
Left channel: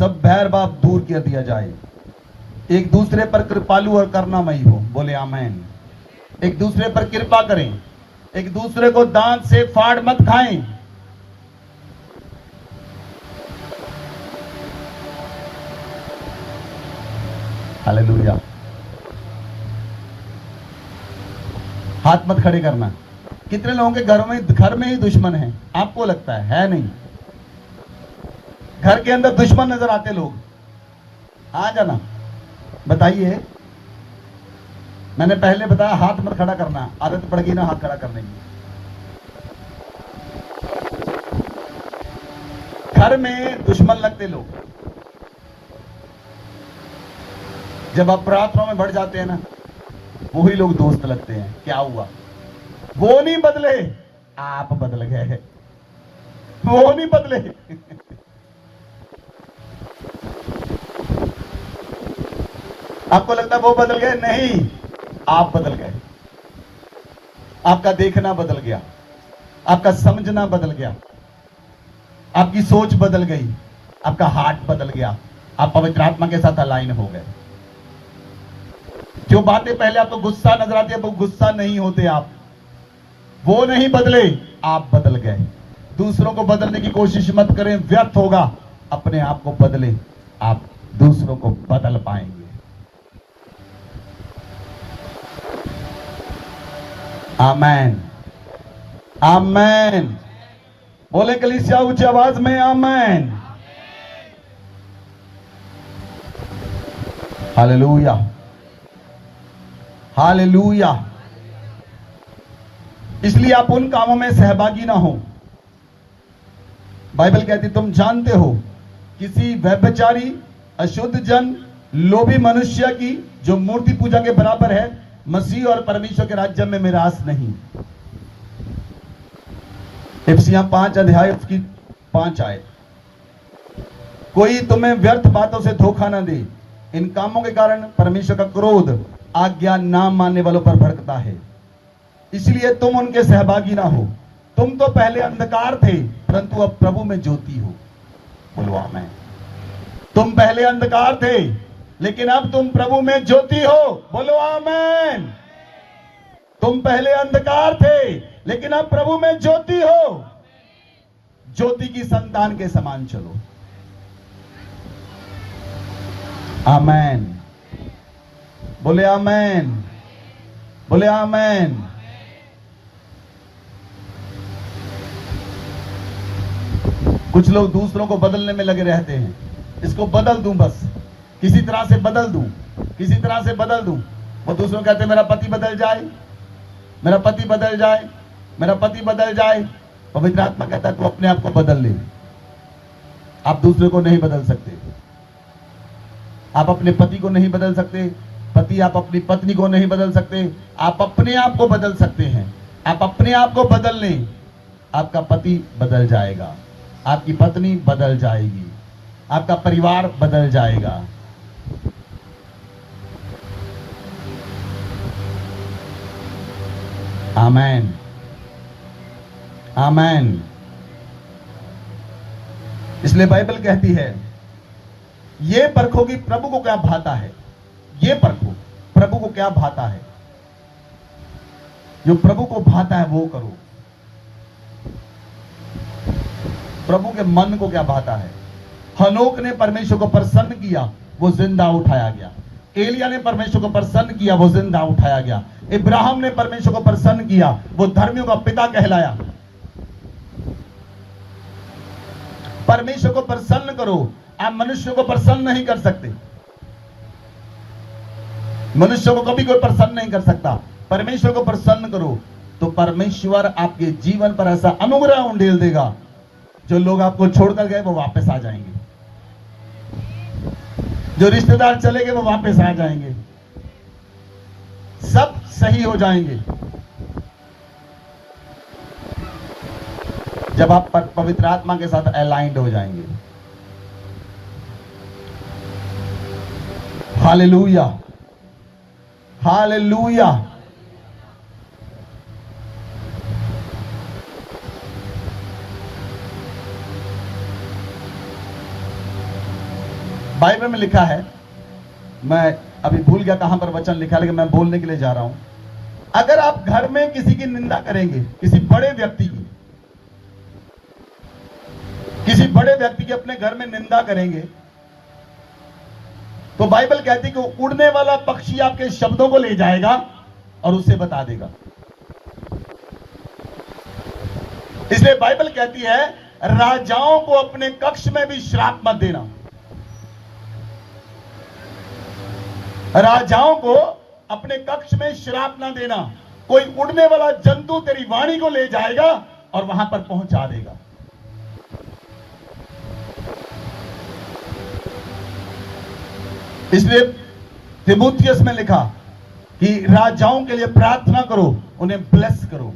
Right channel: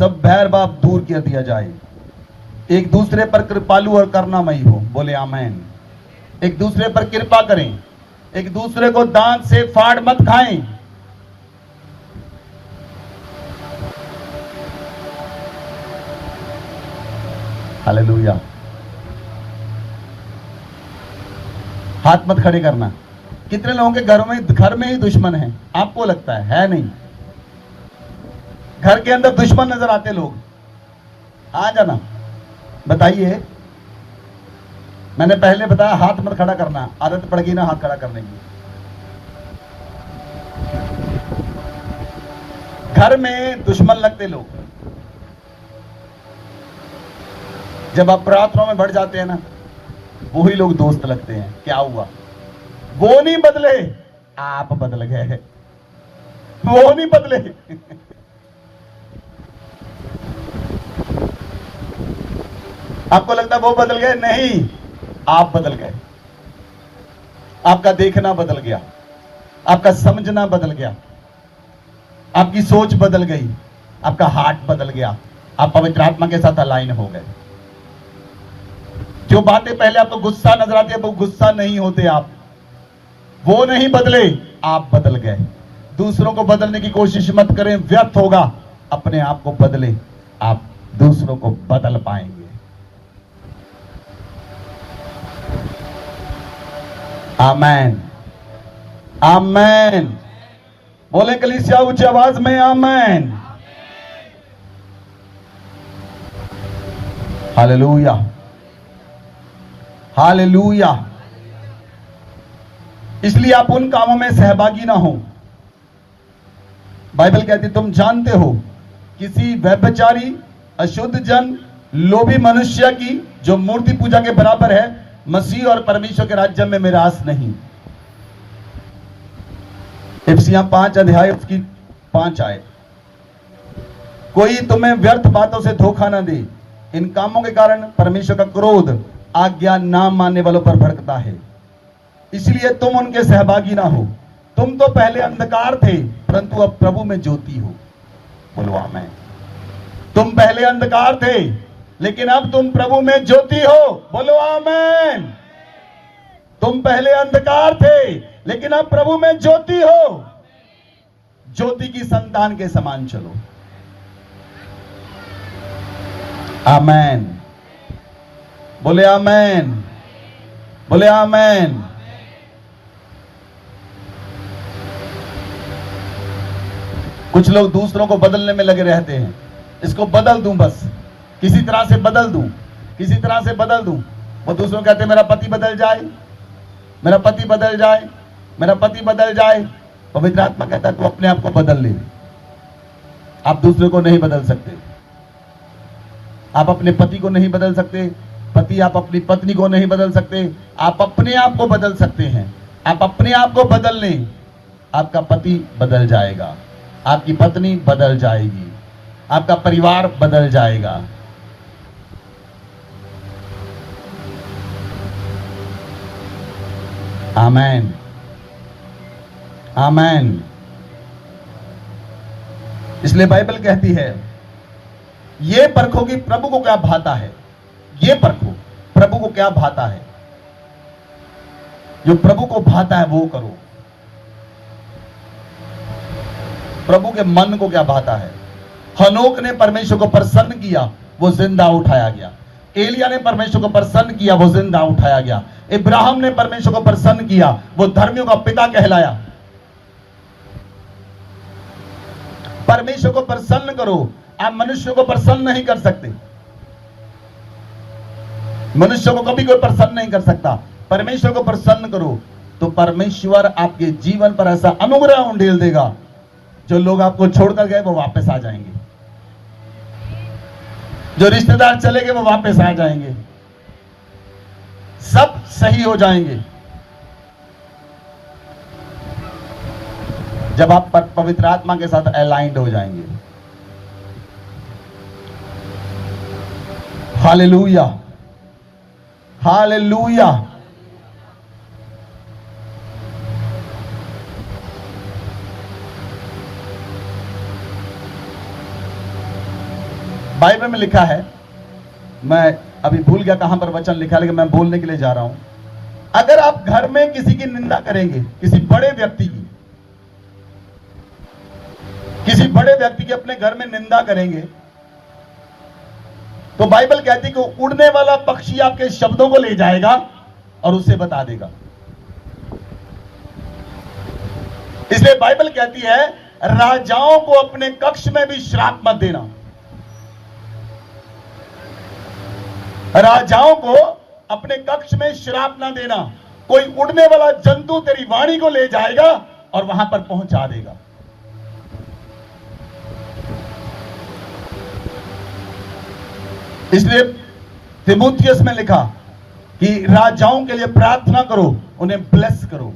सब बैर बाप दूर कर दिया जाए। एक दूसरे पर कृपालु और करुणामयी हो। बोले आमेन। एक दूसरे पर कृपा करें, एक दूसरे को दांत से फाड़ मत खाएं। हालेलुया। हाथ मत खड़े करना। कितने लोगों के घर में ही दुश्मन है, आपको लगता है नहीं? घर के अंदर दुश्मन नजर आते लोग। आ जाना, बताइए। मैंने पहले बताया हाथ मत खड़ा करना, आदत पड़ गई ना हाथ खड़ा करने की। घर में दुश्मन लगते लोग। जब आप प्रार्थना में बढ़ जाते हैं ना, वही लोग दोस्त लगते हैं। क्या हुआ? वो नहीं बदले, आप बदल गए। वो नहीं बदले। आपको लगता है वो बदल गए, नहीं, आप बदल गए। आपका देखना बदल गया, आपका समझना बदल गया, आपकी सोच बदल गई, आपका हार्ट बदल गया, आप पवित्र आत्मा के साथ अलाइन हो गए। जो बातें पहले आपको गुस्सा नजर आती है, वो गुस्सा नहीं होते आप। वो नहीं बदले, आप बदल गए। दूसरों को बदलने की कोशिश मत करें, व्यर्थ होगा। अपने आप को बदले, आप दूसरों को बदल पाएंगे। आमेन, आमेन। बोले कलीसिया ऊंची आवाज में आमेन। हालेलुया, हालेलुया। इसलिए आप उन कामों में सहभागी ना हो। बाइबल कहती तुम जानते हो किसी व्यभिचारी, अशुद्ध जन, लोभी मनुष्य की जो मूर्ति पूजा के बराबर है, मसीह और परमेश्वर के राज्य में मिरास नहीं। इफिसियों 5 अध्याय उसकी 5 आयत। कोई तुम्हें व्यर्थ बातों से धोखा न दे। इन कामों के कारण परमेश्वर का क्रोध आज्ञा ना मानने वालों पर भड़कता है। इसलिए तुम उनके सहभागी ना हो। तुम तो पहले अंधकार थे, परंतु अब प्रभु में ज्योति हो। बोलो आमीन। तुम पहले अंधकार थे, लेकिन अब तुम प्रभु में ज्योति हो। बोलो आमीन। तुम पहले अंधकार थे, लेकिन अब प्रभु में ज्योति हो। ज्योति की संतान के समान चलो। आमीन। बोले आमीन, बोले आमीन। कुछ लोग दूसरों को बदलने में लगे रहते हैं। इसको बदल दूं, बस किसी तरह से बदल दूं, किसी तरह से बदल दूं। वो दूसरों कहते हैं मेरा पति बदल जाए, मेरा पति बदल जाए, मेरा पति बदल जाए। पवित्र आत्मा कहता है तू अपने आप को बदल ले। आप दूसरे को नहीं बदल सकते। आप अपने पति को नहीं बदल सकते, पति आप अपनी पत्नी को नहीं बदल सकते। आप अपने आप को बदल सकते हैं। आप अपने आप को बदल लें, आपका पति बदल जाएगा, आपकी पत्नी बदल जाएगी, आपका परिवार बदल जाएगा। आमीन, आमीन। इसलिए बाइबल कहती है ये परखो कि प्रभु को क्या भाता है। ये परखो प्रभु को क्या भाता है। जो प्रभु को भाता है वो करो। प्रभु के मन को क्या भाता है। हनोक ने परमेश्वर को प्रसन्न किया, वो जिंदा उठाया गया। एलिया ने परमेश्वर को प्रसन्न किया, वो जिंदा उठाया गया। इब्राहिम ने परमेश्वर को प्रसन्न किया, वो धर्मियों का पिता कहलाया। परमेश्वर को प्रसन्न करो। आप मनुष्य को प्रसन्न नहीं कर सकते। मनुष्य को कभी कोई प्रसन्न नहीं कर सकता। परमेश्वर को प्रसन्न करो तो परमेश्वर आपके जीवन पर ऐसा अनुग्रह उंडेल देगा, जो लोग आपको छोड़कर गए वो वापस आ जाएंगे। जो रिश्तेदार चले गए वो वापस आ जाएंगे। सब सही हो जाएंगे जब आप पवित्र आत्मा के साथ अलाइंड हो जाएंगे। हालेलुया, हालेलुया। बाइबल में लिखा है, मैं अभी भूल गया कहां पर वचन लिखा है, लेकिन मैं बोलने के लिए जा रहा हूं। अगर आप घर में किसी की निंदा करेंगे, किसी बड़े व्यक्ति की अपने घर में निंदा करेंगे, तो बाइबल कहती है कि उड़ने वाला पक्षी आपके शब्दों को ले जाएगा और उसे बता देगा। इसलिए बाइबल कहती है, राजाओं को अपने कक्ष में भी श्राप मत देना। राजाओं को अपने कक्ष में श्राप ना देना। कोई उड़ने वाला जंतु तेरी वाणी को ले जाएगा और वहां पर पहुंचा देगा। इसलिए तिमुथियुस में लिखा कि राजाओं के लिए प्रार्थना करो, उन्हें ब्लेस करो।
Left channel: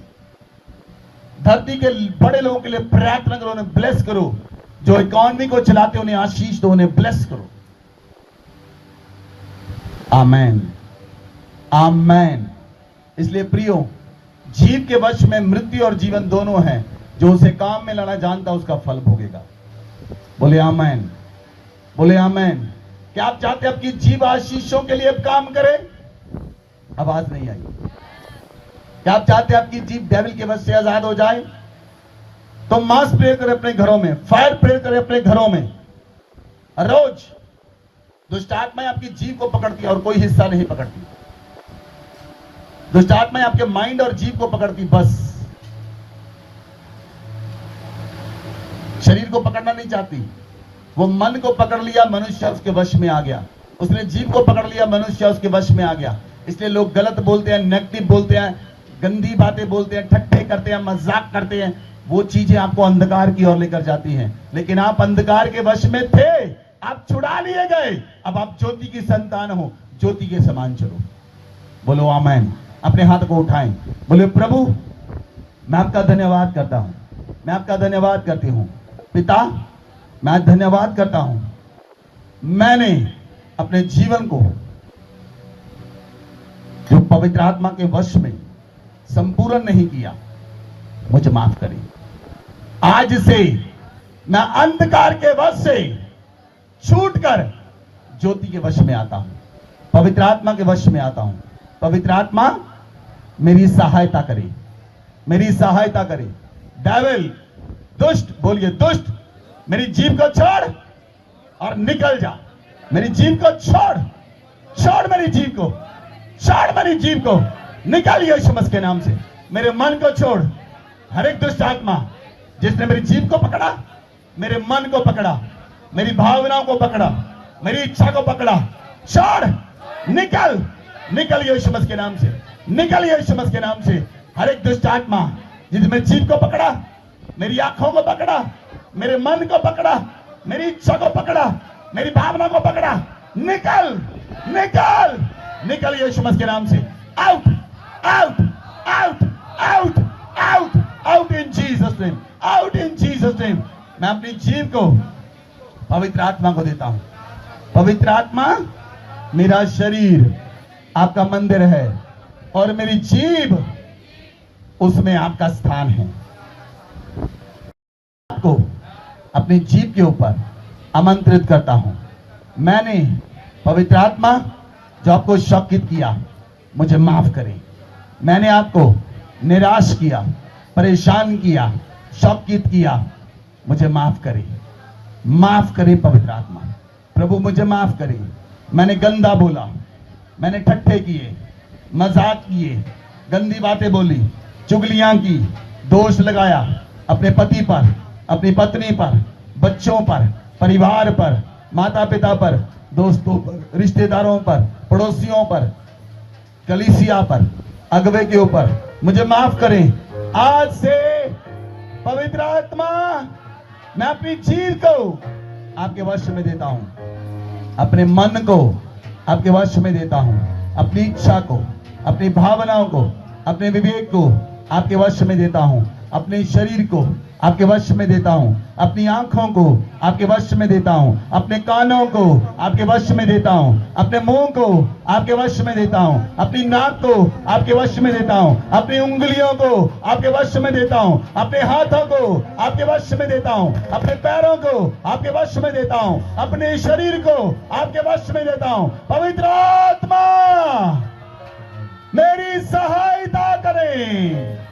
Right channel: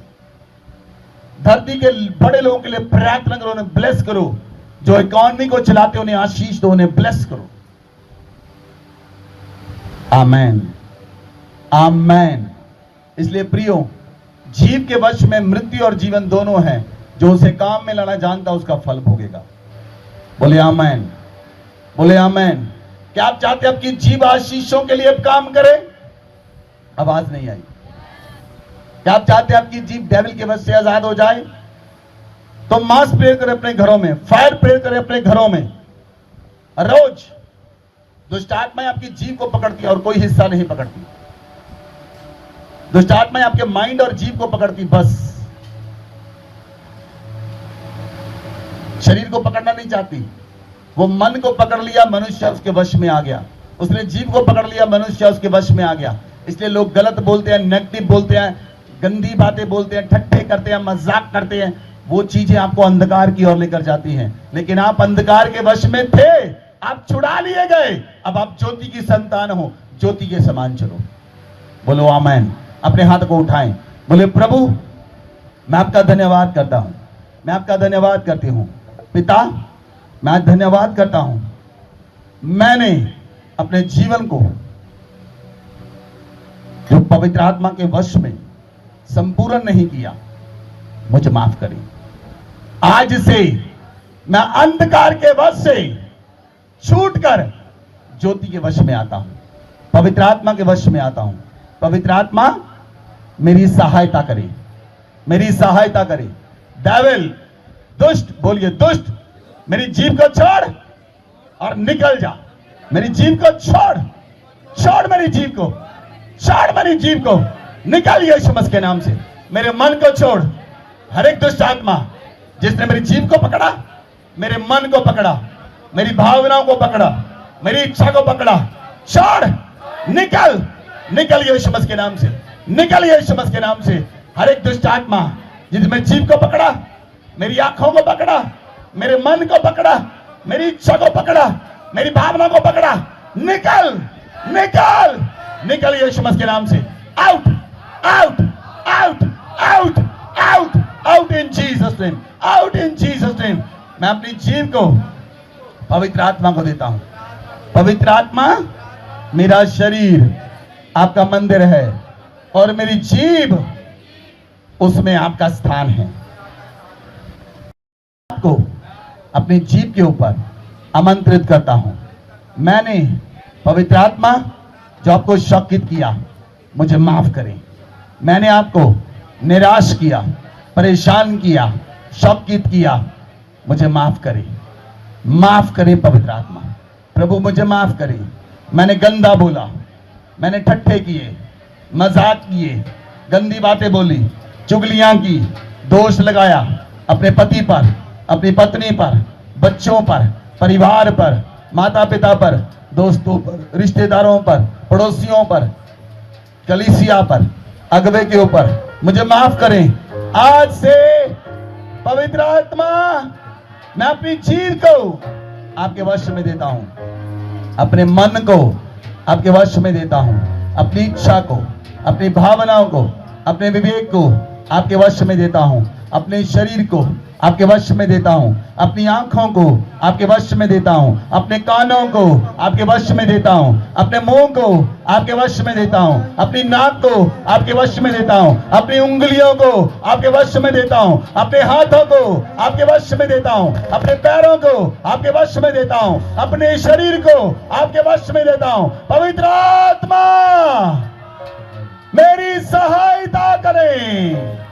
धरती के बड़े लोगों के लिए प्रार्थना करो, उन्हें ब्लेस करो। जो इकोनॉमी को चलाते उन्हें आशीष दो, उन्हें ब्लेस करो। आमेन, आमेन। इसलिए प्रियो, जीव के वश में मृत्यु और जीवन दोनों हैं। जो उसे काम में लाना जानता उसका फल भोगेगा। बोले आमेन, बोले आमेन। क्या आप चाहते हैं आपकी जीव आशीषों के लिए काम करे? आवाज नहीं आई। क्या आप चाहते हैं आपकी जीव डेविल के वश से आजाद हो जाए? तो मास प्रेयर करें अपने घरों में, फायर प्रेयर करें अपने घरों में। रोज दुष्ट आत्माएं आपकी जीव को पकड़ती और कोई हिस्सा नहीं पकड़ती। दुष्ट आत्माएं आपके माइंड और जीव को पकड़ती, बस शरीर को पकड़ना नहीं चाहती। वो मन को पकड़ लिया, मनुष्य उसके वश में आ गया। उसने जीव को पकड़ लिया, मनुष्य उसके वश में आ गया। इसलिए लोग गलत बोलते हैं, नेगेटिव बोलते हैं, गंदी बातें बोलते हैं, ठट्ठे करते हैं, मजाक करते हैं। वो चीजें आपको अंधकार की ओर लेकर जाती हैं। लेकिन आप अंधकार के वश में थे, आप छुड़ा लिए गए। अब आप ज्योति की संतान हो, ज्योति के समान चलो। बोलो आमेन। अपने हाथ को उठाएं, बोले प्रभु मैं आपका धन्यवाद करता हूं, मैं आपका धन्यवाद करती हूं। पिता मैं धन्यवाद करता हूं, मैंने अपने जीवन को जो पवित्र आत्मा के वश में संपूर्ण नहीं किया, मुझे माफ करें। आज से मैं अंधकार के वश से छूटकर ज्योति के वश में आता हूं, पवित्र आत्मा के वश में आता हूं। पवित्र आत्मा मेरी सहायता करे, मेरी सहायता करे। डेविल, दुष्ट, बोलिए दुष्ट, मेरी जीभ को छोड़ और निकल जा। मेरी जीभ को छोड़, छोड़ मेरी जीभ को, छोड़ मेरी जीभ को, निकल यीशु मसीह के नाम से। मेरे मन को छोड़। हर एक दुष्ट आत्मा जिसने मेरी जीभ को पकड़ा, मेरे मन को पकड़ा, मेरी भावनाओं को पकड़ा, मेरी इच्छा को पकड़ा, छोड़, निकल, निकल यीशु मसीह के नाम से, निकल यीशु मसीह के नाम से। हर एक दुष्ट आत्मा जिसने जीभ को पकड़ा, मेरी आंखों को पकड़ा, मेरे मन को पकड़ा, मेरी इच्छा को पकड़ा, मेरी भावना को पकड़ा, निकल, निकल, निकल यीशु मसीह के नाम से। Out, out, out, out, out, out in Jesus name, out in Jesus name. मैं अपनी जीव को पवित्र आत्मा को देता हूं। पवित्र आत्मा, मेरा शरीर आपका मंदिर है और मेरी जीभ उसमें आपका स्थान है। आपको अपनी जीभ के ऊपर आमंत्रित करता हूं। मैंने पवित्र आत्मा जो आपको शौकित किया, मुझे माफ करें। मैंने आपको निराश किया, परेशान किया, शौकित किया, मुझे माफ करें। माफ करें पवित्र आत्मा, प्रभु मुझे माफ करें। मैंने गंदा बोला, मैंने ठट्ठे किए, मजाक किए, गंदी बातें बोली, चुगलियां की, दोष लगाया अपने पति पर, अपनी पत्नी पर, बच्चों पर, परिवार पर, माता पिता पर, दोस्तों पर, रिश्तेदारों पर, पड़ोसियों पर, कलीसिया पर, अगवे के ऊपर। मुझे माफ करें। आज से पवित्र आत्मा, मैं अपनी जीव को आपके वश में देता हूं, अपने मन को आपके वश में देता हूं, अपनी इच्छा को, अपनी भावनाओं को, अपने विवेक को आपके वश में देता हूं, अपने शरीर को आपके वश में देता हूं, अपनी आंखों को आपके वश में देता हूं, अपने कानों को आपके वश में देता हूं, अपने मुंह को आपके वश में देता हूं, अपनी नाक को आपके वश में देता हूं, अपनी उंगलियों को आपके वश में देता हूं, अपने हाथों को आपके वश में देता हूं, अपने पैरों को आपके वश में देता हूं, अपने शरीर को आपके वश में देता हूं। पवित्र आत्मा मेरी सहायता करें।